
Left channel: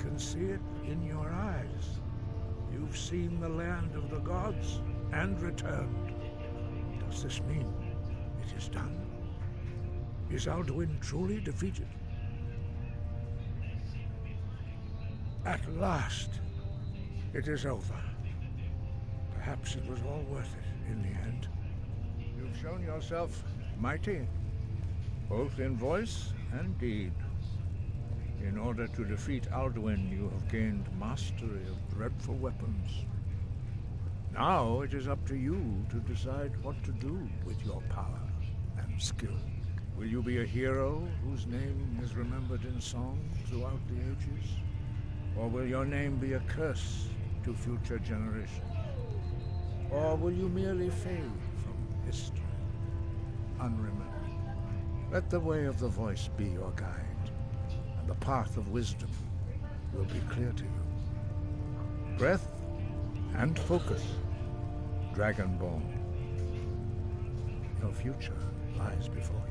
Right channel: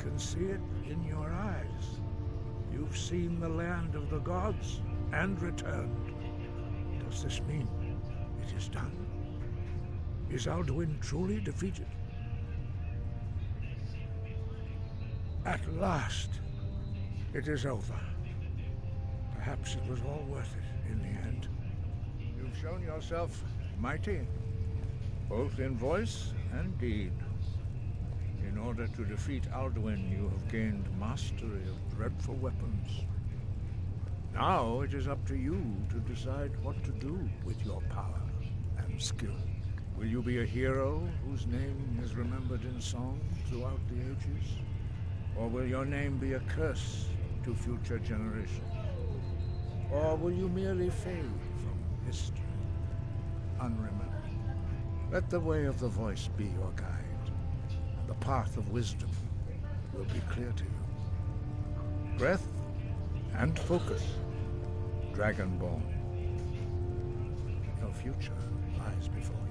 can see it in your eyes. You've seen the land of the gods and returned. Does this mean it is done? Is Alduin truly defeated? At last, it is over. Perhaps it was all worth it in the end. You've shown yourself mighty, both in voice and deed. In order to defeat Alduin, you have gained mastery of dreadful weapons. Now it is up to you to decide what to do with your power and skill. Will you be a hero whose name is remembered in song throughout the ages? Or will your name be a curse to future generations? Or will you merely fade from history, unremembered? Let the way of the voice be your guide, and the path of wisdom will be clear to you. Breath and focus, Dragonborn. Your future lies before you.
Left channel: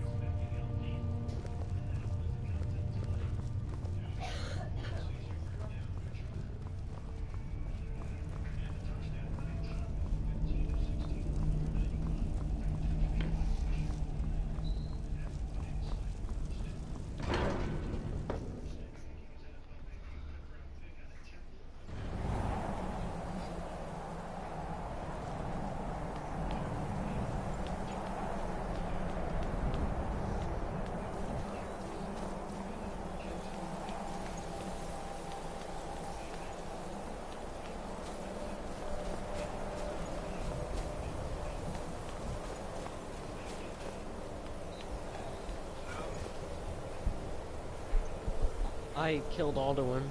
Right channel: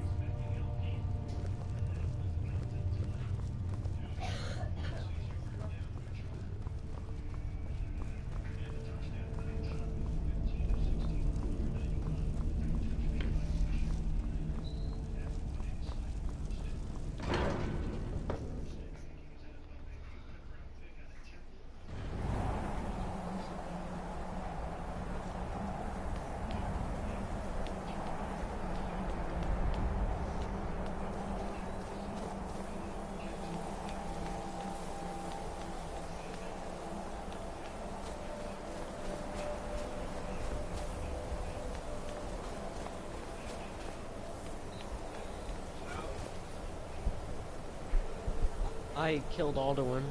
I killed Alduin.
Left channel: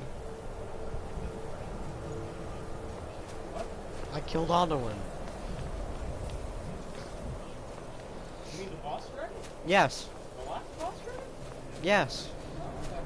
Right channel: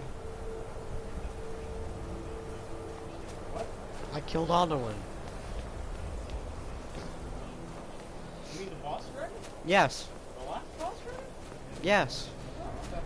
What? I killed Alduin. You mean the boss dragon? Yes. The last boss dragon? Yes. Oh, okay.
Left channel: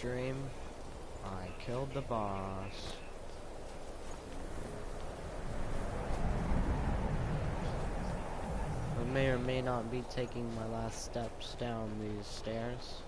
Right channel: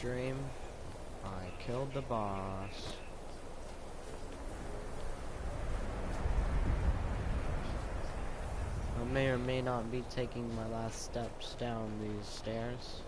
Dream, I killed the boss. I may or may not be taking my last steps down these stairs.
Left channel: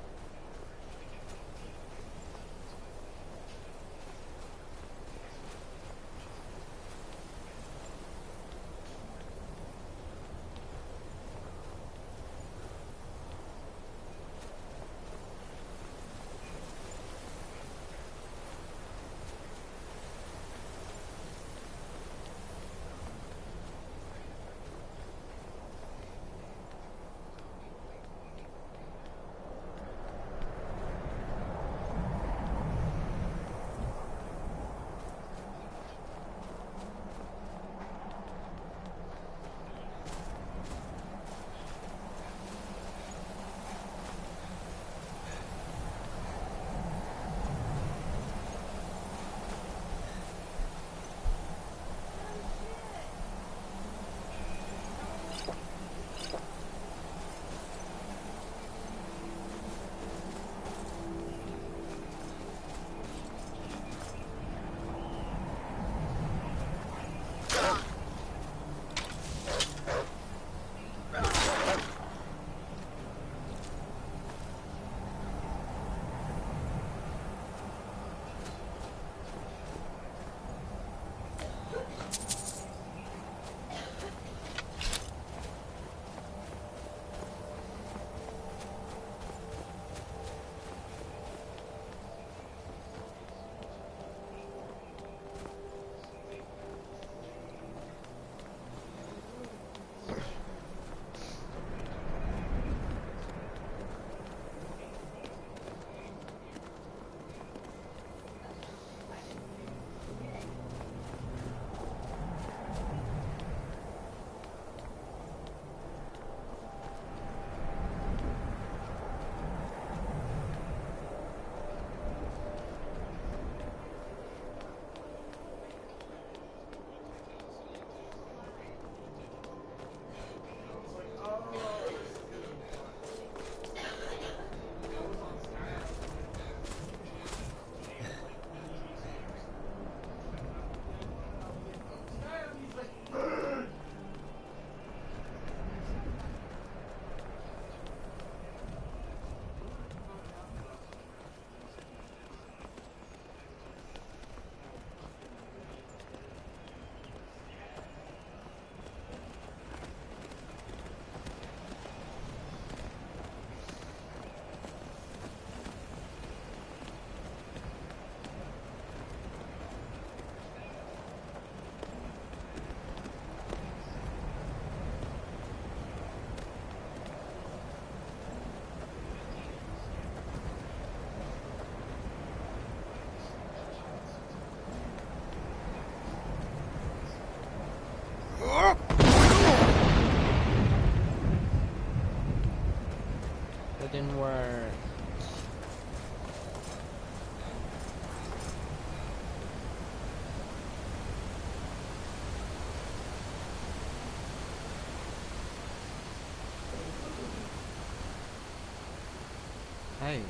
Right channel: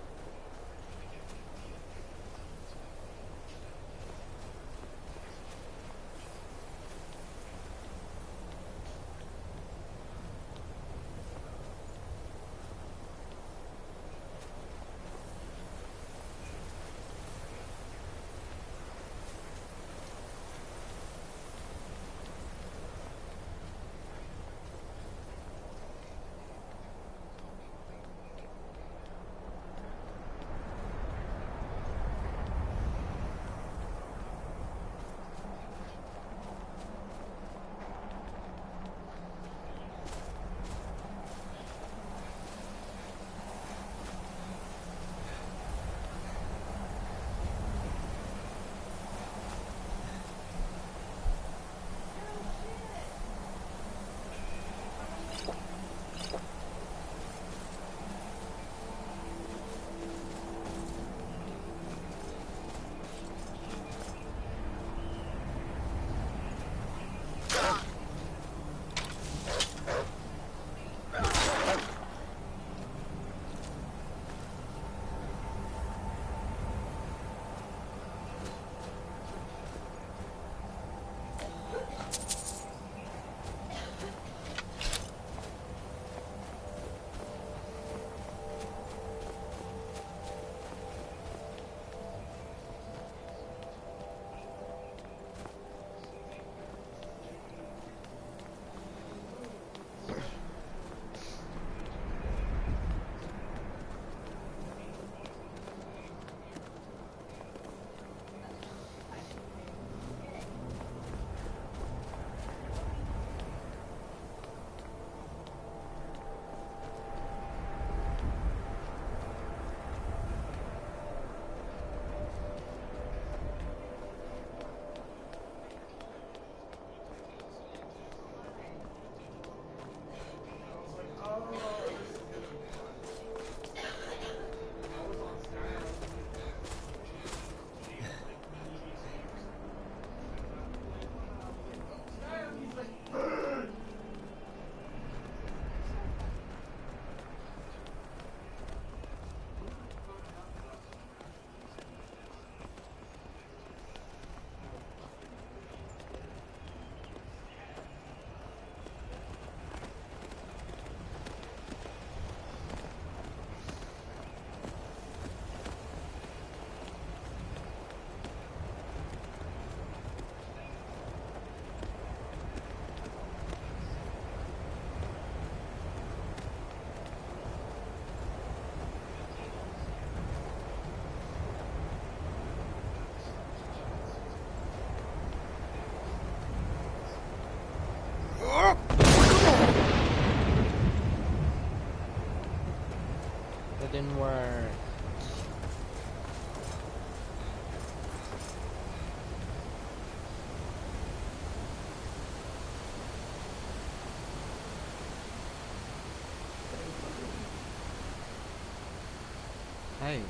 Hey.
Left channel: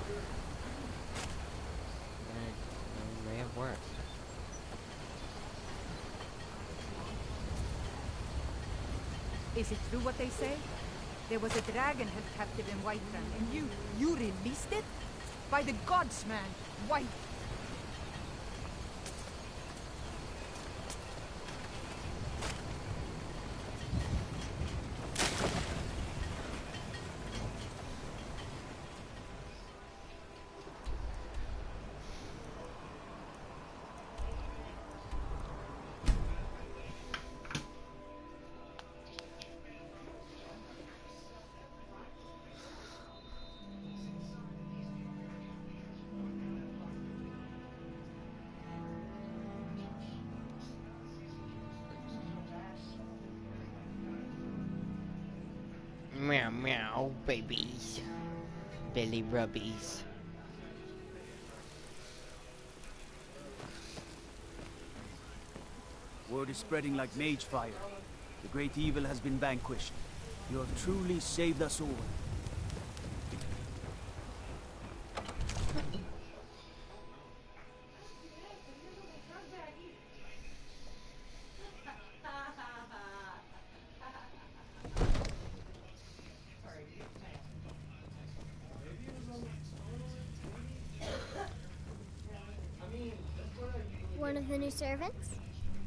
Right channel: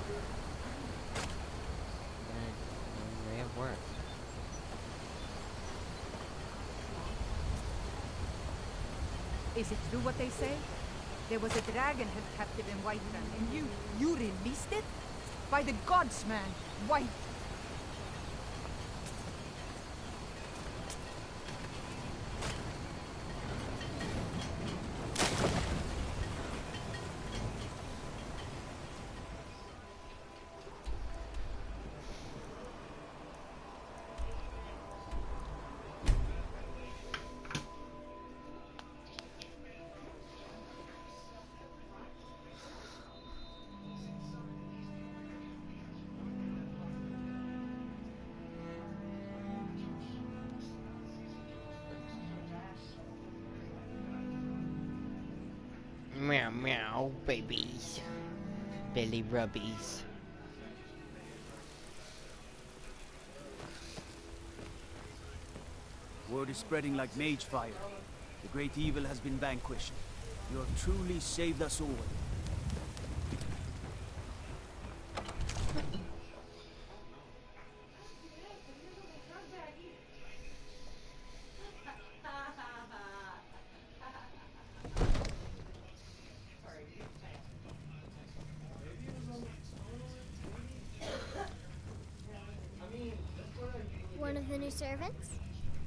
May have worked. Is it true what they say? There was a dragon held captive in Whiterun, and you released it? By the gods, man! White! Meow meow, babies. Belly rubbies. Word is spreading like mage fire. The great evil has been vanquished. You have truly saved us all. One of the new servants?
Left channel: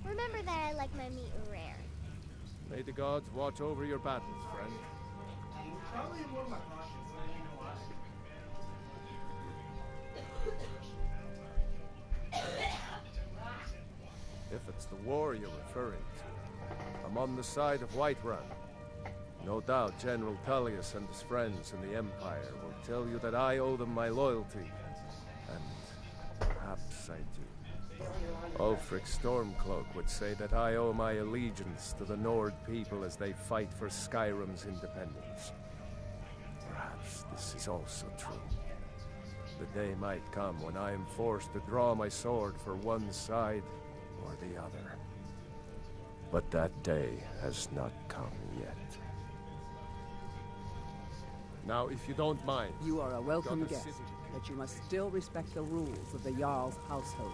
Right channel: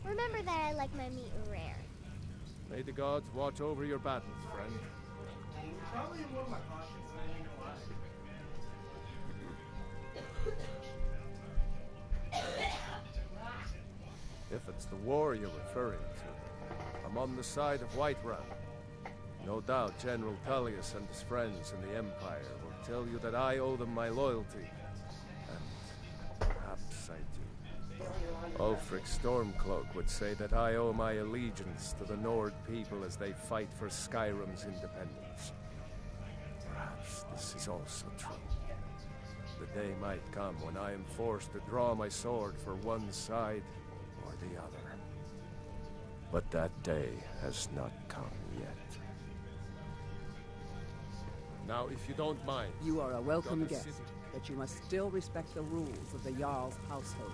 Remember that I like my meat rare. May the gods watch over your battles, friend. Probably more my conscience than you know why. If it's the war you're referring to, I'm on the side of Whiterun. No doubt General Tullius and his friends in the Empire will tell you that I owe them my loyalty. And perhaps I do. Ulfric Stormcloak would say that I owe my allegiance to the Nord people as they fight for Skyrim's independence. Perhaps this is also true. The day might come when I am forced to draw my sword for one side or the other. But that day has not come yet. Now, if you don't mind... You are a welcome got a guest, city. but you must still respect the rules of the Jarl's household.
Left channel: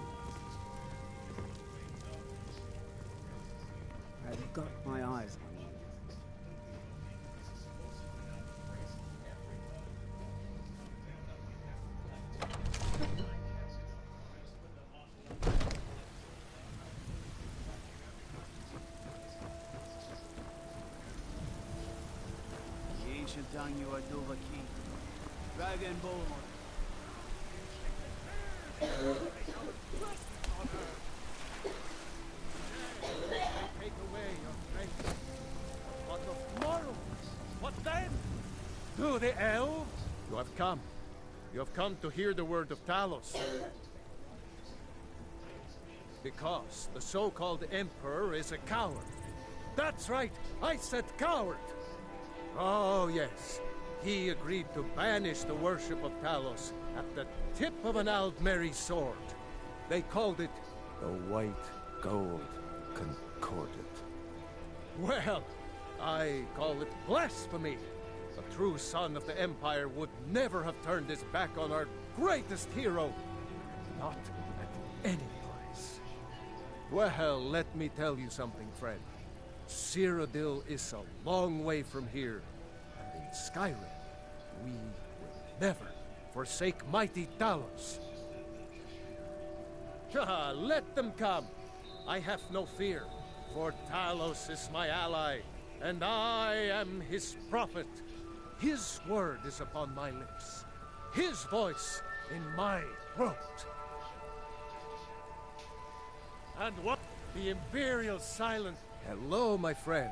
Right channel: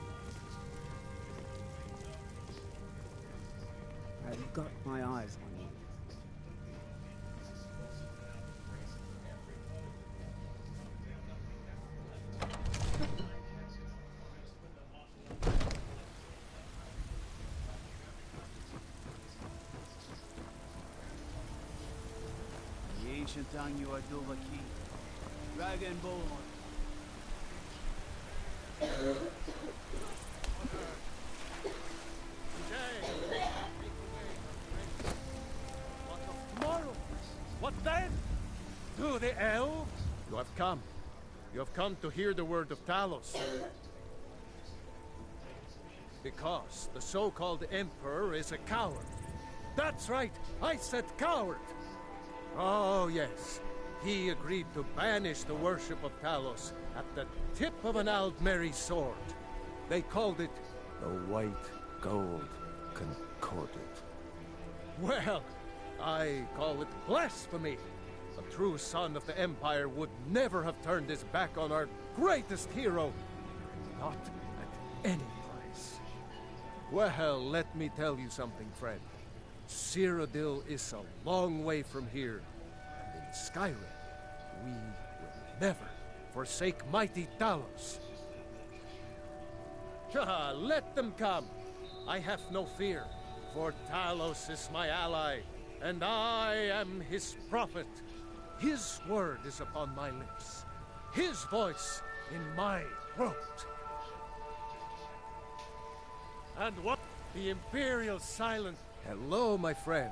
I've got my eyes on you. The ancient Anyu Adovaki, Dragonborn. What of tomorrow? What then? To the elves? You have come. You have come to hear the word of Talos. Because the so-called Emperor is a coward. That's right, I said coward! Oh, yes. He agreed to banish the worship of Talos at the tip of an Aldmeri sword. They called it the White Gold Concordat. Well, I call it blasphemy. A true son of the Empire would never have turned his back on our greatest hero. Not at any price. Well, let me tell you something, friend. Cyrodiil is a long way from here. And in Skyrim, we will never forsake mighty Talos. Let them come. I have no fear, for Talos is my ally, and I am his prophet. His word is upon my lips, his voice in my throat. And what? The Imperial silent. Hello, my friend.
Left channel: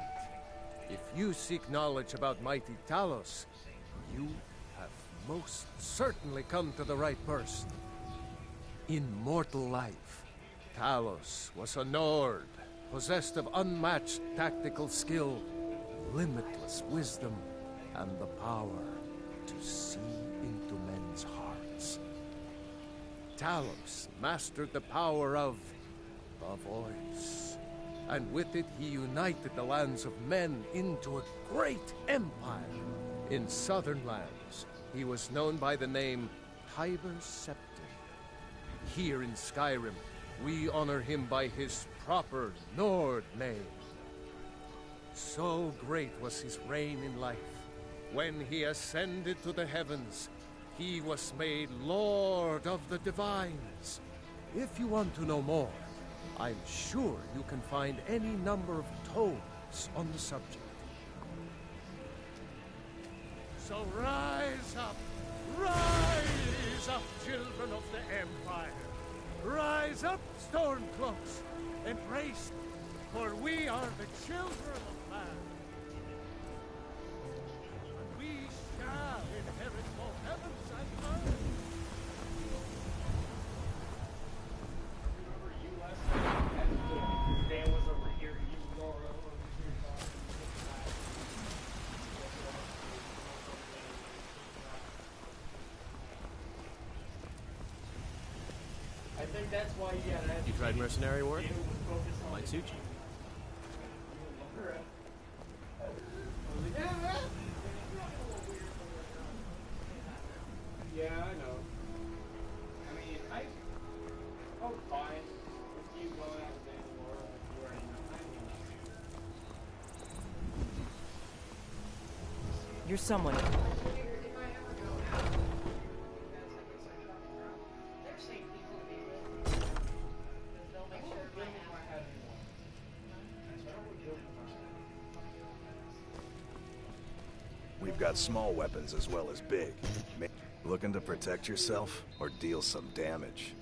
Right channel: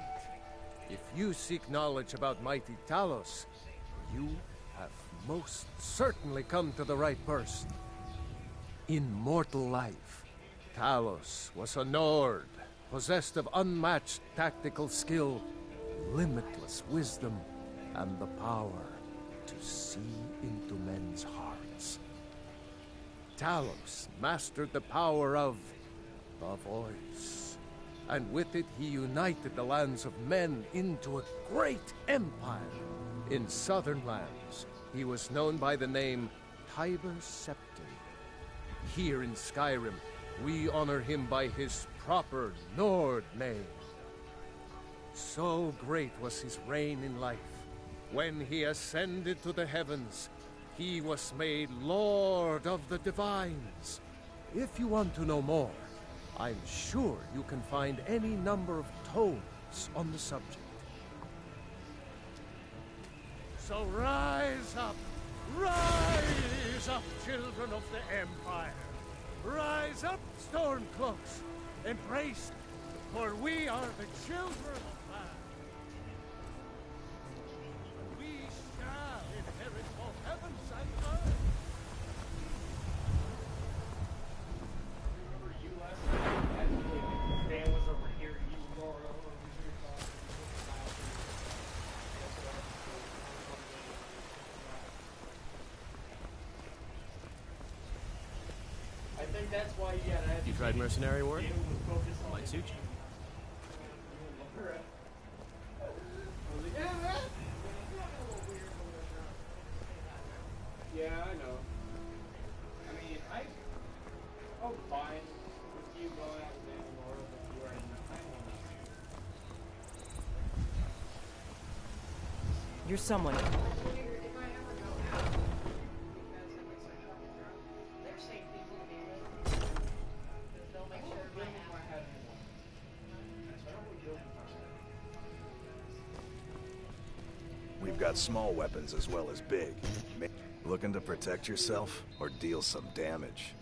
If you seek knowledge about mighty Talos, you have most certainly come to the right person. In mortal life, Talos was a Nord, possessed of unmatched tactical skill, limitless wisdom, and the power to see into men's hearts. Talos mastered the power of the voice, and with it he united the lands of men into a great empire. In southern lands, He was known by the name Tiber Septim. Here in Skyrim, we honor him by his proper Nord name. So great was his reign in life. When he ascended to the heavens, he was made Lord of the Divines. If you want to know more, I'm sure you can find any number of tomes on the subject. So rise up, children of the Empire. Rise up, Stormcloaks, embrace, for we are the children of man. And we shall inherit both heavens and earth. Remember you last night? As Dan was over here, you Laura over here talking. I think that's why you got to. You tried mercenary work? Might suit you. Yeah, I know. I mean, I'm fine with you going out with Dan and Laura, but you already know. I will not. You're someone. If I ever go out, because I get some truck and drunk, they're safe people to be with. Because they'll make sure my have anyone. So I don't really kill people. We've got small weapons as well as big. Looking to protect yourself or deal some damage?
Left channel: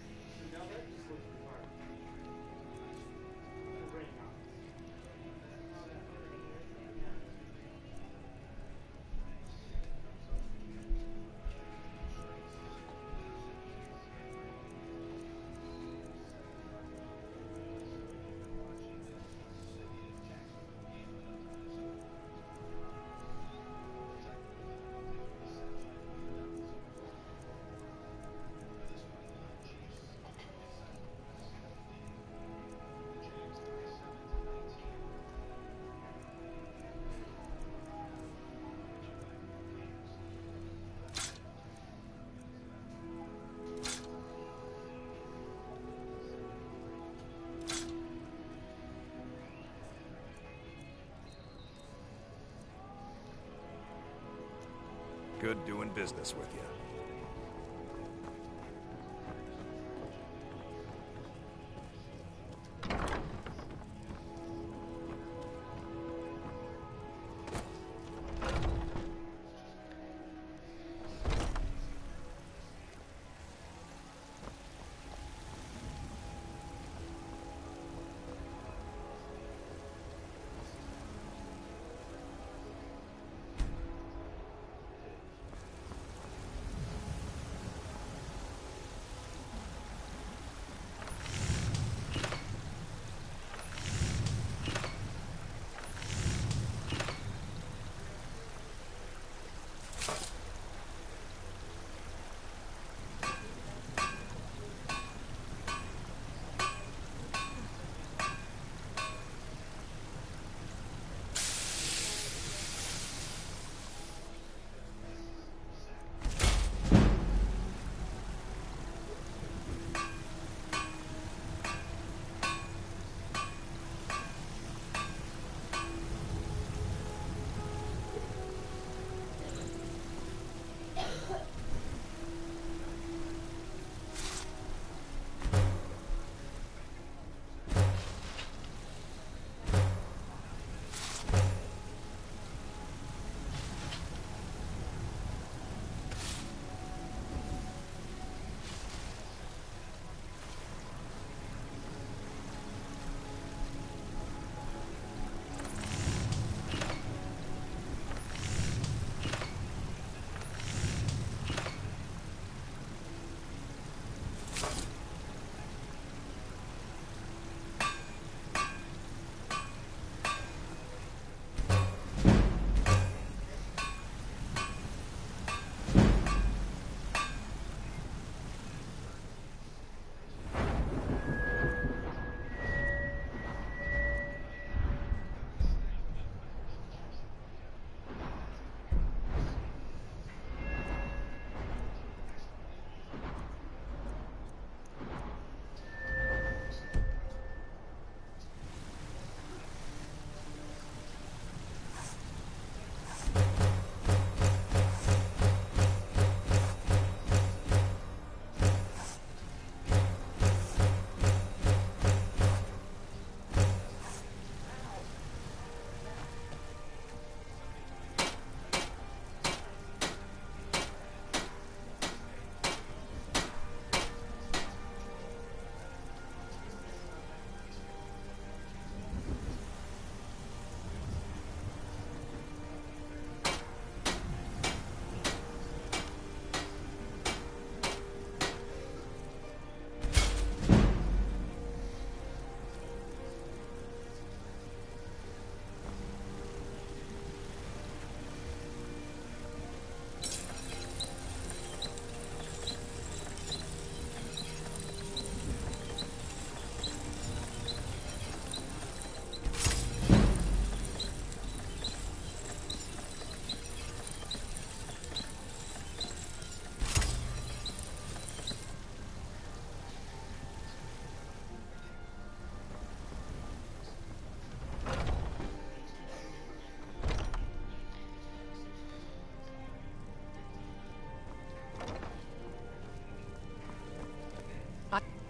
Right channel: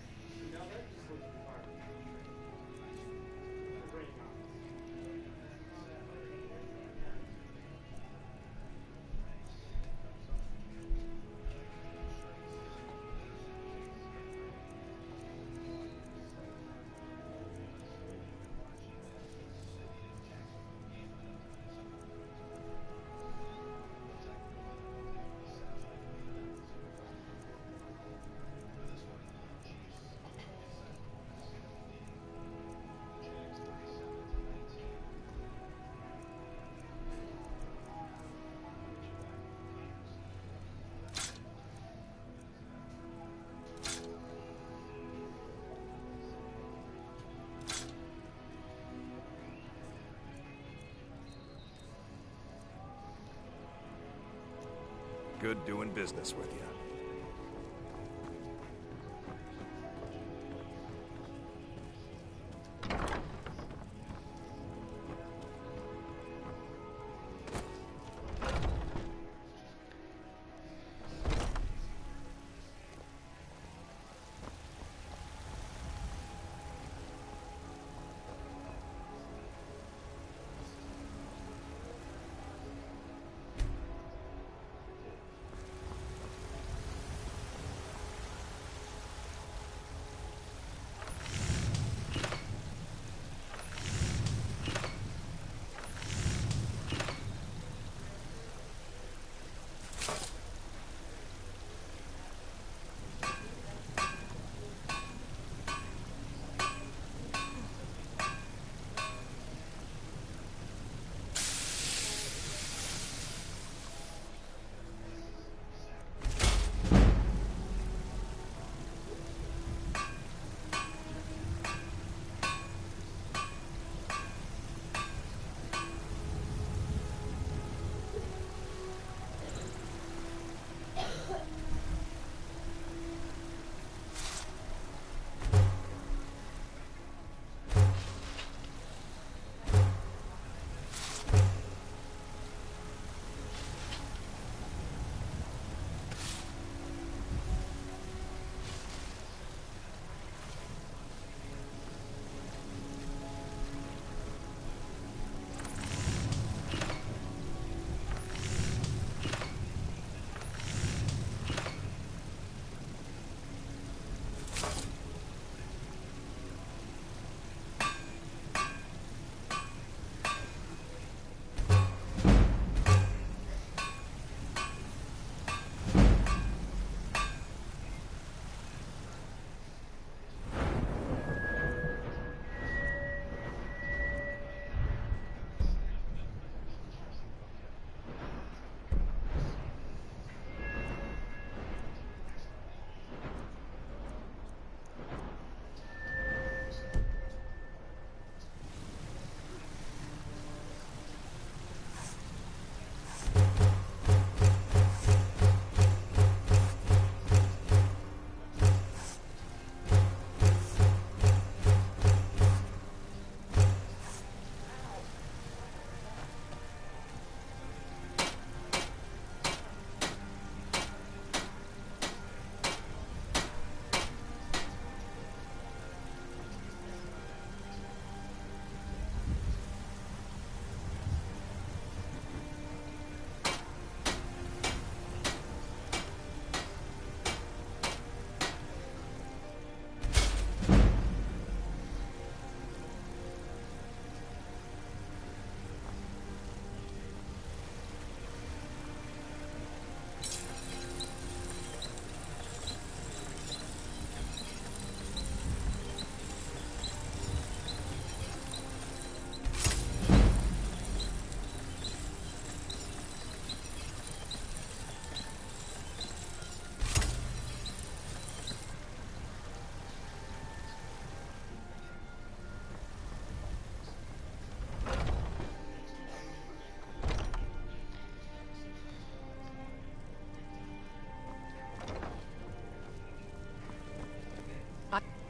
Good doing business with you.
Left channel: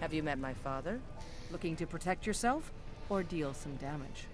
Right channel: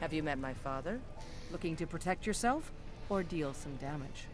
Have you met my father? Looking to protect yourself or deal some damage?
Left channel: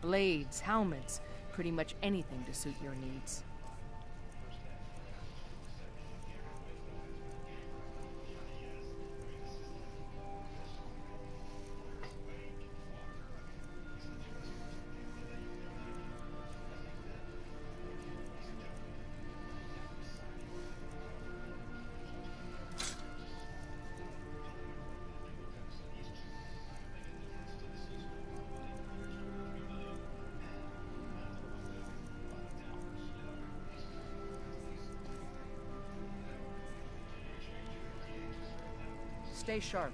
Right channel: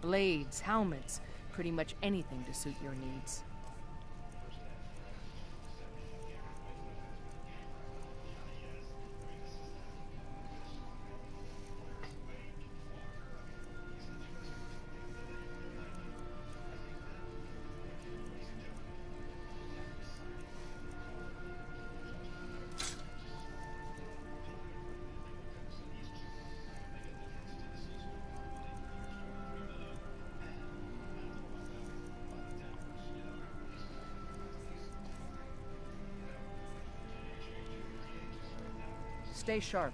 Blades, helmets, pretty much anything to suit your needs. Stay sharp.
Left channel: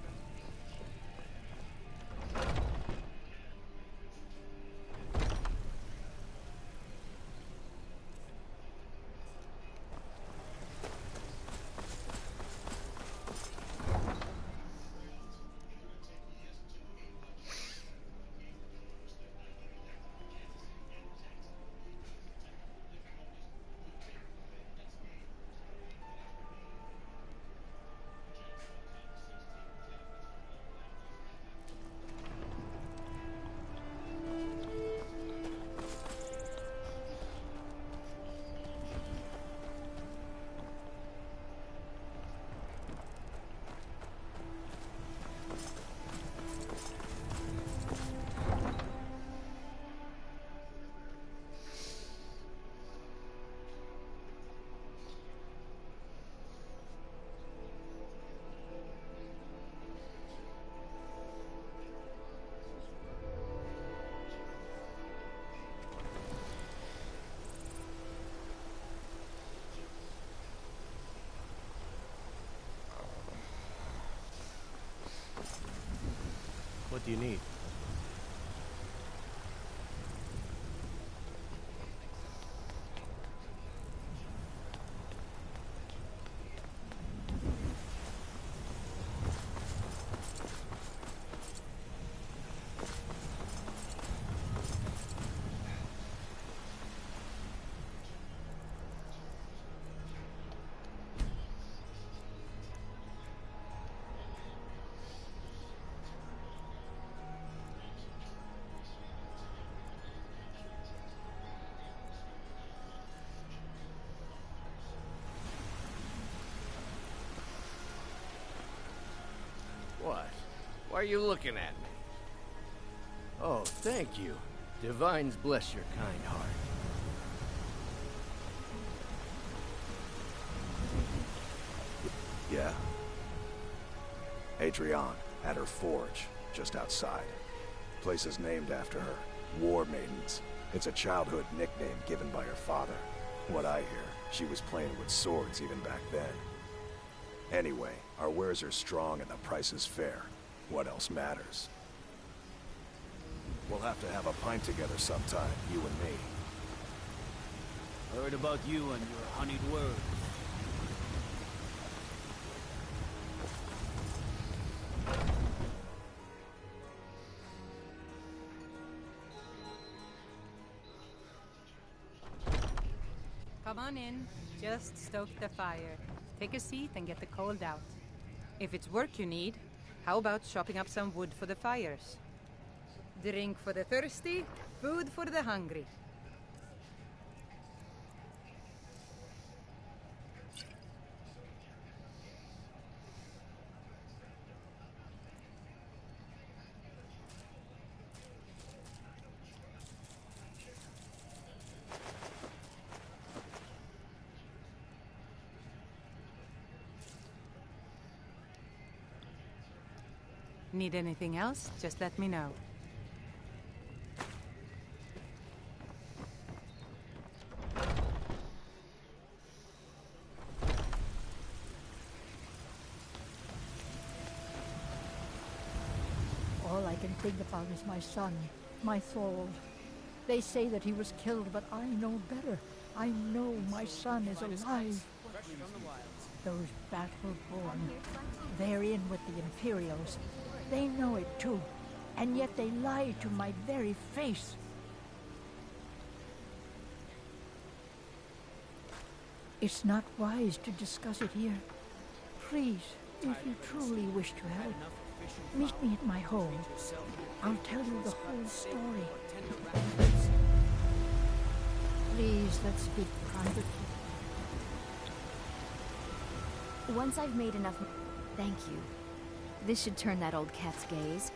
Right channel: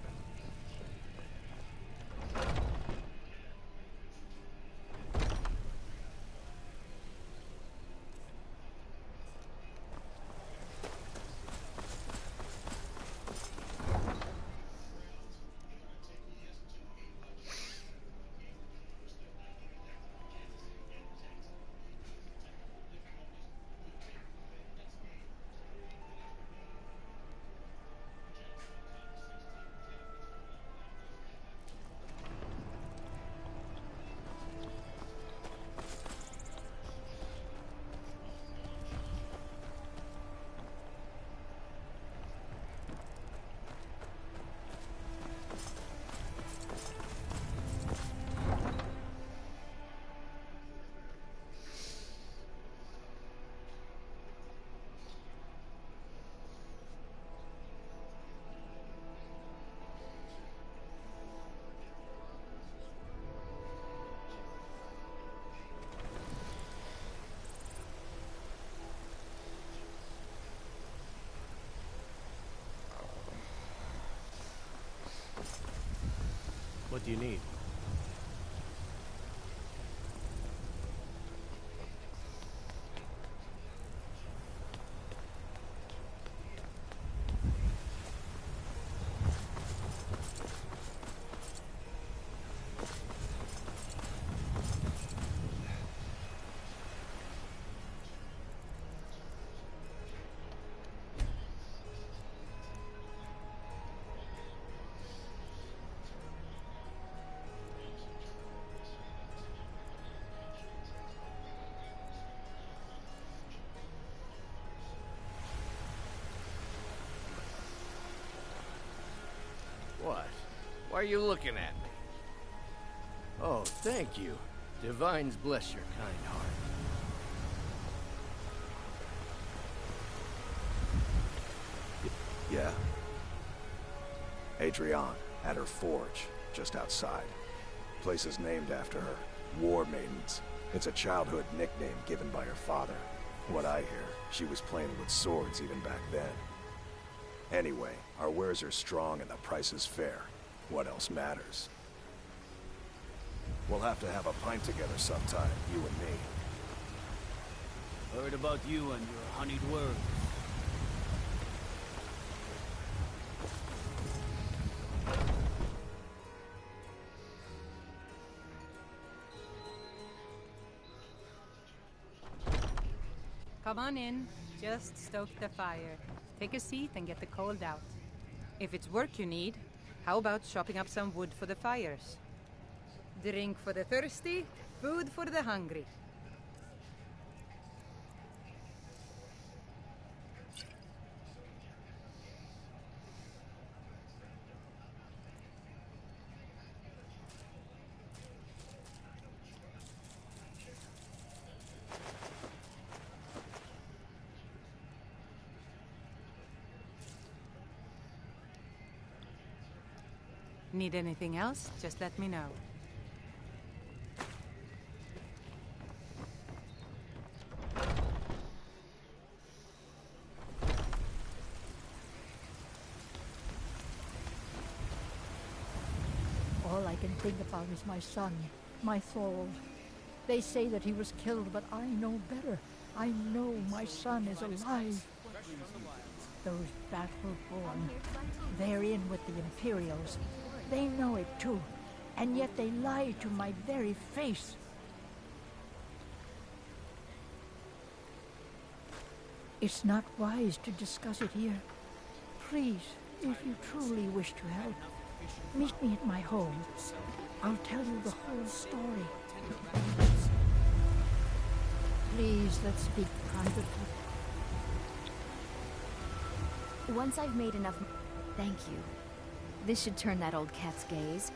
What do you need? What? Why are you looking at me? Oh, thank you. Divines bless your kind heart. Yeah. Adrienne, at her forge, just outside. Place is named after her. War Maidens. It's a childhood nickname given by her father. What I hear, she was playing with swords even back then. Anyway, our wares are strong and the price is fair. What else matters? We'll have to have a pint together sometime, you and me. Heard about you and your honeyed words. Come on in. Just stoke the fire. Take a seat and get the cold out. If it's work you need, how about chopping up some wood for the fires? Drink for the thirsty, food for the hungry. Need anything else? Just let me know. All I can think about is my son, my Thord. They say that he was killed, but I know better. I know my son is alive. Those battle-born, they're in with the Imperials. They know it too, and yet they lie to my very face. It's not wise to discuss it here. Please, if you truly wish to help, meet me at my home. I'll tell you the whole story. Please, let's speak privately. Once I've made enough... Thank you. This should turn that old cat's gaze.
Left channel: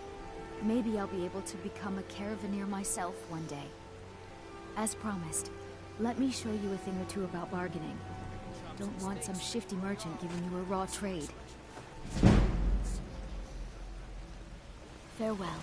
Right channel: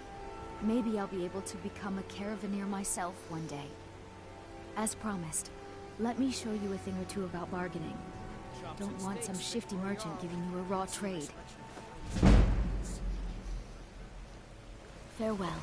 Maybe I'll be able to become a caravaneer myself one day. As promised, let me show you a thing or two about bargaining. Don't want some shifty merchant giving you a raw trade. Farewell.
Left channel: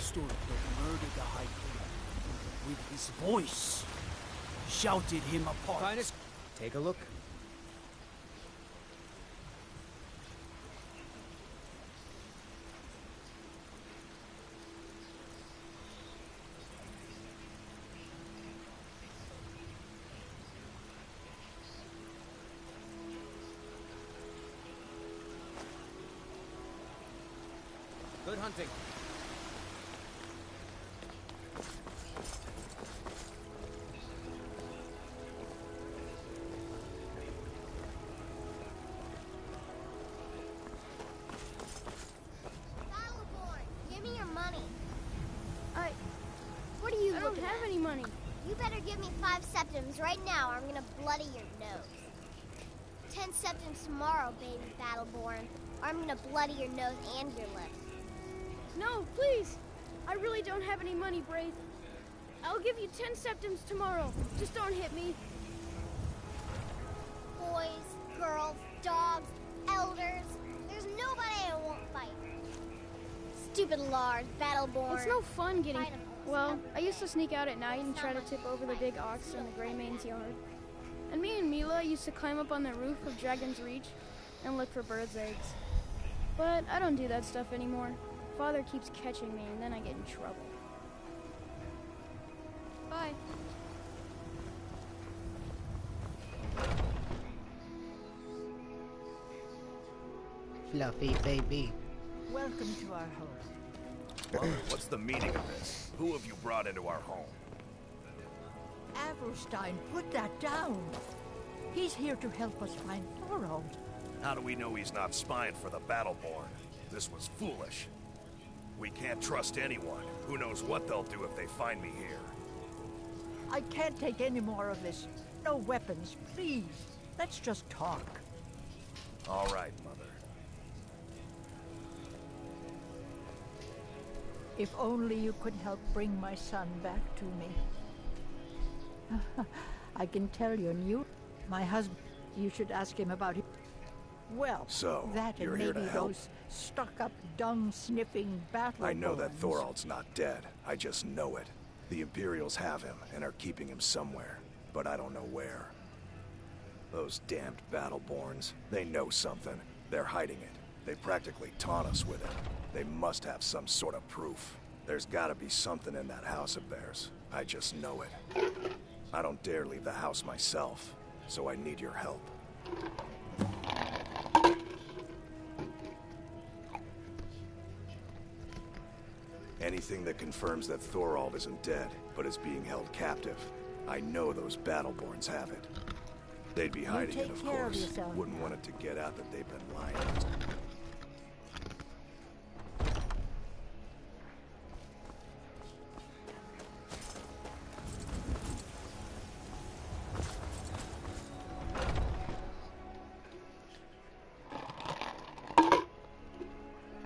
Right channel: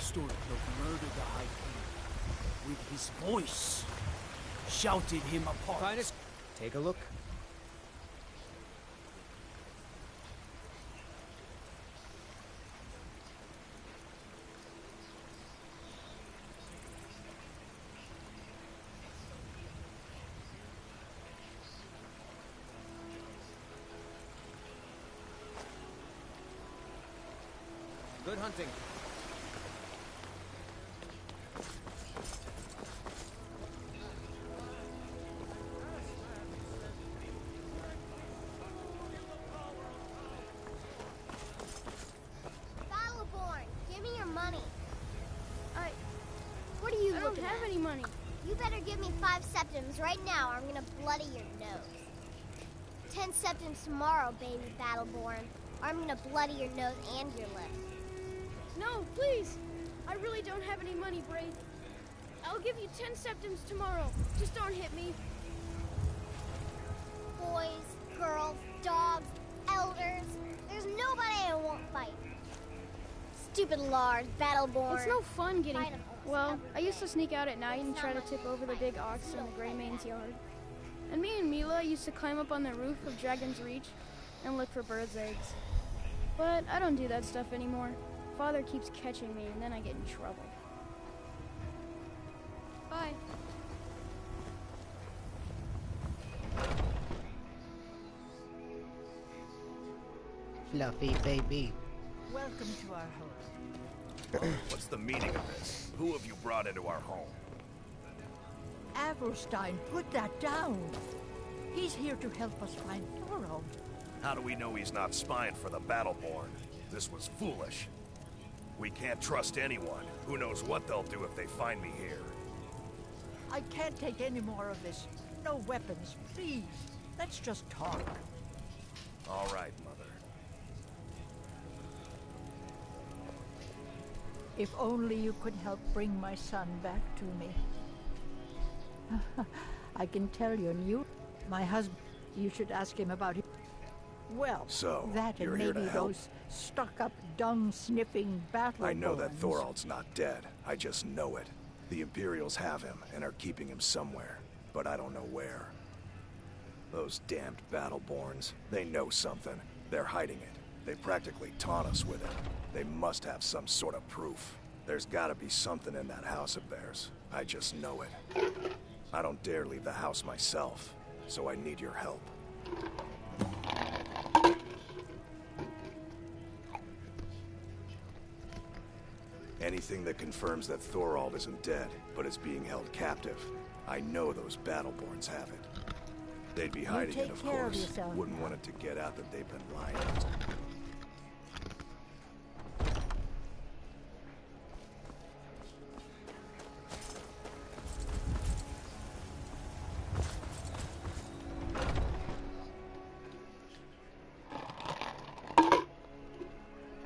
Stormcloak murdered the High King with his voice, shouted him apart. Finest, take a look. Good hunting. You better give me 5 septims right now or I'm gonna bloody your nose. 10 10 septims tomorrow, baby Battleborn, or I'm gonna bloody your nose and your lips. No, please! I really don't have any money, Braith. I'll give you 10 septims tomorrow. Just don't hit me. Boys, girls, dogs, elders. There's nobody I won't fight. Stupid Lars, Battleborn. It's no fun getting... Fight 'em almost Well, every I used day. to sneak out at night and It's try to not tip much over the fight. big ox in the Still Greymane's fight. yard. And me and Mila used to climb up on the roof of Dragon's Reach and look for birds' eggs. But I don't do that stuff anymore. Father keeps catching me and then I get in trouble. Bye. Fluffy baby. Welcome to our home. What's the meaning of this? Who have you brought into our home? Avrstein, put that down. He's here to help us find Thorald. How do we know he's not spying for the Battleborn? This was foolish. We can't trust anyone. Who knows what they'll do if they find me here. I can't take any more of this. No weapons, please. Let's just talk. All right, Mother. If only you could help bring my son back to me. I can tell you, my husband, you should ask him about it. Well, So, that you're and here to maybe help? those stuck-up, dung-sniffing battle I know that borns. Thorald's not dead. I just know it. The Imperials have him and are keeping him somewhere, but I don't know where. Those damned Battleborns, they know something. They're hiding it. They practically taunt us with it. They must have some sort of proof. There's gotta be something in that house of theirs. I just know it. I don't dare leave the house myself, so I need your help. Anything that confirms that Thorald isn't dead, but is being held captive. I know those Battleborns have it. They'd be hiding it, take of care of course. yourself Wouldn't now. want it to get out that they've been lying.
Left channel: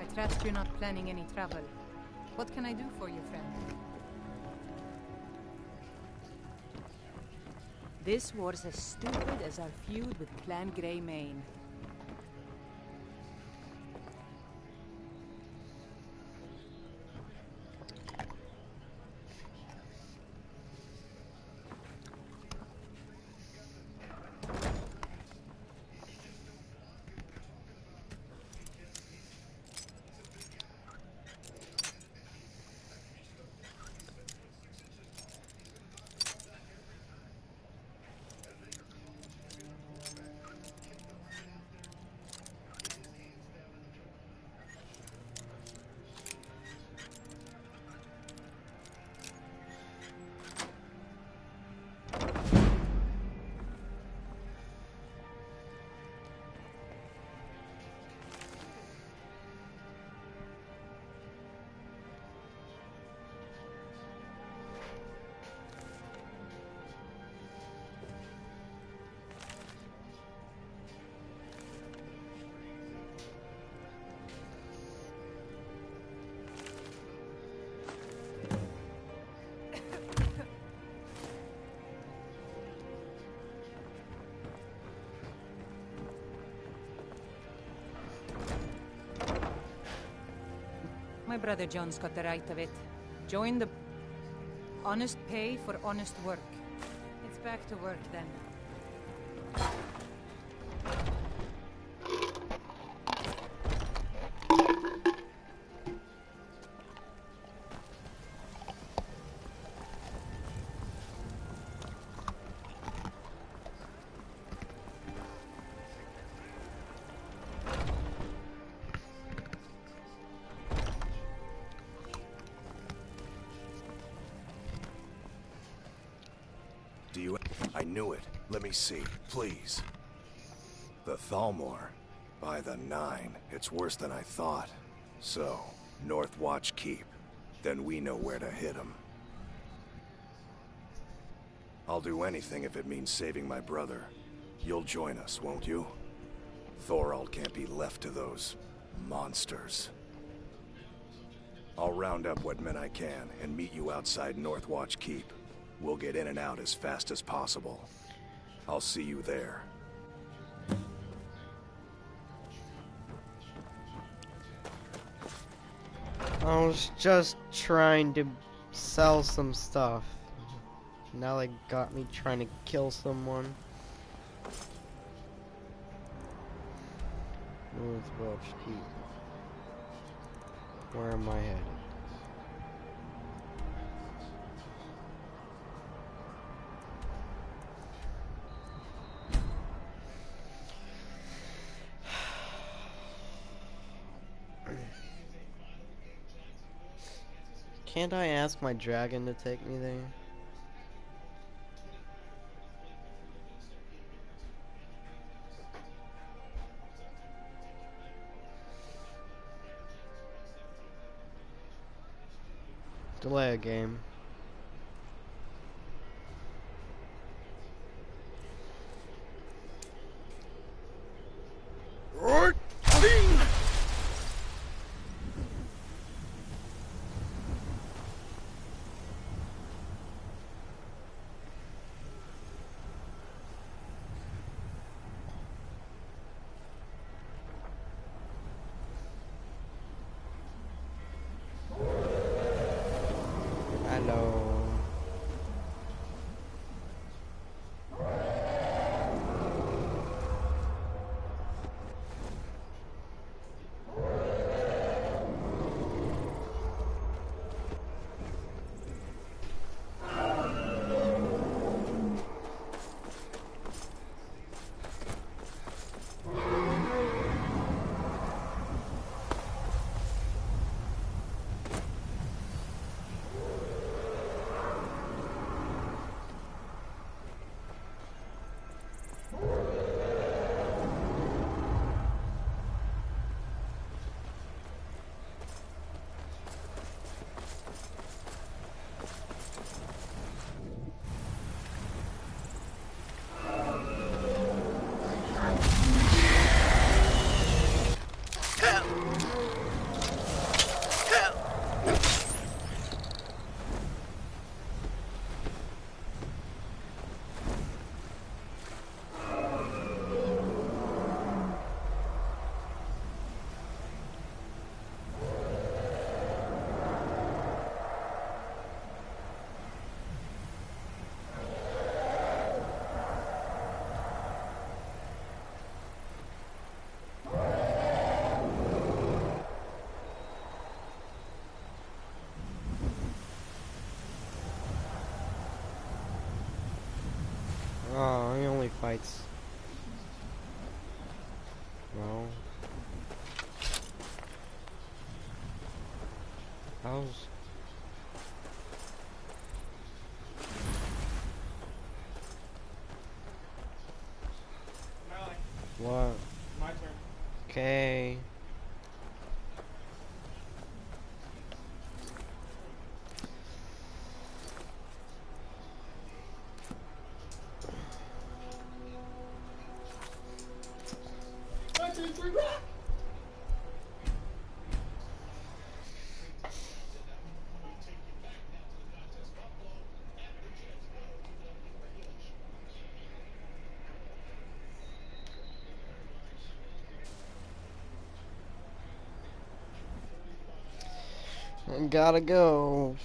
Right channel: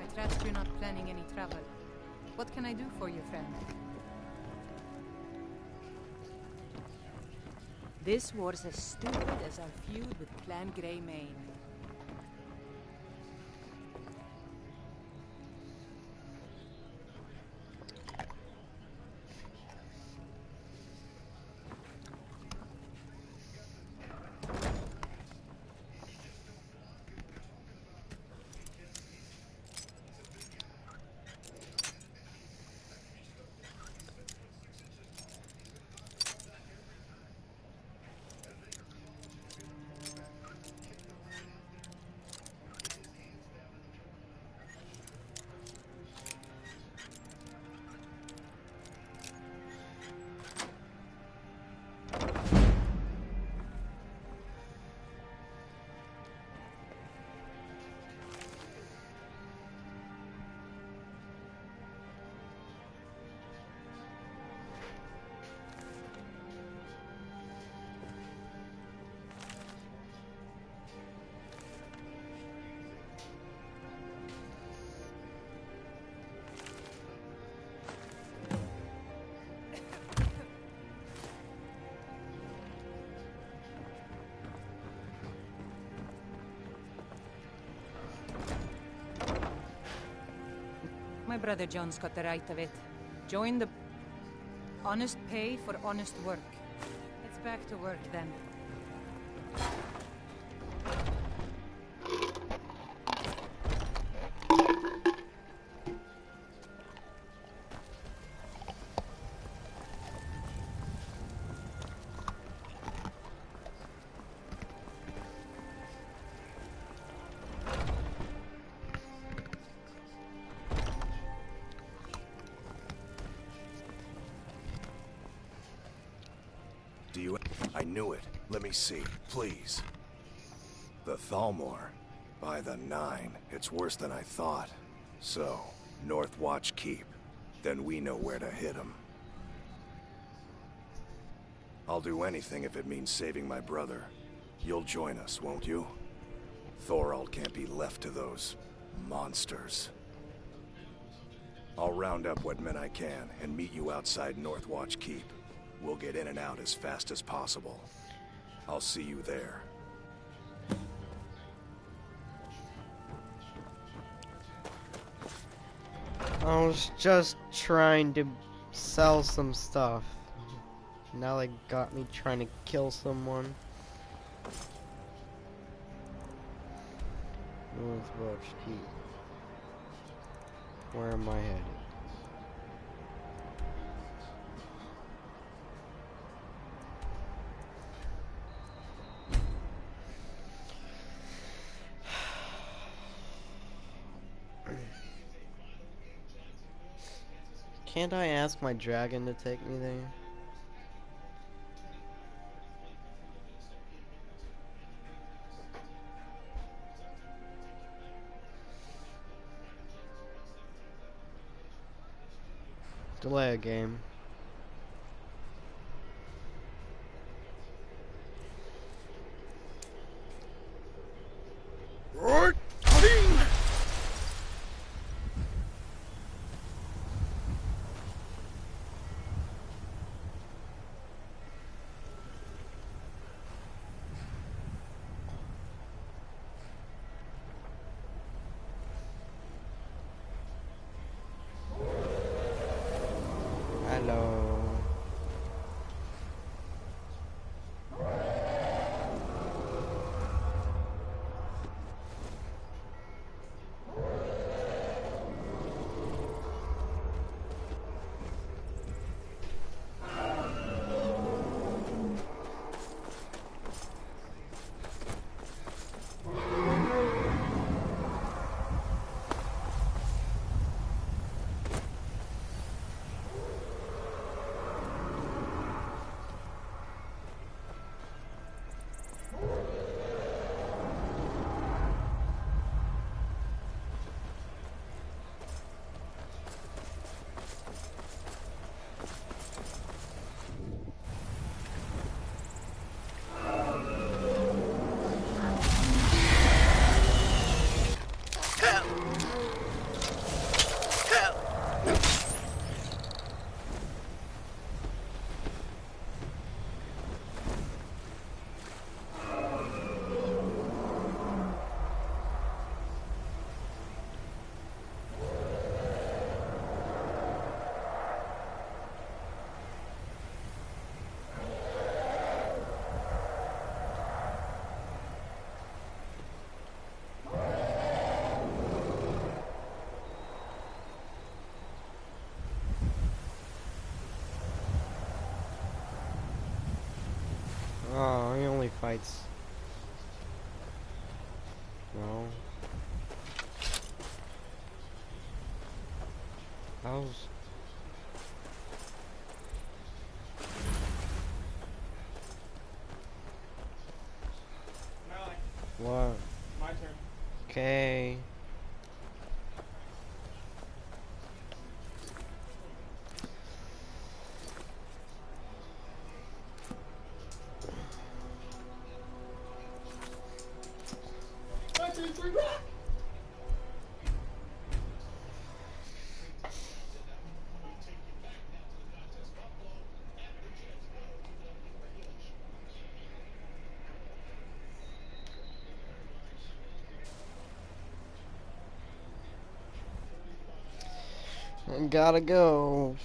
I trust you're not planning any travel. What can I do for you, friend? This war's as stupid as our feud with Clan Greymane. My brother John's got the right of it. Join the... honest pay for honest work. It's back to work then. Do you... I knew it. Let me see, please. The Thalmor. By the 9. It's worse than I thought. So, North Watch Keep. Then we know where to hit him. I'll do anything if it means saving my brother. You'll join us, won't you? Thorald can't be left to those monsters. I'll round up what men I can and meet you outside Northwatch Keep. We'll get in and out as fast as possible. I'll see you there. I was just trying to sell some stuff. Now they got me trying to kill someone. Northwatch Keep. Where am I headed? Can't I ask my dragon to take me there? Delay a game. Right. Hello. Oh, he only fights. Well. How's... What? My turn. Okay. One, two, three, rock! I gotta go.